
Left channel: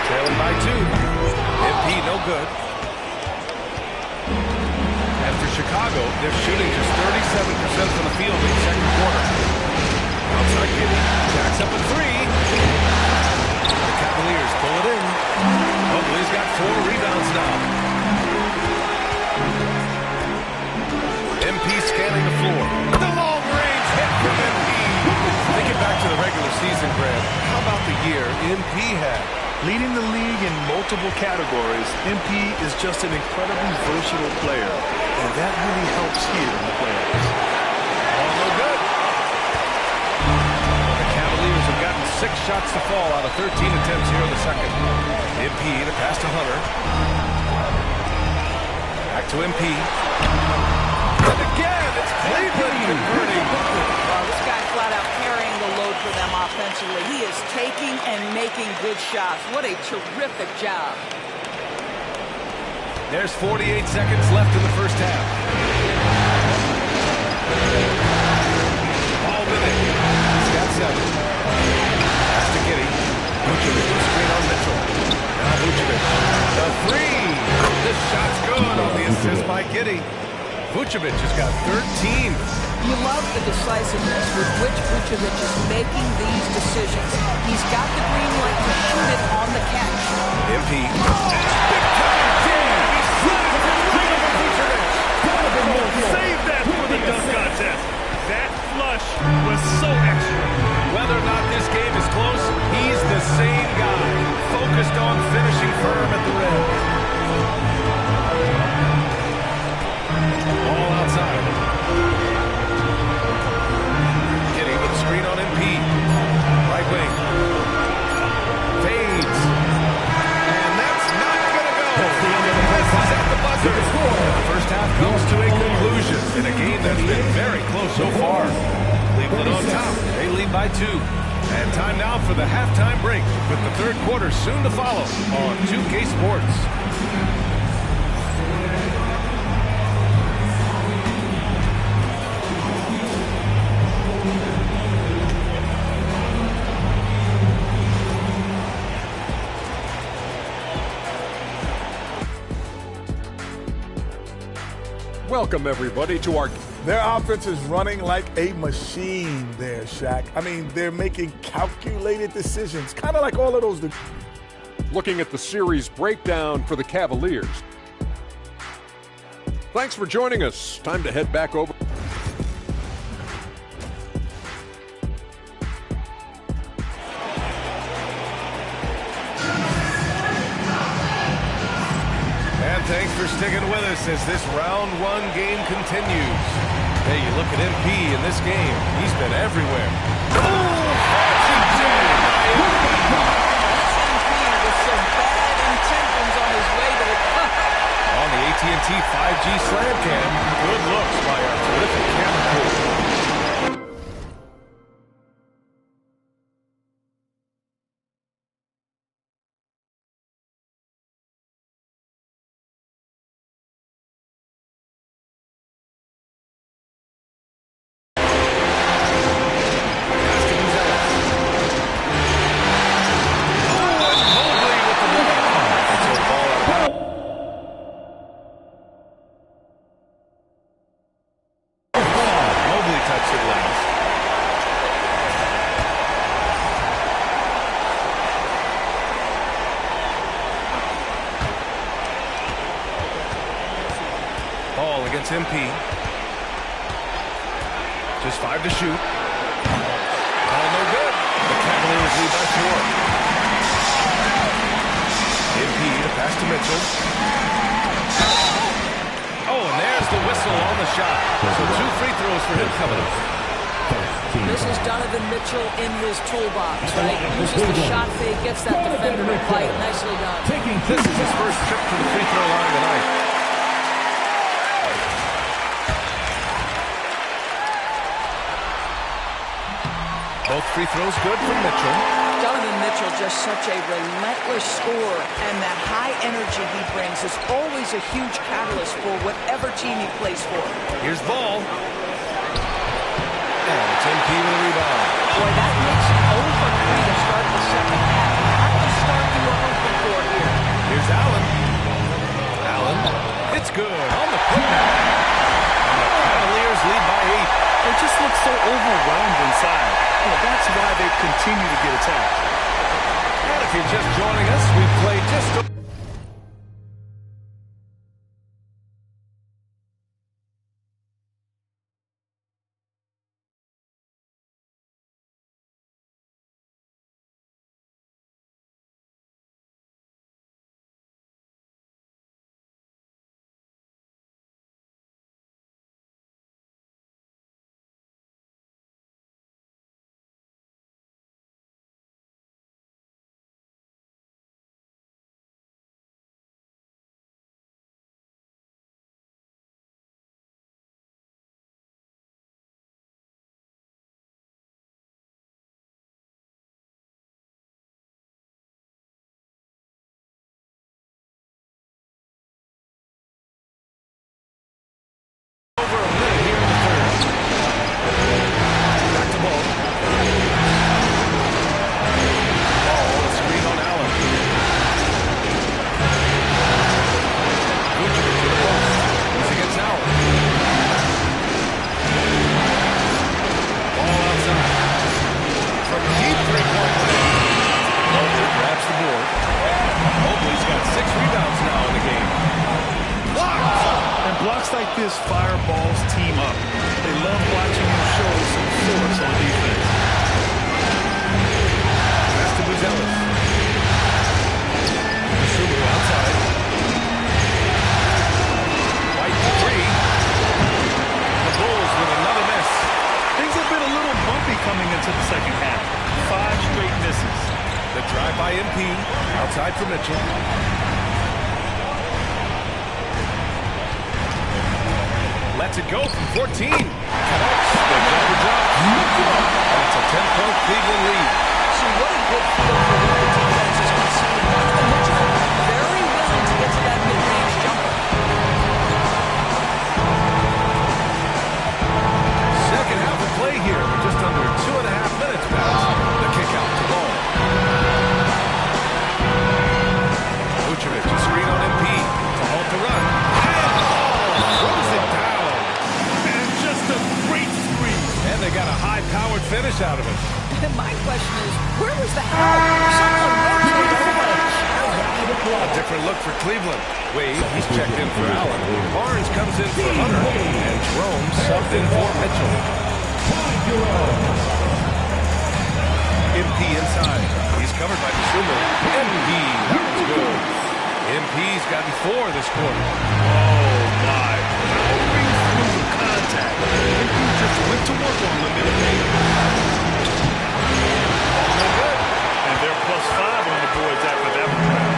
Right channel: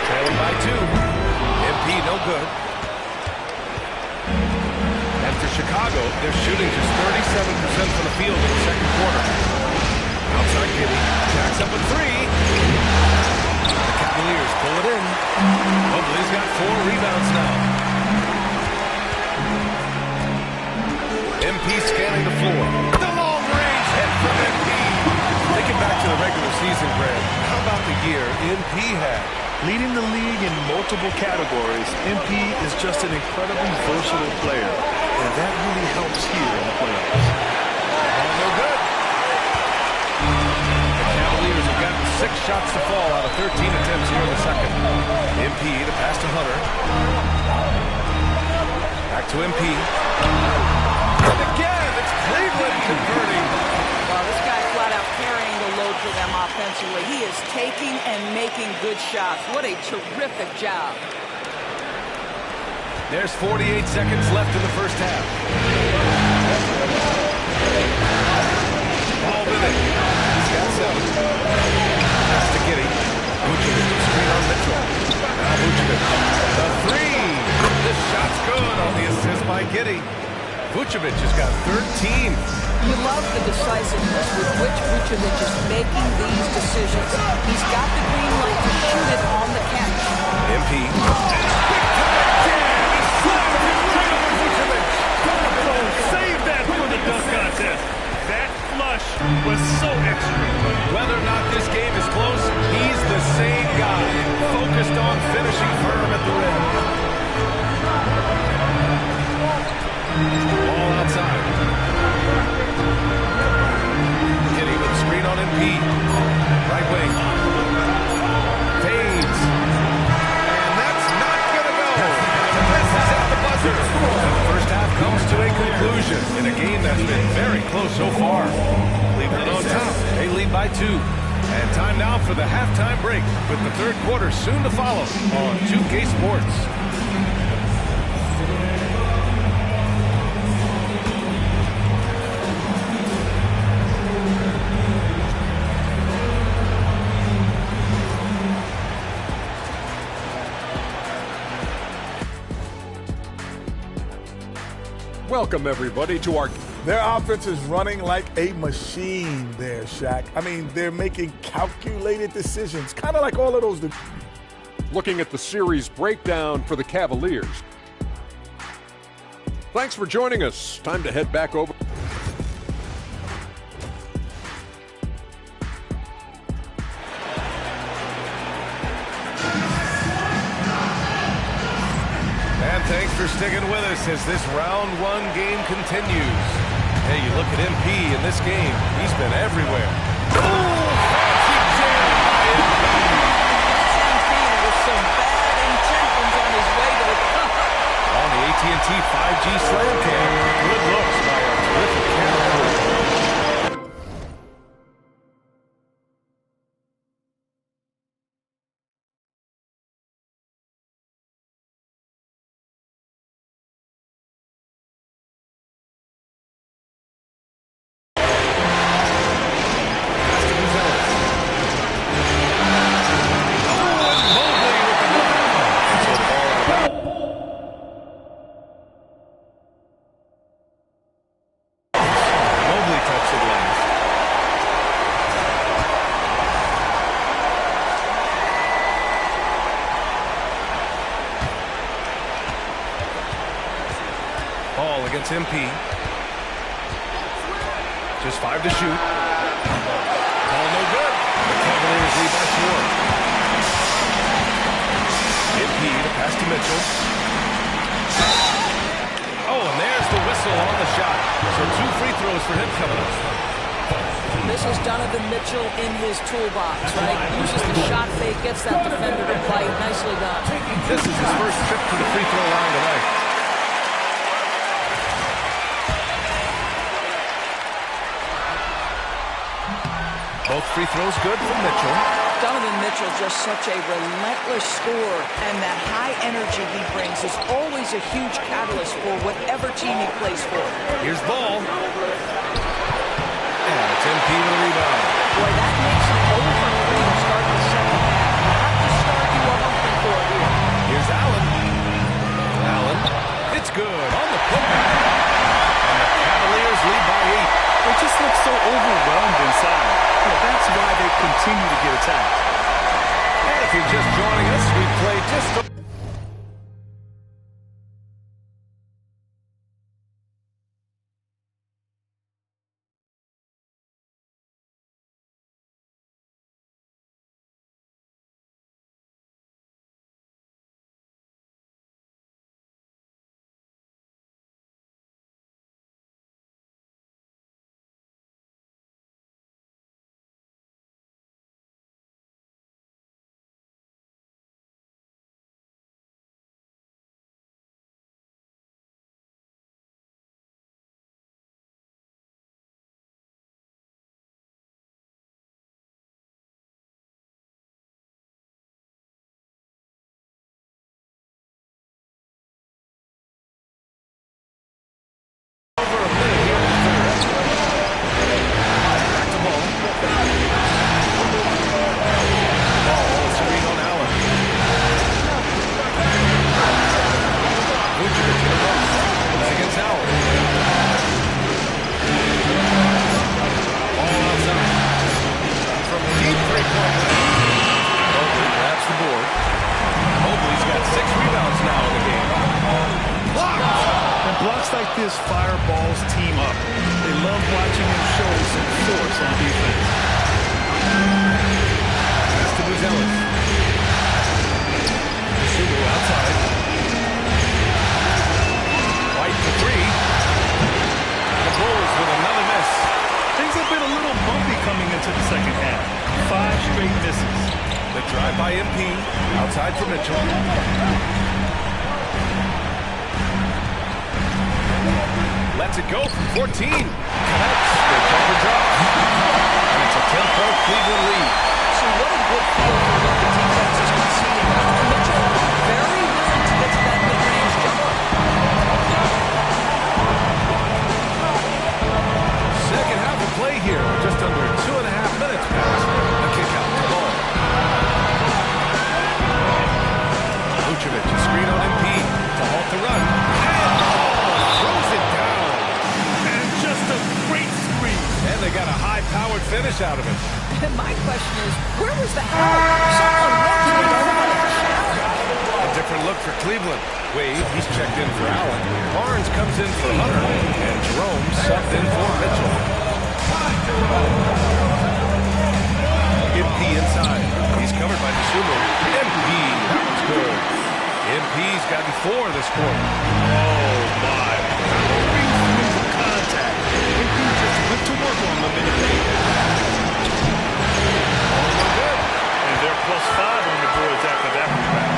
Trailing by 2. MP no good. And for Chicago, they're shooting just 37% from the field in the second quarter. Outside Giddey. Jacks up a 3. The Cavaliers pull it in. Mobley's got 4 rebounds now. MP scanning the floor. The long-range hit from MP. Thinking back to the regular season, Grant, how about the year MP had? Leading the league in multiple categories, MP is just an incredibly versatile player, and that really helps here in the playoffs. All no good. The Cavaliers have gotten 6 shots to fall out of 13 attempts here in the second. MP, the pass to Hunter. Back to MP. And again, it's Cleveland converting. Well, this guy flat out carrying the load for them offensively. He is taking and making good shots. What a terrific job. There's 48 seconds left in the first half. Ball with it. He's got 7. Pass to Giddey. Vucevic, screen on Mitchell. Now Vucevic. The 3. This shot's good on the assist by Giddey. Vucevic has got 13. You love the decisiveness with which Vucevic is making these decisions. He's got the green light to shoot it on the catch. MP. And a big-time jam. He slams it right over Vucevic. Oh, save that for the dunk contest. That flush was so extra. Whether or not this game is close, he's the same guy, focused on finishing firm at the rim. Ball outside. Kitty with a screen on MP. Right wing. Fades. And that's not going to go. Misses at the buzzer. And the first half comes to a conclusion in a game that's been very close so far. Cleveland on top. They lead by 2. And time now for the halftime break with the third quarter soon to follow on 2K Sports. Welcome, everybody, to our... Their offense is running like a machine there, Shaq. I mean, they're making calculated decisions, kind of like all of those. Looking at the series breakdown for the Cavaliers. Thanks for joining us. Time to head back over. And thanks for sticking with us as this round 1 game continues. Hey, you look at MP in this game, he's been everywhere. Oh, fancy jam by MP. That's MP with some bad intentions on his way to the cup. On the AT&T 5G Slam Cam, good looks by our terrific camera crew. Ball against MP. Just 5 to shoot. Ball no good. The Cavaliers lead by 4. MP to pass to Mitchell. Oh, and there's the whistle on the shot. So 2 free throws for him coming up. This is Donovan Mitchell in his toolbox, right? Uses the shot fake, gets that defender to bite. Nicely done. This is his first trip to the free throw line tonight. Both free throws good from Mitchell. Donovan Mitchell just such a relentless scorer, and that high energy he brings is always a huge catalyst for whatever team he plays for. Here's Ball. And it's MP with a rebound. Boy, that makes it 0 for 3 to start the second half. Not the start you were hoping for here. Here's Allen. Allen. It's good on the putback. And the Cavaliers lead by 8. They just look so overwhelmed inside. Well, that's why they continue to get attacked. And if you're just joining us, we've played just... Over a minute here in the third. Back to Ball. Ball, a screen on Allen. Vucevic to the post. He's against Allen. rebounds now in the game. Blocked! And blocks like this fire Ball's team up. They love watching him show some force on defense. Pass to Buzelis. Sumu outside. White for three. The Bulls with another miss. Things have been a little bumpy coming into the second half. 5 straight misses. The drive by MP. Outside for Mitchell. Lets it go from 14. Connects. The jumper drops. And it's a 10-point Cleveland lead. See, what a good feel for what the defense is conceding. Donovan Mitchell very willing to get to that mid-range jumper. Second half of play here with just under 2.5 minutes passed. The kick out to Ball. Vucevic, a screen on MP to halt the run. And Ball throws it down. And just a great screen. And they got a high-powered finish out of it. My question is, where was the help? Someone rotated over and challenge. A different look for Cleveland. Wade, he's checked in for Allen. Barnes comes in for Hunter. And Jerome subbed in for Mitchell. MP inside. He's covered by Dosunmu. MP, that was good. MP's gotten 4 this quarter. Oh, my. Powering through the contact. MP just went to work on them in the paint. No good. And they're +5 on the boards after that rebound.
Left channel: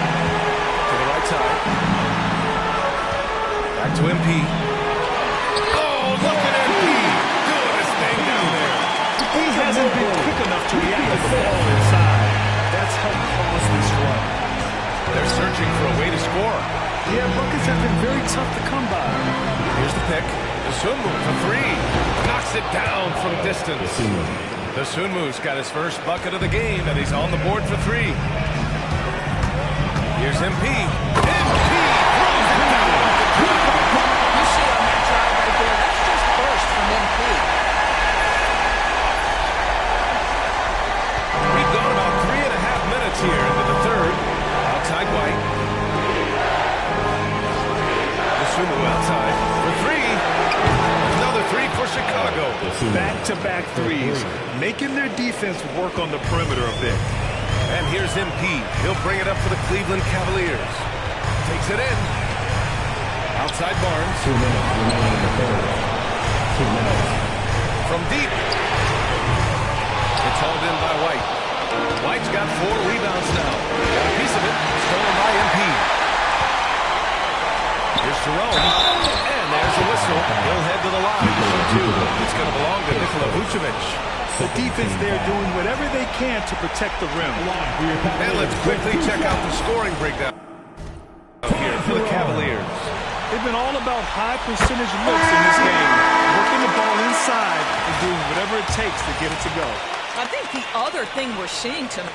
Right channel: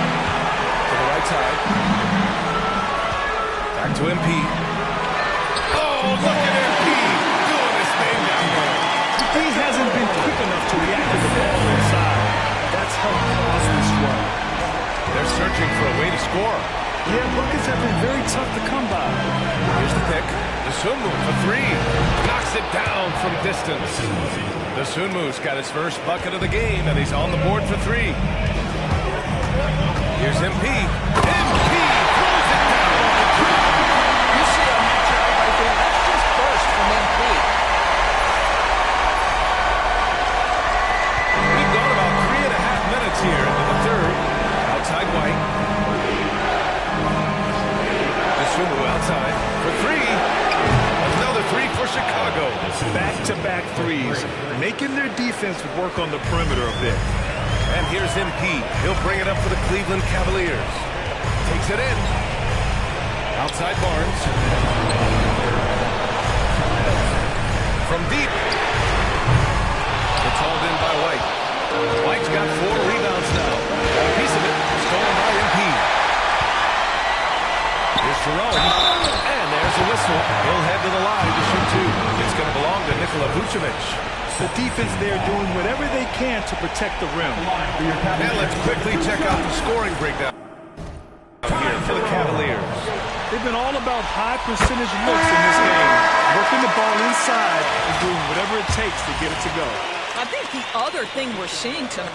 To the right side. Back to MP. Oh, look at MP doing his thing down there. He hasn't been quick enough to react to the ball inside. That's helped cause this run. They're searching for a way to score. Yeah, buckets have been very tough to come by. Here's the pick. Dosunmu for 3. Knocks it down from distance. Dosunmu's got his first bucket of the game, and he's on the board for 3. Here's MP. MP throws it down off the drive. You see on that drive right there, that's just burst from MP. We've gone about 3.5 minutes here into the third. Outside White. Dosunmu outside for 3. Another 3 for Chicago. Back-to-back threes, making their defense work on the perimeter a bit. And here's MP. He'll bring it up for the Cleveland Cavaliers. Takes it in. Outside Barnes. From deep. It's hauled in by White. White's got 4 rebounds now. Got a piece of it. Stolen by MP. Here's Jerome. And there's a whistle. He'll head to the line to shoot 2. It's going to belong to Nikola Vucevic. The defense there doing whatever they can to protect the rim. And let's quickly check out the scoring breakdown here for the Cavaliers. They've been all about high percentage looks in this game, working the ball inside and doing whatever it takes to get it to go. I think the other thing we're seeing tonight.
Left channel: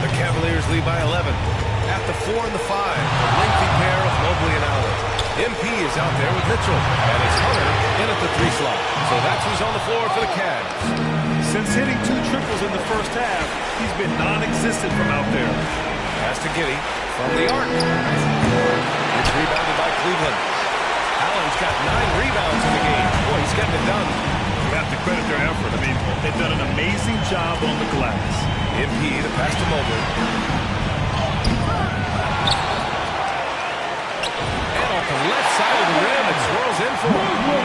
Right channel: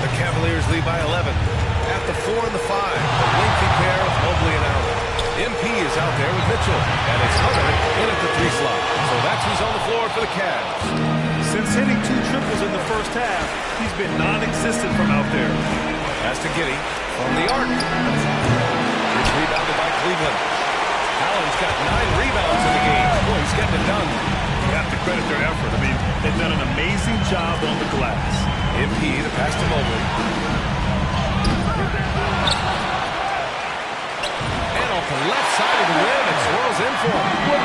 The Cavaliers lead by 11. At the 4 and the 5, the lengthy pair of Mobley and Allen. MP is out there with Mitchell, and it's Hunter in at the 3 slot. So that's who's on the floor for the Cavs. Since hitting 2 triples in the first half, he's been non-existent from out there. Pass to Giddey from the arc. It's rebounded by Cleveland. Allen's got 9 rebounds in the game. Boy, he's getting it done. You have to credit their effort. I mean, they've done an amazing job on the glass. MP, the pass to Mobley. And off the left side of the rim, it swirls in for him.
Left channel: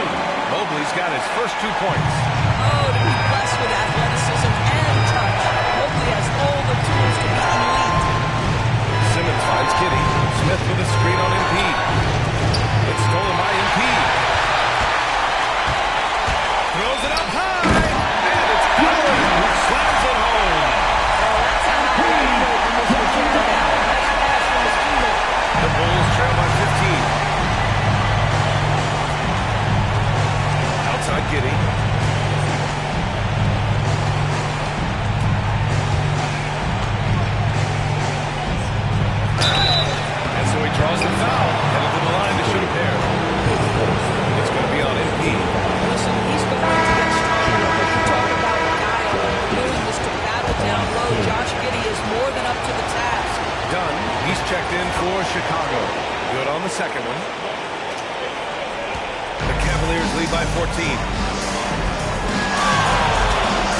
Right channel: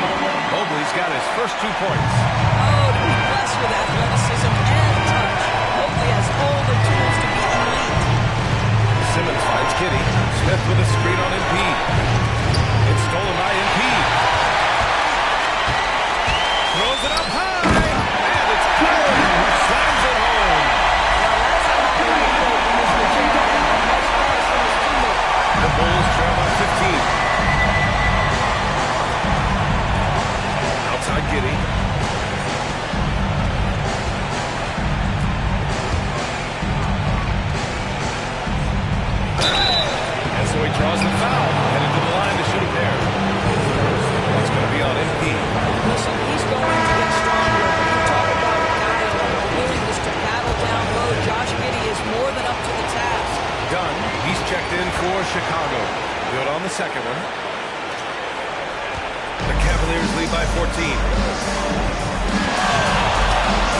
Mobley's got his first 2 points. Oh, to be blessed with athleticism and touch. Mobley has all the tools to be elite. Simmons finds Giddey. Smith with a screen on MP. It's stolen by MP. Throws it up high. And it's Allen who slams it home. Well, that's a highlight play from Mr. Jared Allen. Nice pass from his teammate. The Bulls trail by 15. Outside Giddey. And so he draws the foul, headed to the line to shoot a pair. It's going to be checked in for Chicago. Good on the second one. The Cavaliers lead by 14.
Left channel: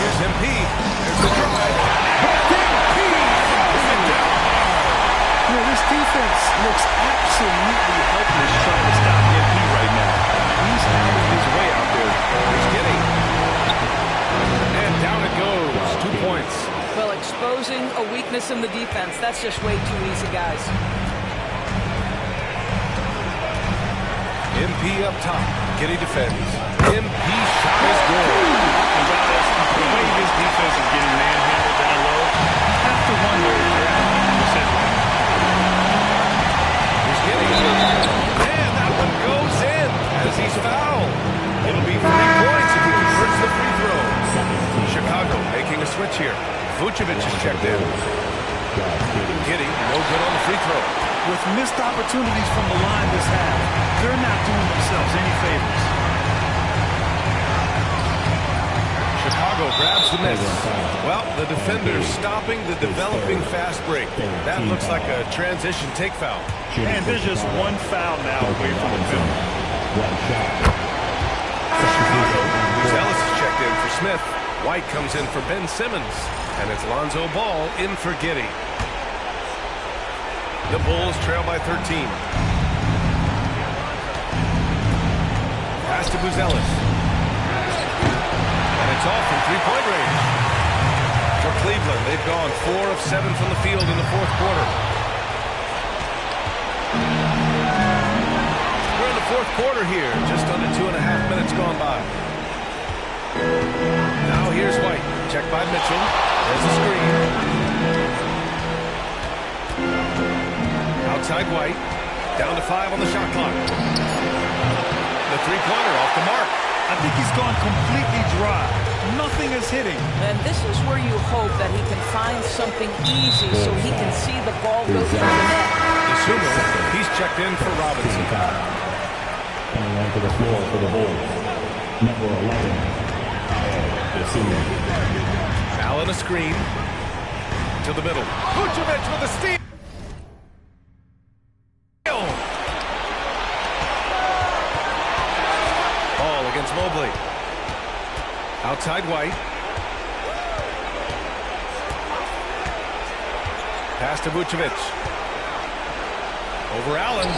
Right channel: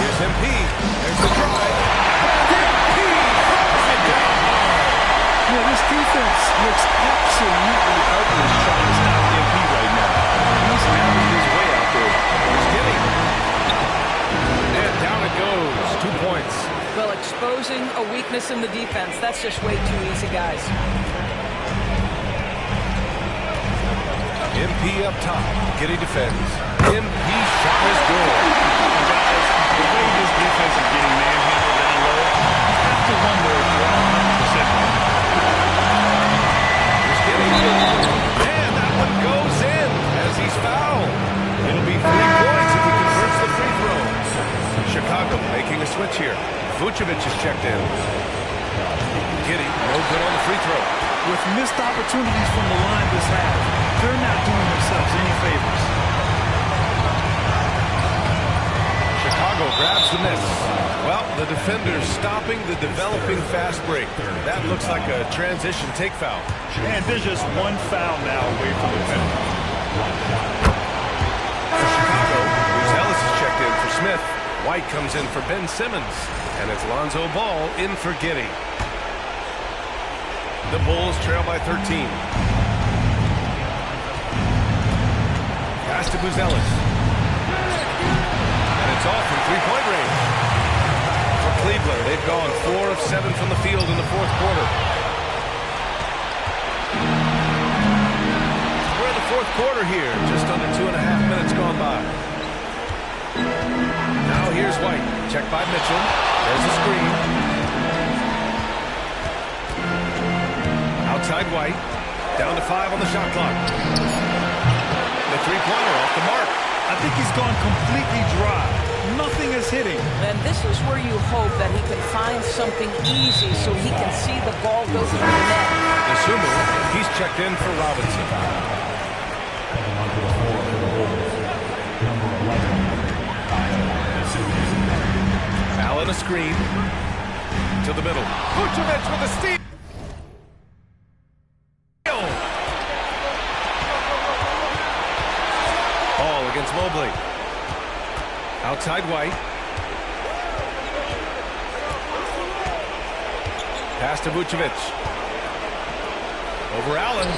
Here's MP. There's the drive. And MP throws it down hard. Yeah, this defense looks absolutely helpless trying to stop MP right now. He's having his way out there. Here's Giddey. And down it goes. 2 points. Well, exposing a weakness in the defense, that's just way too easy, guys. MP up top. Giddey defends. MP shot is good. And guys, the way this defense is getting manhandled down low, you have to wonder if they're at 100% right now. Here's Giddey. And that one goes in as he's fouled. It'll be 3 points if he converts the free throw. Chicago making a switch here. Vucevic is checked in. Giddey, no good on the free throw. With missed opportunities from the line this half, they're not doing themselves any favors. Chicago grabs the miss. Well, the defender's stopping the developing fast break. That looks like a transition take foul. And there's just one foul now away from the penalty. For Chicago, Ellis is checked in for Smith. White comes in for Ben Simmons. And it's Lonzo Ball in for Giddey. The Bulls trail by 13. Pass to Buzelis. And it's all from three-point range. For Cleveland, they've gone 4 of 7 from the field in the fourth quarter. We're in the fourth quarter here, just under 2.5 minutes gone by. Now here's White, checked by Mitchell. There's a screen. Outside White, down to 5 on the shot clock. The three-pointer off the mark. I think he's gone completely dry. Nothing is hitting. And this is where you hope that he can find something easy so he can see the ball go through the net. Isumu, he's checked in for Robinson. Coming onto the floor for the Bulls, number 11, Isumu. Allen a screen to the middle. Vucevic with a steal. Ball against Mobley. Outside White. Pass to Vucevic. Over Allen.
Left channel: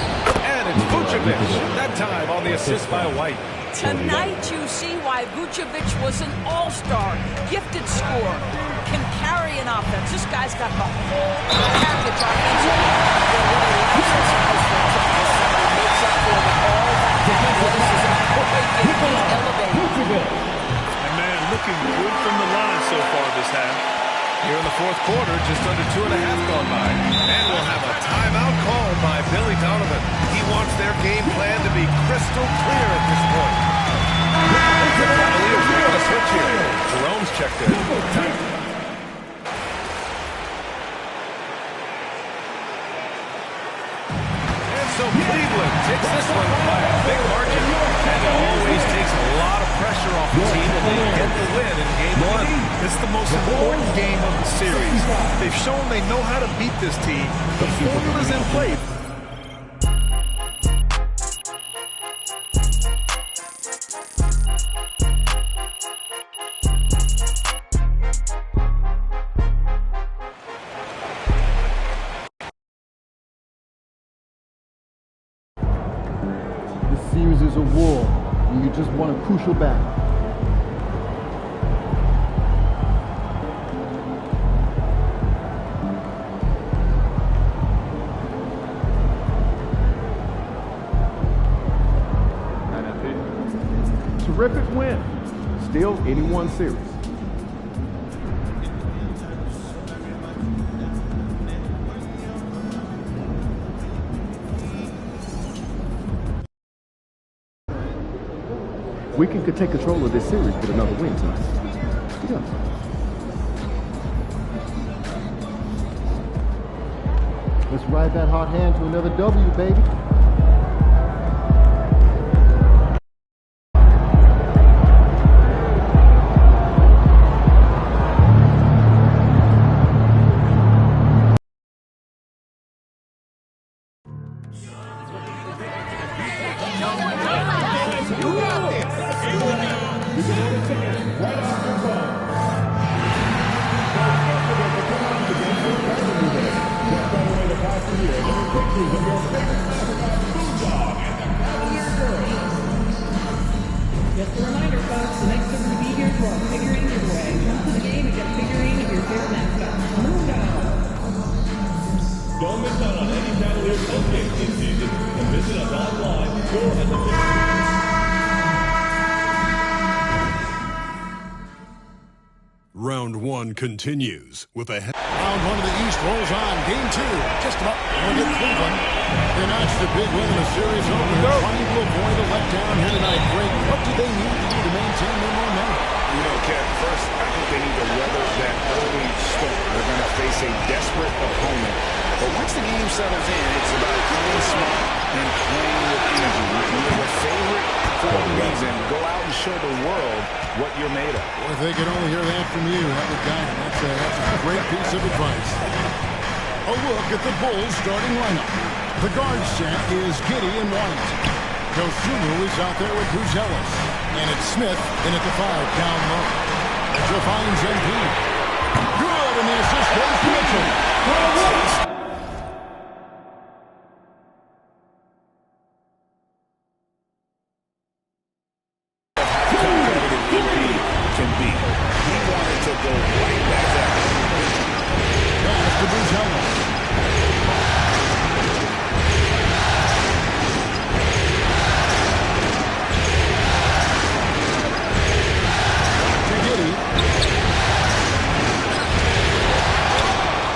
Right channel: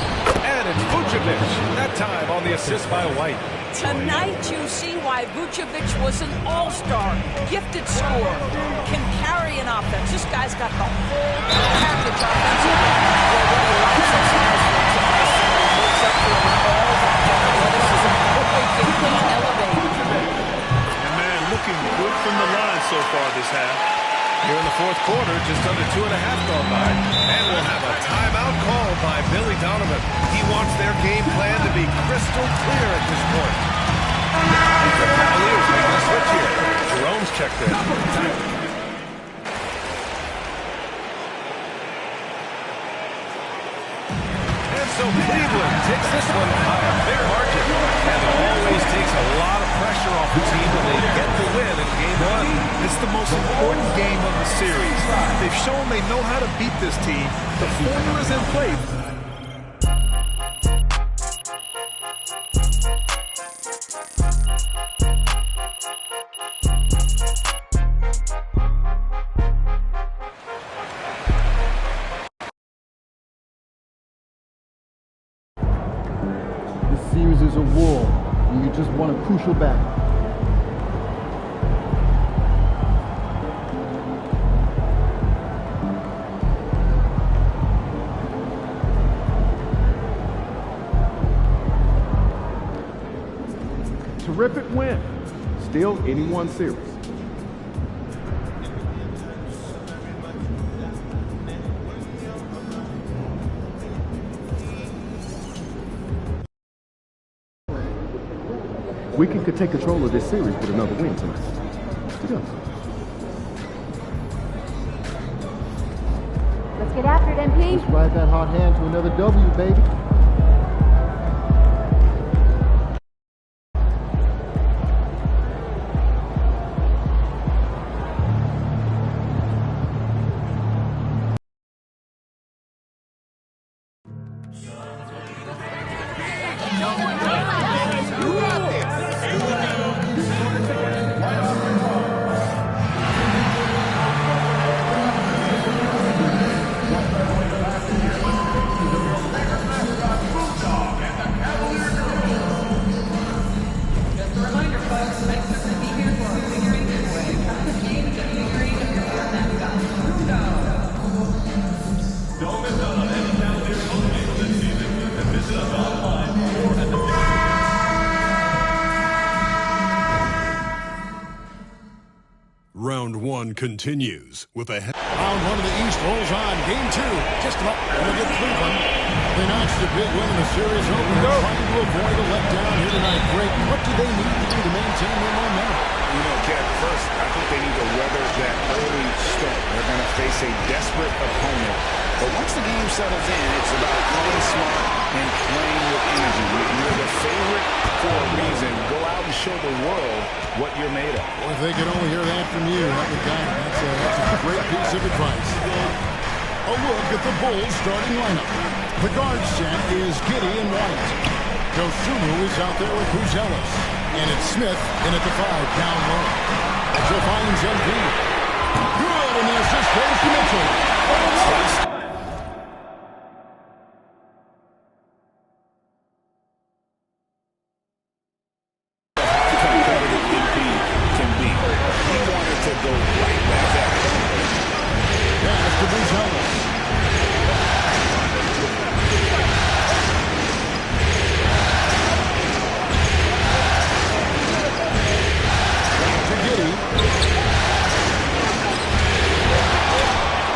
And it's Vucevic. That time on the assist by White. Tonight you see why Vucevic was an all-star, gifted scorer, can carry an offense. This guy's got the whole package offensively. Well, what he lacks in size for a typical center, he makes up for with all that athleticism. Boy, can he elevate. And man, looking good from the line so far this half. Here in the fourth quarter, just under 2.5 gone by. And we'll have a timeout called by Billy Donovan. He wants their game plan to be crystal clear at this point. The Cavaliers making a switch here. Jerome's checked in. And so Cleveland takes this one by a big margin. And it always takes a lot of pressure off the team when they get the win in game one. It's the most important game of the series. They've shown they know how to beat this team. The formula's in play. This series is a war, and you just won a crucial battle. Terrific win. Still anyone's series. We can take control of this series with another win tonight. Together. Let's get after it, MP. Let's ride that hot hand to another W, baby. Round 1 continues with a... Round 1 of the East rolls on. Game 2, just about going to get Cleveland. They notched a big win in the series opener, trying to avoid a letdown here tonight. Greg, what do they need to do to maintain their momentum? You know, Kev, first, I think they need to weather that early storm. They're going to face a desperate opponent. But once the game settles in, it's about playing smart and playing with energy. You're the favorite for a reason. Go out and show the world what you're made of. Well, if they could only hear that from you, that would guide them. That's a great piece of advice. A look at the Bulls starting lineup. The guard set is Giddey and White. Dosunmu is out there with Buzelis. And it's Smith in at the 5, down low. Mitchell finds MP. Good, and the assist goes to Mitchell. What a taste. Of how competitive MP can be. He wanted to go right back at it. Pass to Buzelis.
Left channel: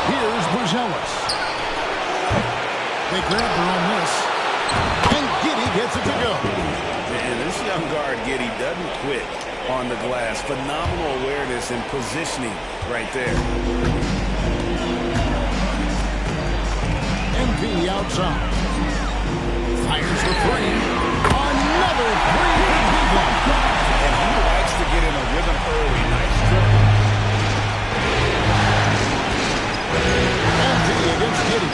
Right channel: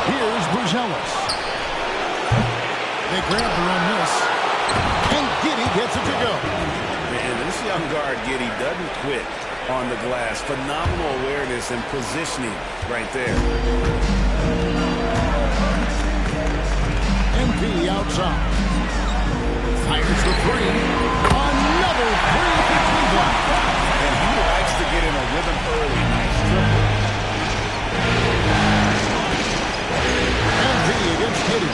Here's Buzelis. They grab their own miss. And Giddey gets it to go. And this young guard, Giddey, doesn't quit on the glass. Phenomenal awareness and positioning right there. MP outside. Fires the 3. Another 3 for Cleveland. And he likes to get in a rhythm early. Nice triple. MP against Giddey.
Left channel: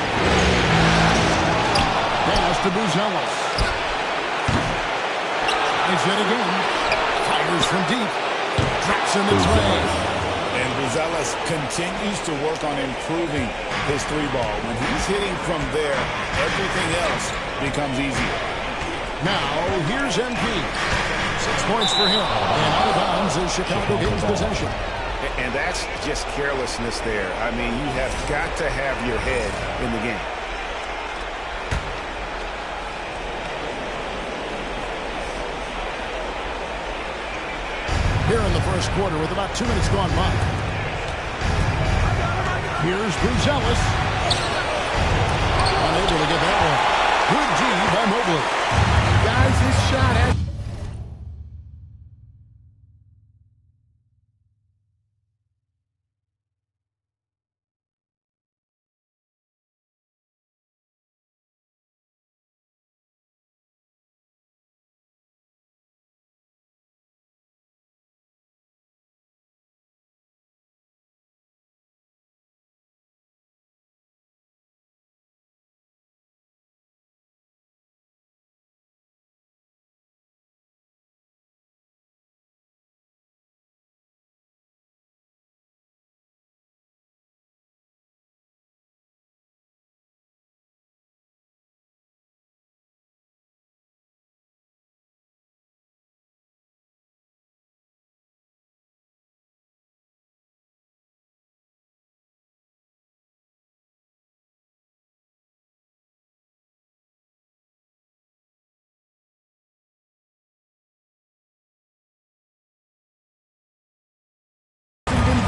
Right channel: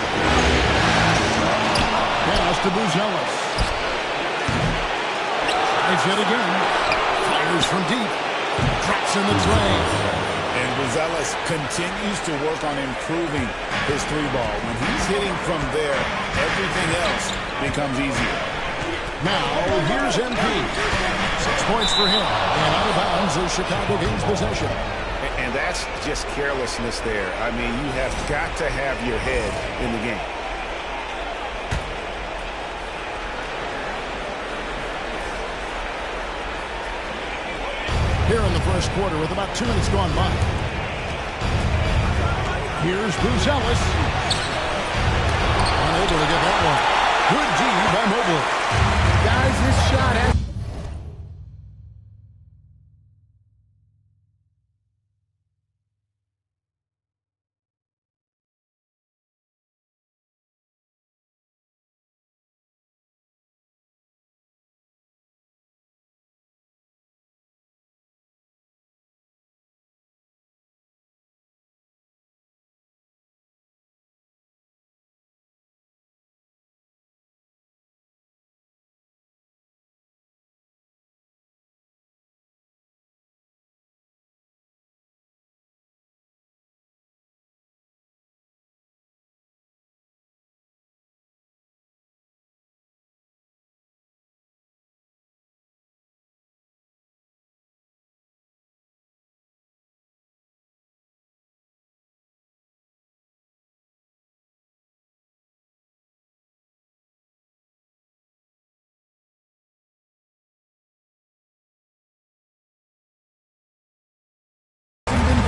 Pass to Buzelis. Tries it again. Fires from deep. Drops in the tray. And Buzelis continues to work on improving his 3-ball. When he's hitting from there, everything else becomes easier. Now, here's MP. 6 points for him. And out of bounds is Chicago gains possession. And that's just carelessness there. I mean, you have got to have your head in the game. Here in the first quarter with about 2 minutes gone by. Here's Buzelis. Unable to get that one. Good D by Mobley. Guys, this shot has...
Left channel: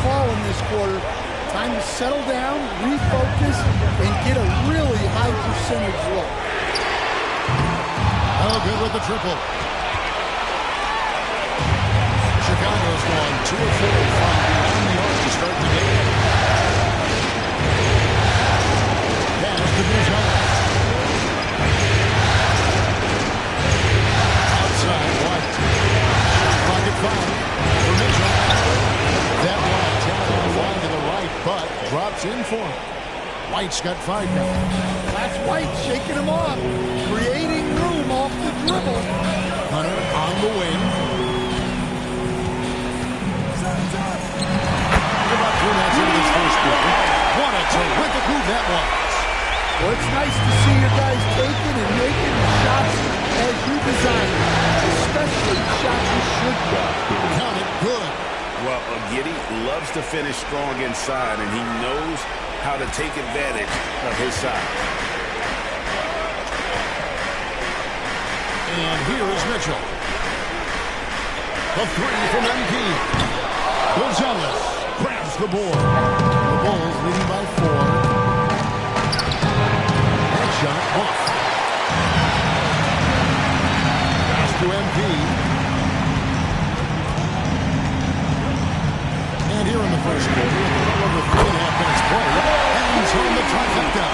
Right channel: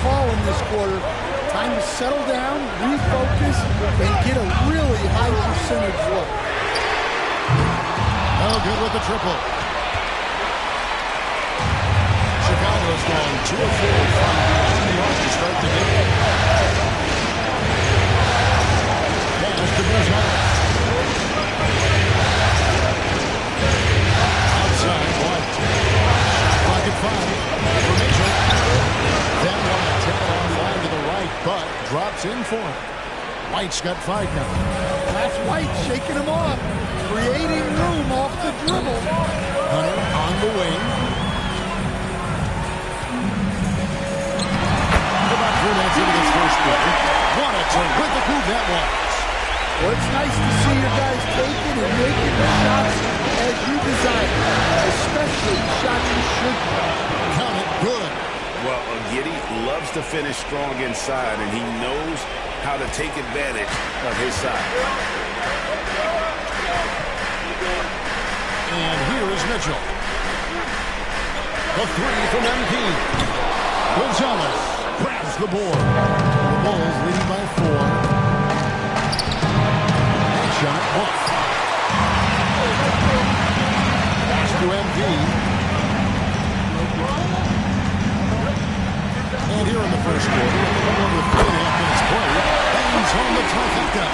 fallen this quarter. Time to settle down, refocus, and get a really high percentage look. Oh, good with the triple. Chicago's gone 2 of 4 from beyond the arc to start the game. Pass to Buzelis. Outside, White. Shot clock at 5 for Mitchell. That one a 10 line to the right, but drops in for him. White's got 5 now. That's White shaking him off, creating room off the dribble. Hunter on the wing. About 3 minutes into this first quarter. What a terrific move that was. Well, it's nice to see your guys taking and making the shots as you designed them, especially the shots you should play. Count it good. Well, Giddey loves to finish strong inside, and he knows how to take advantage of his side. And here is Mitchell. The 3 from MP. Buzelis grabs the board. The Bulls leading by 4. That shot off. Pass to MP. And here in the first quarter, with a little over 3.5 minutes played, hangs home the trifecta.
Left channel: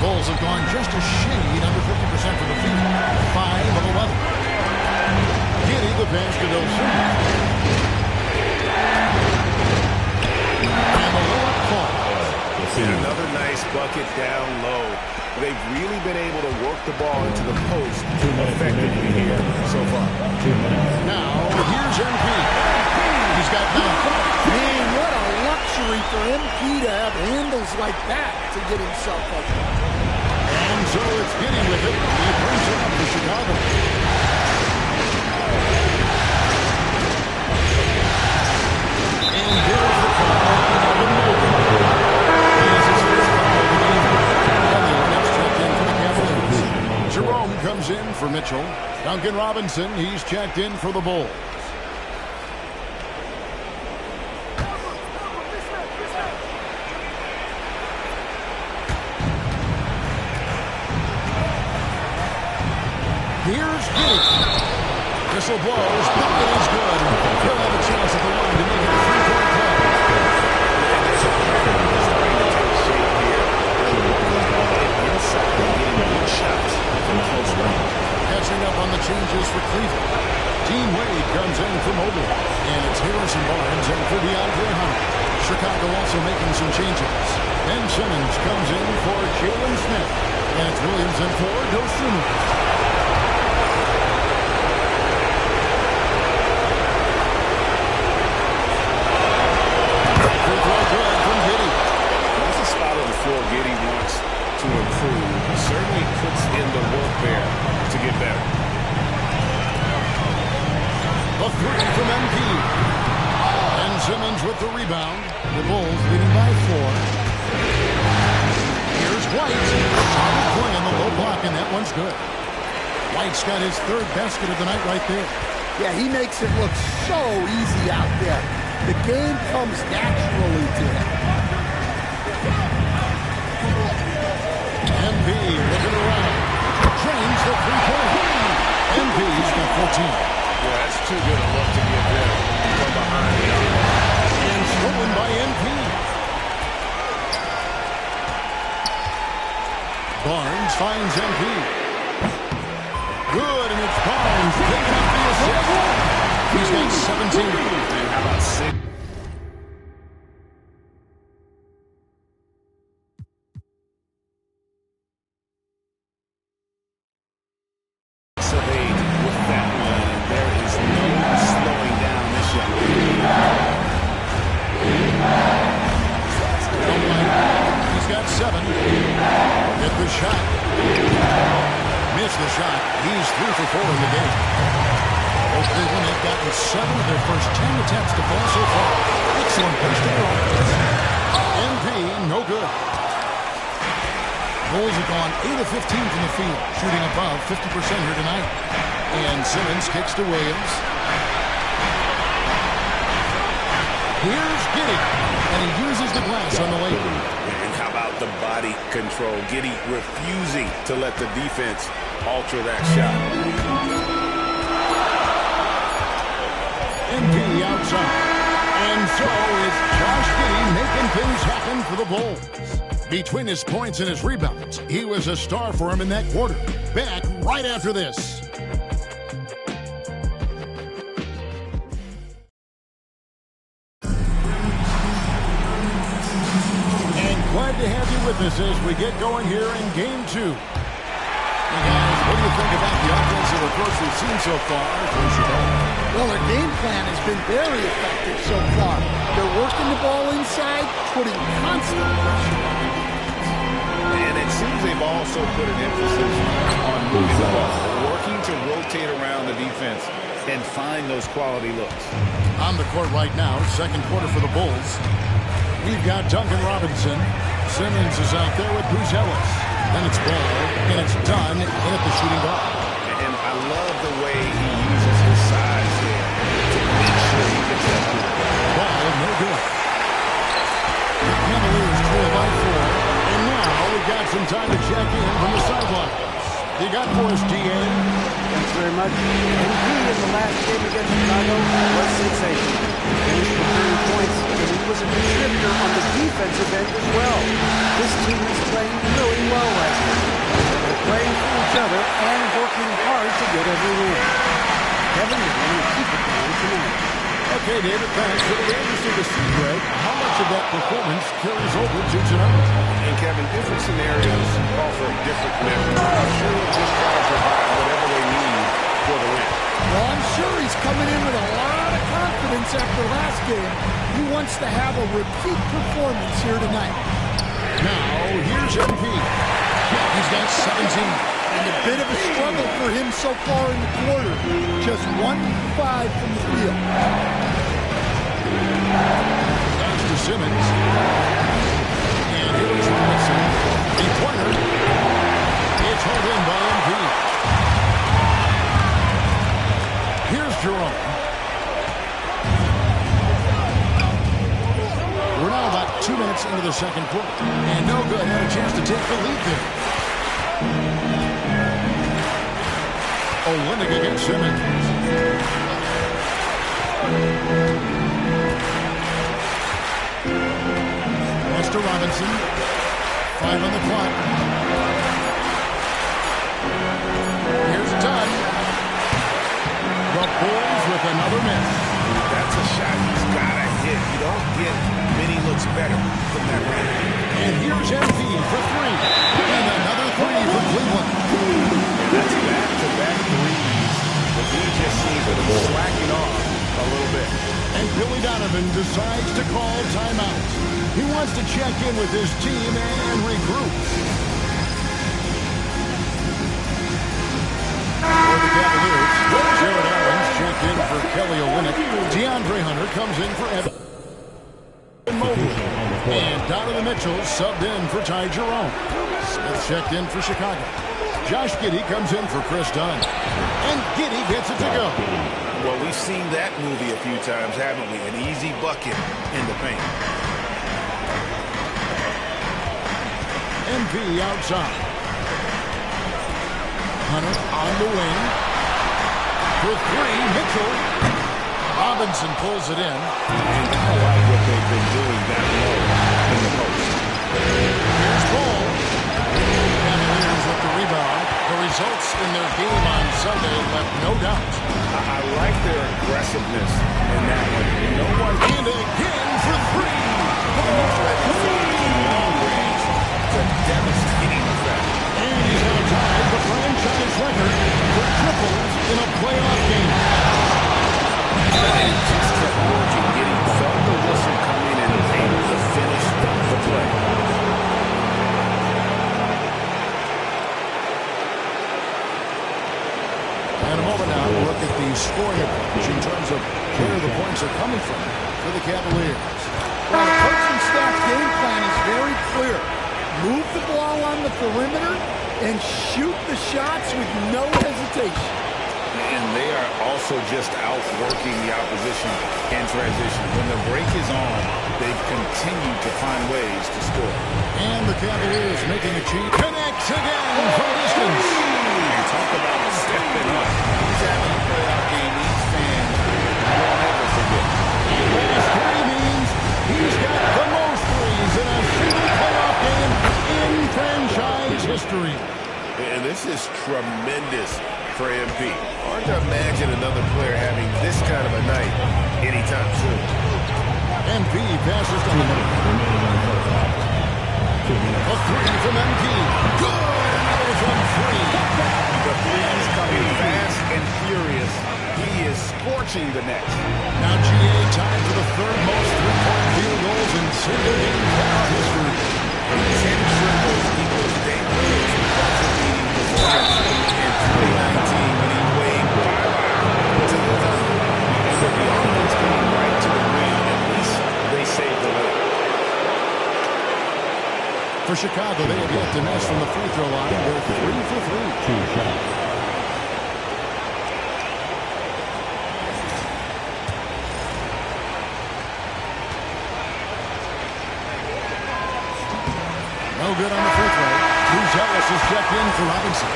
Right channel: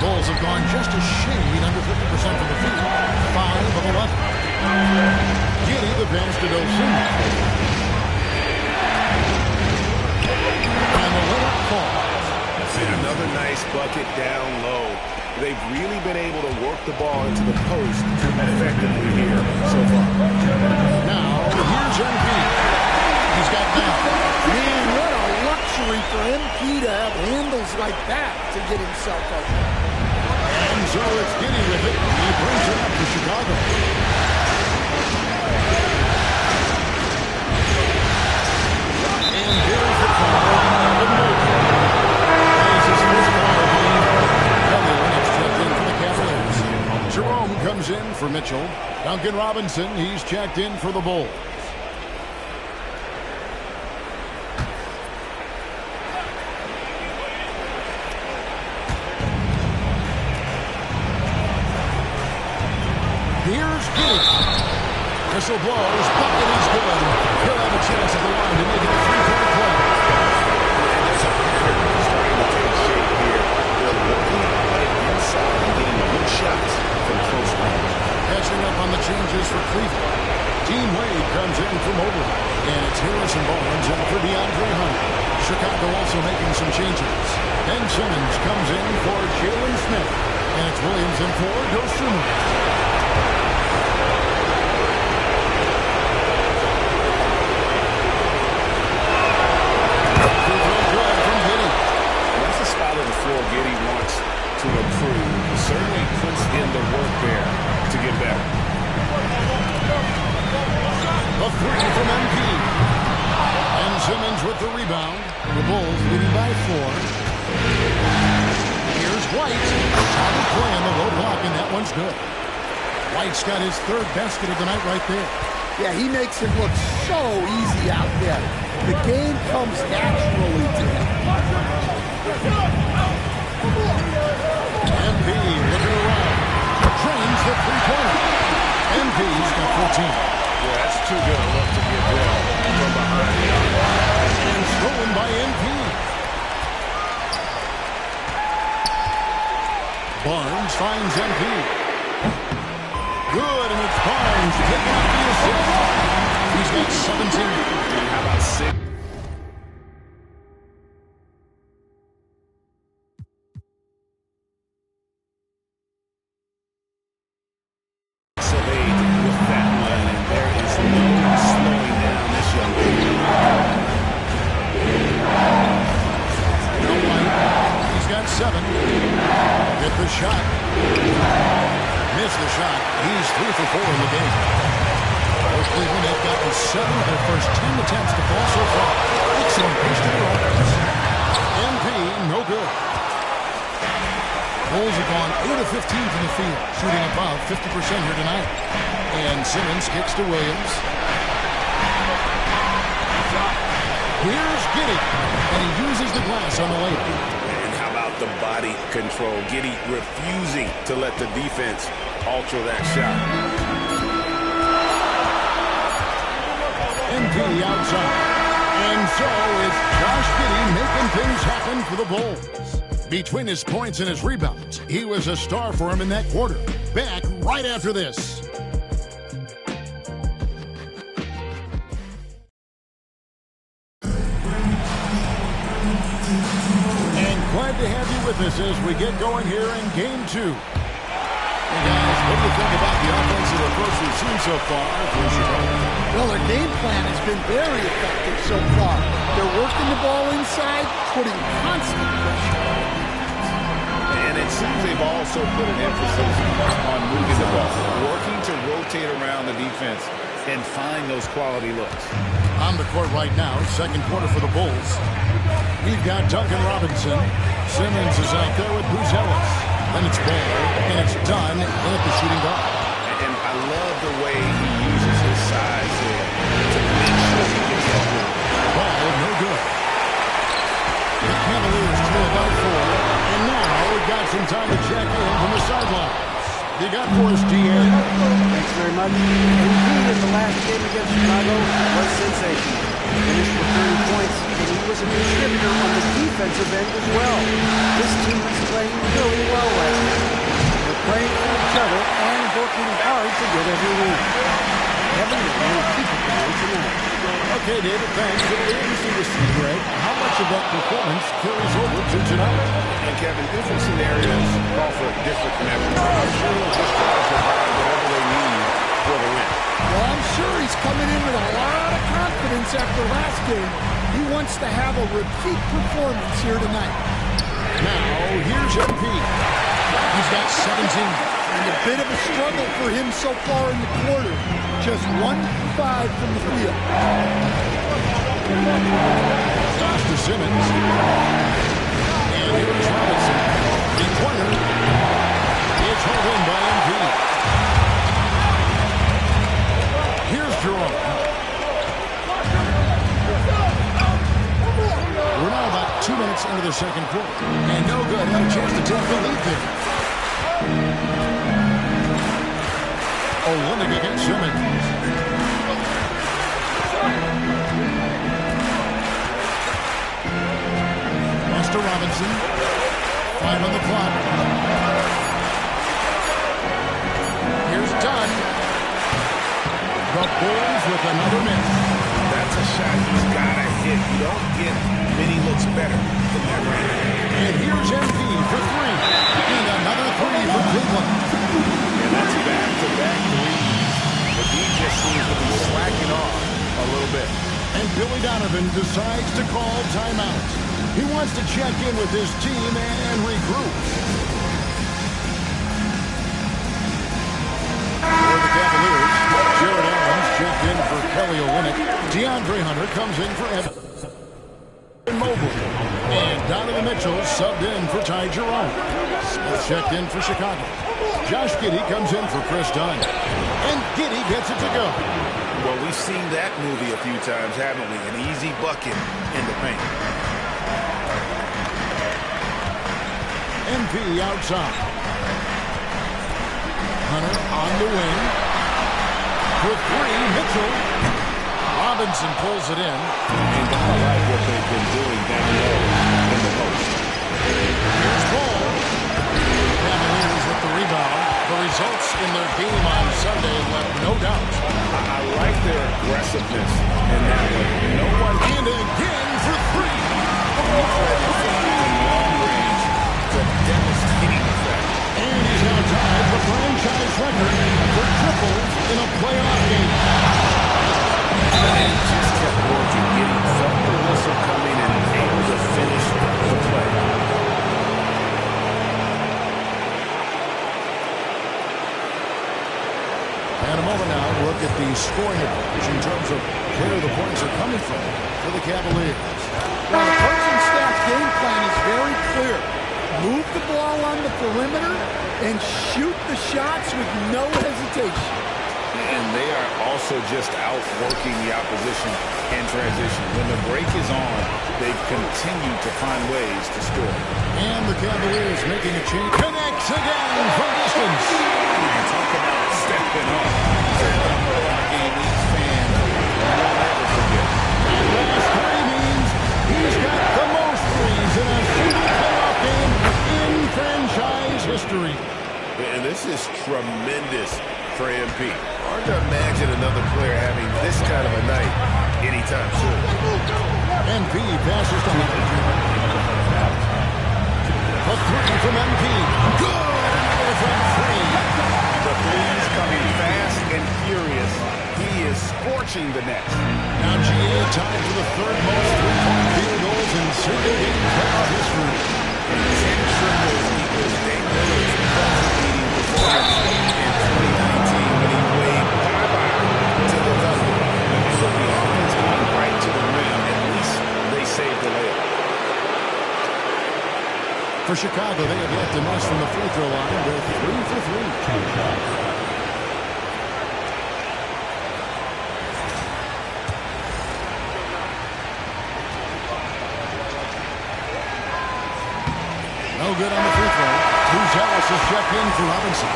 Bulls have gone just a shade under 50% from the field. 5 of 11. Giddey the pass to O.T.M. And the layup falls. And another nice bucket down low. They've really been able to work the ball into the post effectively here so far. Now, here's MP. He's got 9. Man, what a luxury for MP to have handles like that to get himself up. And so it's Giddey with it. He brings it up to Chicago. And here's the call on Evan Mobley. That is his first foul of the game. Kelly Olynyk's checked in for the Cavaliers. Jerome comes in for Mitchell. Duncan Robinson, he's checked in for the Bulls. Here's Giddey. Whistle blows. Bucket is good. He'll have a chance at the line to make it a 3-point play. And there's a pattern starting to take shape here. They're working on it inside and getting good shots from close range. Catching up on the changes for Cleveland. Dean Wade comes in for Mobley. And it's Harrison Barnes in for DeAndre Hunter. Chicago also making some changes. Ben Simmons comes in for Jalen Smith. And it's Williams in for O.T.M. Spot of the floor Giddey wants to improve. He certainly puts in the work there to get better. The 3 from MP. And Simmons with the rebound. The Bulls leading by 4. Here's White. Solid play on the low block, and that one's good. White's got his 3rd basket of the night right there. Yeah, he makes it look so easy out there. The game comes naturally to him. MP looking around. Drains the 3-pointer. MP's got 14. Yeah, that's too good a look to give them from behind the arc. And stolen by MP. Barnes finds MP. Good, and it's Barnes picking up the assist. He's got 17. And how about 6? With that one, and there is no slowing down this young man. Now White, he's got 7. Hit the shot. Missed the shot. He's 3 for 4 in the game. For Cleveland, they've gotten 7 of their first 10 attempts to fall so far. Excellent push to their offense. MP, no good. Bulls have gone 8 of 15 from the field, shooting above 50% here tonight. And Simmons kicks to Williams. Here's Giddey, and he uses the glass on the layup. And how about the body control? Giddey refusing to let the defense alter that shot. MP outside. And so is Josh Giddey making things happen for the Bulls. Between his points and his rebounds, he was a star for him in that quarter. Back right after this. And glad to have you with us as we get going here in Game 2. Hey guys, what do you think about the offensive approach we've seen so far for Chicago? Well, their game plan has been very effective so far. They're working the ball inside, putting constant pressure on the defense. And it seems they've also put an emphasis on moving the ball, working to rotate around the defense and find those quality looks. On the court right now, second quarter for the Bulls. We've got Duncan Robinson. Simmons is out there with Buzelis. Then it's Ball, and it's done in at the shooting guard. And I love the way he uses his size there to make sure he gets that ball. Ball, no good. The Cavaliers trail by 4, and now we've got some time to check in from the sidelines. You got for us, DA. Thanks very much. MP in the last game against Chicago was sensational. Finished for 30 points, and he was a contributor on the defensive end as well. This team is playing really well right now. They're playing for each other and working hard to get every win. Kevin, you're going to keep it going tonight. Okay, David, thanks. It'll be interesting to see, Greg, how much of that performance carries over to tonight. And, Kevin, different scenarios call for different measures. I'm sure he'll just try to provide whatever they need for the win. Well, I'm sure he's coming in with a lot of confidence after last game. He wants to have a repeat performance here tonight. Now, here's MP. He's got 17. And a bit of a struggle for him so far in the quarter. Just 1 for 5 from the field. Goes to Simmons. And here's Robinson. Three-pointer. It's hauled in by MP. Here's Jerome. We're now about 2 minutes into the second quarter. And no good. Had a chance to take the lead there. Olynyk against Simmons. Pass to Robinson. 5 on the clock. Here's Dunn. The Bulls with another miss. That's a shot he's got to hit. You don't get many looks better from that range. And here's MP for 3. And another 3 for Cleveland. And that's back-to-back threes. But he just seems to be slacking off a little bit. And Billy Donovan decides to call timeout. He wants to check in with his team and regroup. For the Cavaliers, Jared Allen's checked in for Kelly Olynyk. DeAndre Hunter comes in for Evan Mobley. And Donovan Mitchell subbed in for Ty Jerome. Smith checked in for Chicago. Josh Giddey comes in for Chris Dunn. And Giddey gets it to go. Well, we've seen that movie a few times, haven't we? An easy bucket in the paint. MP outside. Hunter on the wing. For 3, Mitchell. Robinson pulls it in. And I like what they've been doing down low in the post. Here's Ball. Cavaliers with the rebound. The results in their game on Sunday left no doubt. I like their aggressiveness in that one. No one. And again for 3. And he's let it fly from long range to devastating effect. And he's now tied the franchise record for triples in a playoff game. And just kept working, getting felt the whistle coming and able to finish the play. And a moment now to look at the scoring approach in terms of where the points are coming from for the Cavaliers. Well, the coaching staff's game plan is very clear. Move the ball on the perimeter and shoot the shots with no hesitation. And they are also just outworking the opposition in transition. When the break is on, they continue to find ways to score. And the Cavaliers making a change. Connects again from distance. And talk about stepping up. He's having a playoff game these fans won't ever forget. And last 3 means he's got the most threes in a single playoff game in franchise history. And this is tremendous for MP. Hard to imagine another player having this kind of a night anytime soon. MP passes to Hunter. A 3 from MP. Good! Another from 3. The threes coming fast and furious. He is scorching the net. Now GA tied for the 3rd most three-point field goals in single-game playoff history. And 10 triples equals Dame Lillard's buzzer-beating performance in 2019 when he waved bye-bye to the Thunder. And with the offense coming right to the rim, at least they saved the layup. For Chicago, they have yet to miss from the free throw line. They're 3 for 3. No good on the free throw. Buzelis is checked in for Robinson.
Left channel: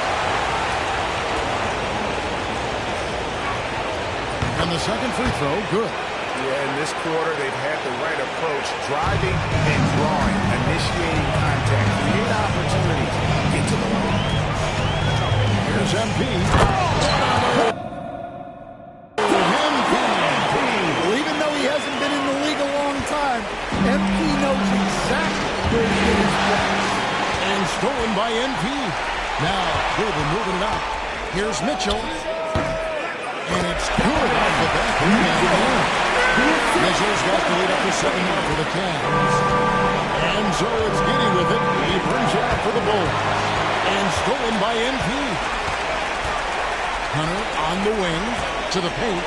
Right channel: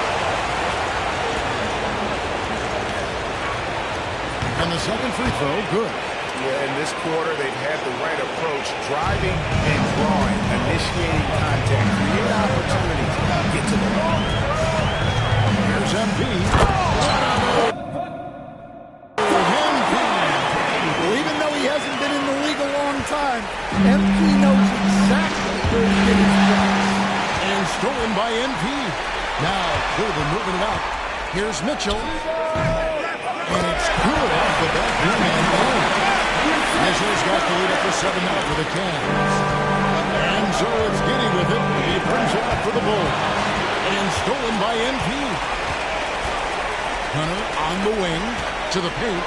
And the second free throw, good. Yeah, in this quarter, they've had the right approach, driving and drawing, initiating contact, create opportunities, get to the line. Here's MP. What on earth? MP. Well, even though he hasn't been in the league a long time, MP knows exactly where to get his points. And stolen by MP. Now Cleveland moving it up. Here's Mitchell. And it's good off the back rim and in. Mitchell's got the lead up to 7 now for the Cavs. And so it's Giddy with it. He brings it up for the Bulls. And stolen by MP. Hunter on the wing to the paint.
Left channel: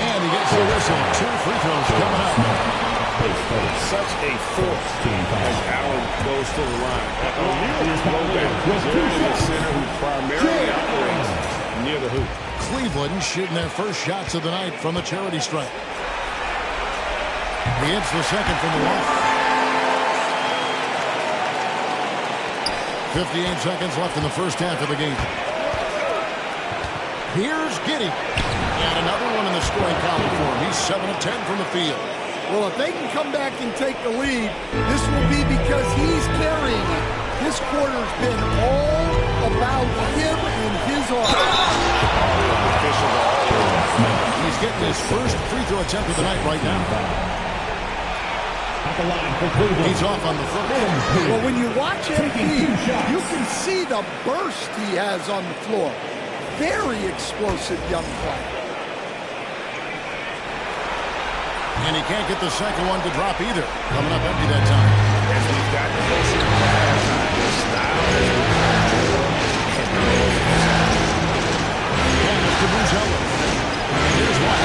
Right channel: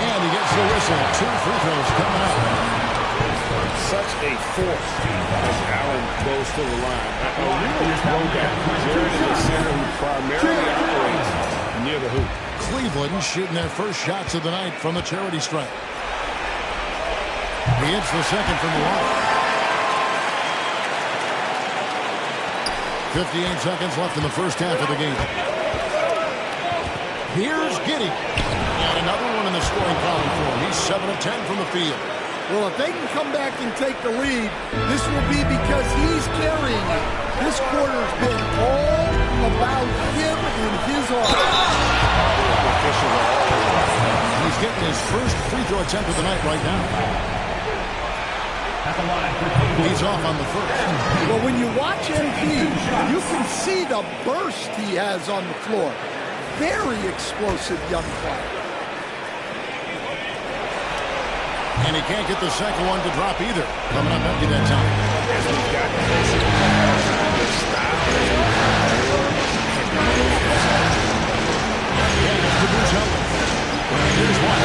And he gets the whistle. 2 free throws coming up. Such a force as Allen goes to the line. A real throwback. Jared is a center who primarily operates near the hoop. Cleveland shooting their first shots of the night from the charity stripe. He hits the second from the line. 58 seconds left in the first half of the game. Here's Giddy. And another one in the scoring column for him. He's 7 of 10 from the field. Well, if they can come back and take the lead, this will be because he's carrying it. This quarter's been all about him and his arm. Officials are always out. He's getting his first free throw attempt of the night right now. He's off on the first. Well, when you watch MP, you can see the burst he has on the floor. Very explosive young player. And he can't get the second one to drop either. Coming up empty that time. As we've gotten closer to halftime, their style has become more and more. Pass to Buzelis. Here's one.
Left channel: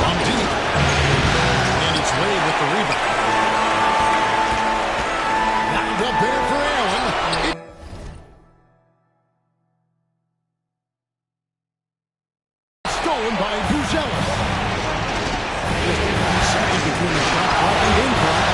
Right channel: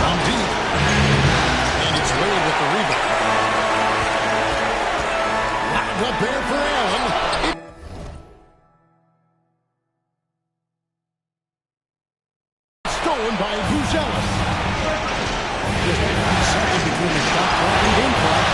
From deep. And it's Wade with the rebound. Wound up there for Allen. Stolen by Buzelis. Just a few seconds between the shot clock and game clock.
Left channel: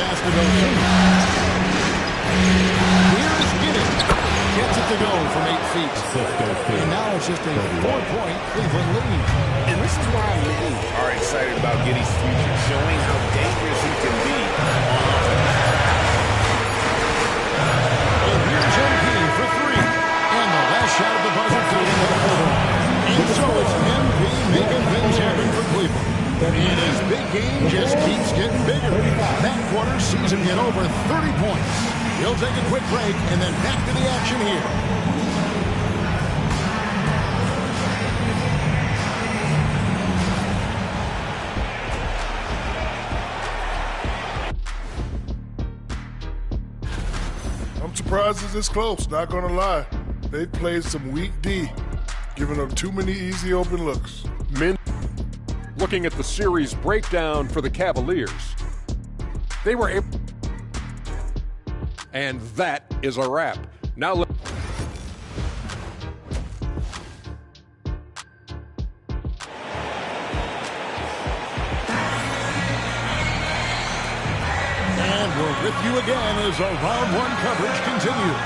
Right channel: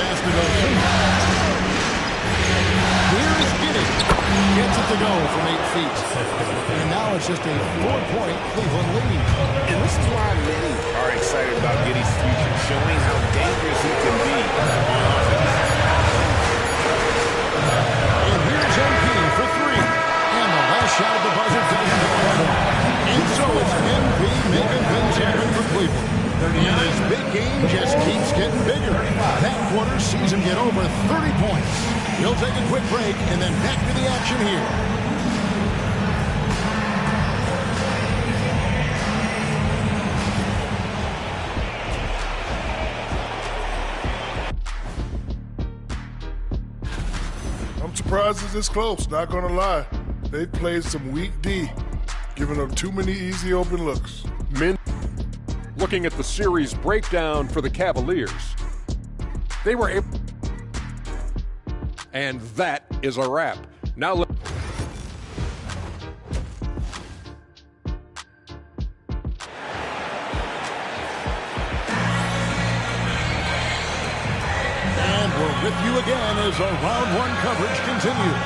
pass to O.T.M. Here's Giddy. Gets it to go from 8 feet. And now it's just a 4-point Cleveland lead. And this is why many are excited about Giddy's future, showing how dangerous he can be on offense. And here's MP for 3. And the last shot of the buzzer doesn't go in. And so it's MP making things happen for Cleveland. And his big game just keeps getting bigger. That quarter sees him get over 30 points. He'll take a quick break and then back to the action here. I'm surprised it's this close, not gonna lie. They played some weak D, giving up too many easy open looks. Men looking at the series breakdown for the Cavaliers. They were able, and that is a wrap. Now and we're with you again as our round 1 coverage continues.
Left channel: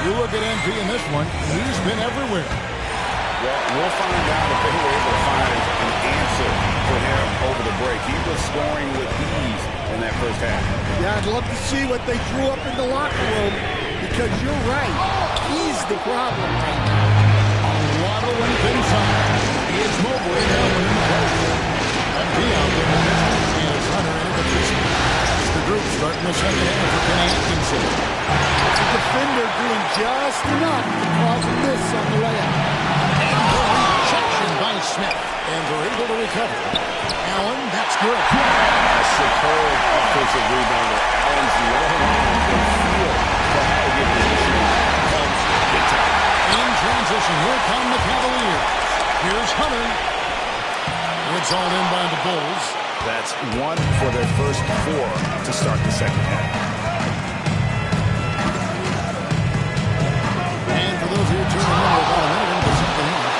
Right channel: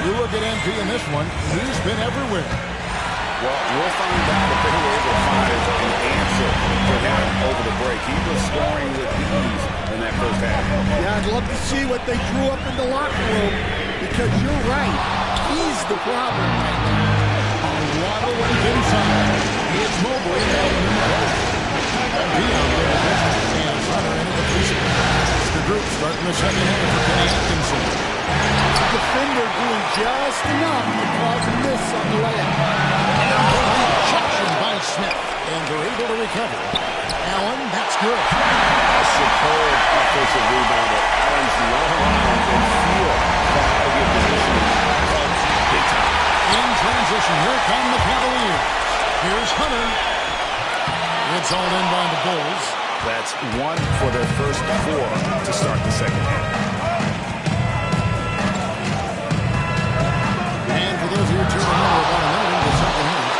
You look at MP in this one, he's been everywhere. Well, we'll find out if they were able to find an answer for him over the break. He was scoring with ease in that first half. Yeah, I'd love to see what they drew up in the locker room, because you're right. He's the problem right now. A lot of length inside. It's Mobley now in the post. MP out there in this, and Hunter into the position. It's the group starting the second half for Kenny Atkinson. The defender doing just enough to cause a miss on the layup. And the rejection by Smith. And they're able to recover. Allen, that's good. A superb offensive rebounder. Allen's long arms and feel for how to get positioning helps big time. In transition, here come the Cavaliers. Here's Hunter. It's all in by the Bulls. That's 1 for their first 4 to start the second half. For those of you tuning in, we're about a minute into the second half.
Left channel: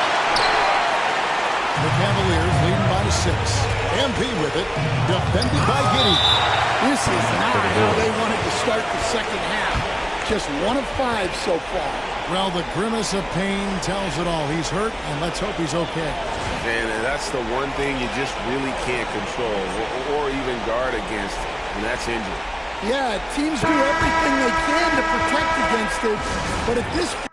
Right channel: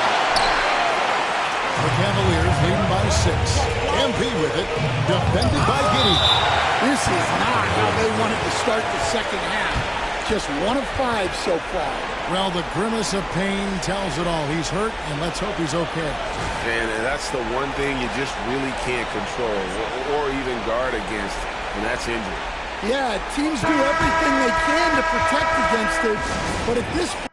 The Cavaliers leading by 6. MP with it, defended by Giddy. This is not how they wanted to start the second half. Just 1 of 5 so far. Well, the grimace of pain tells it all. He's hurt, and let's hope he's okay. And that's the one thing you just really can't control or even guard against, and that's injury. Yeah, teams do everything they can to protect against it, but at this point,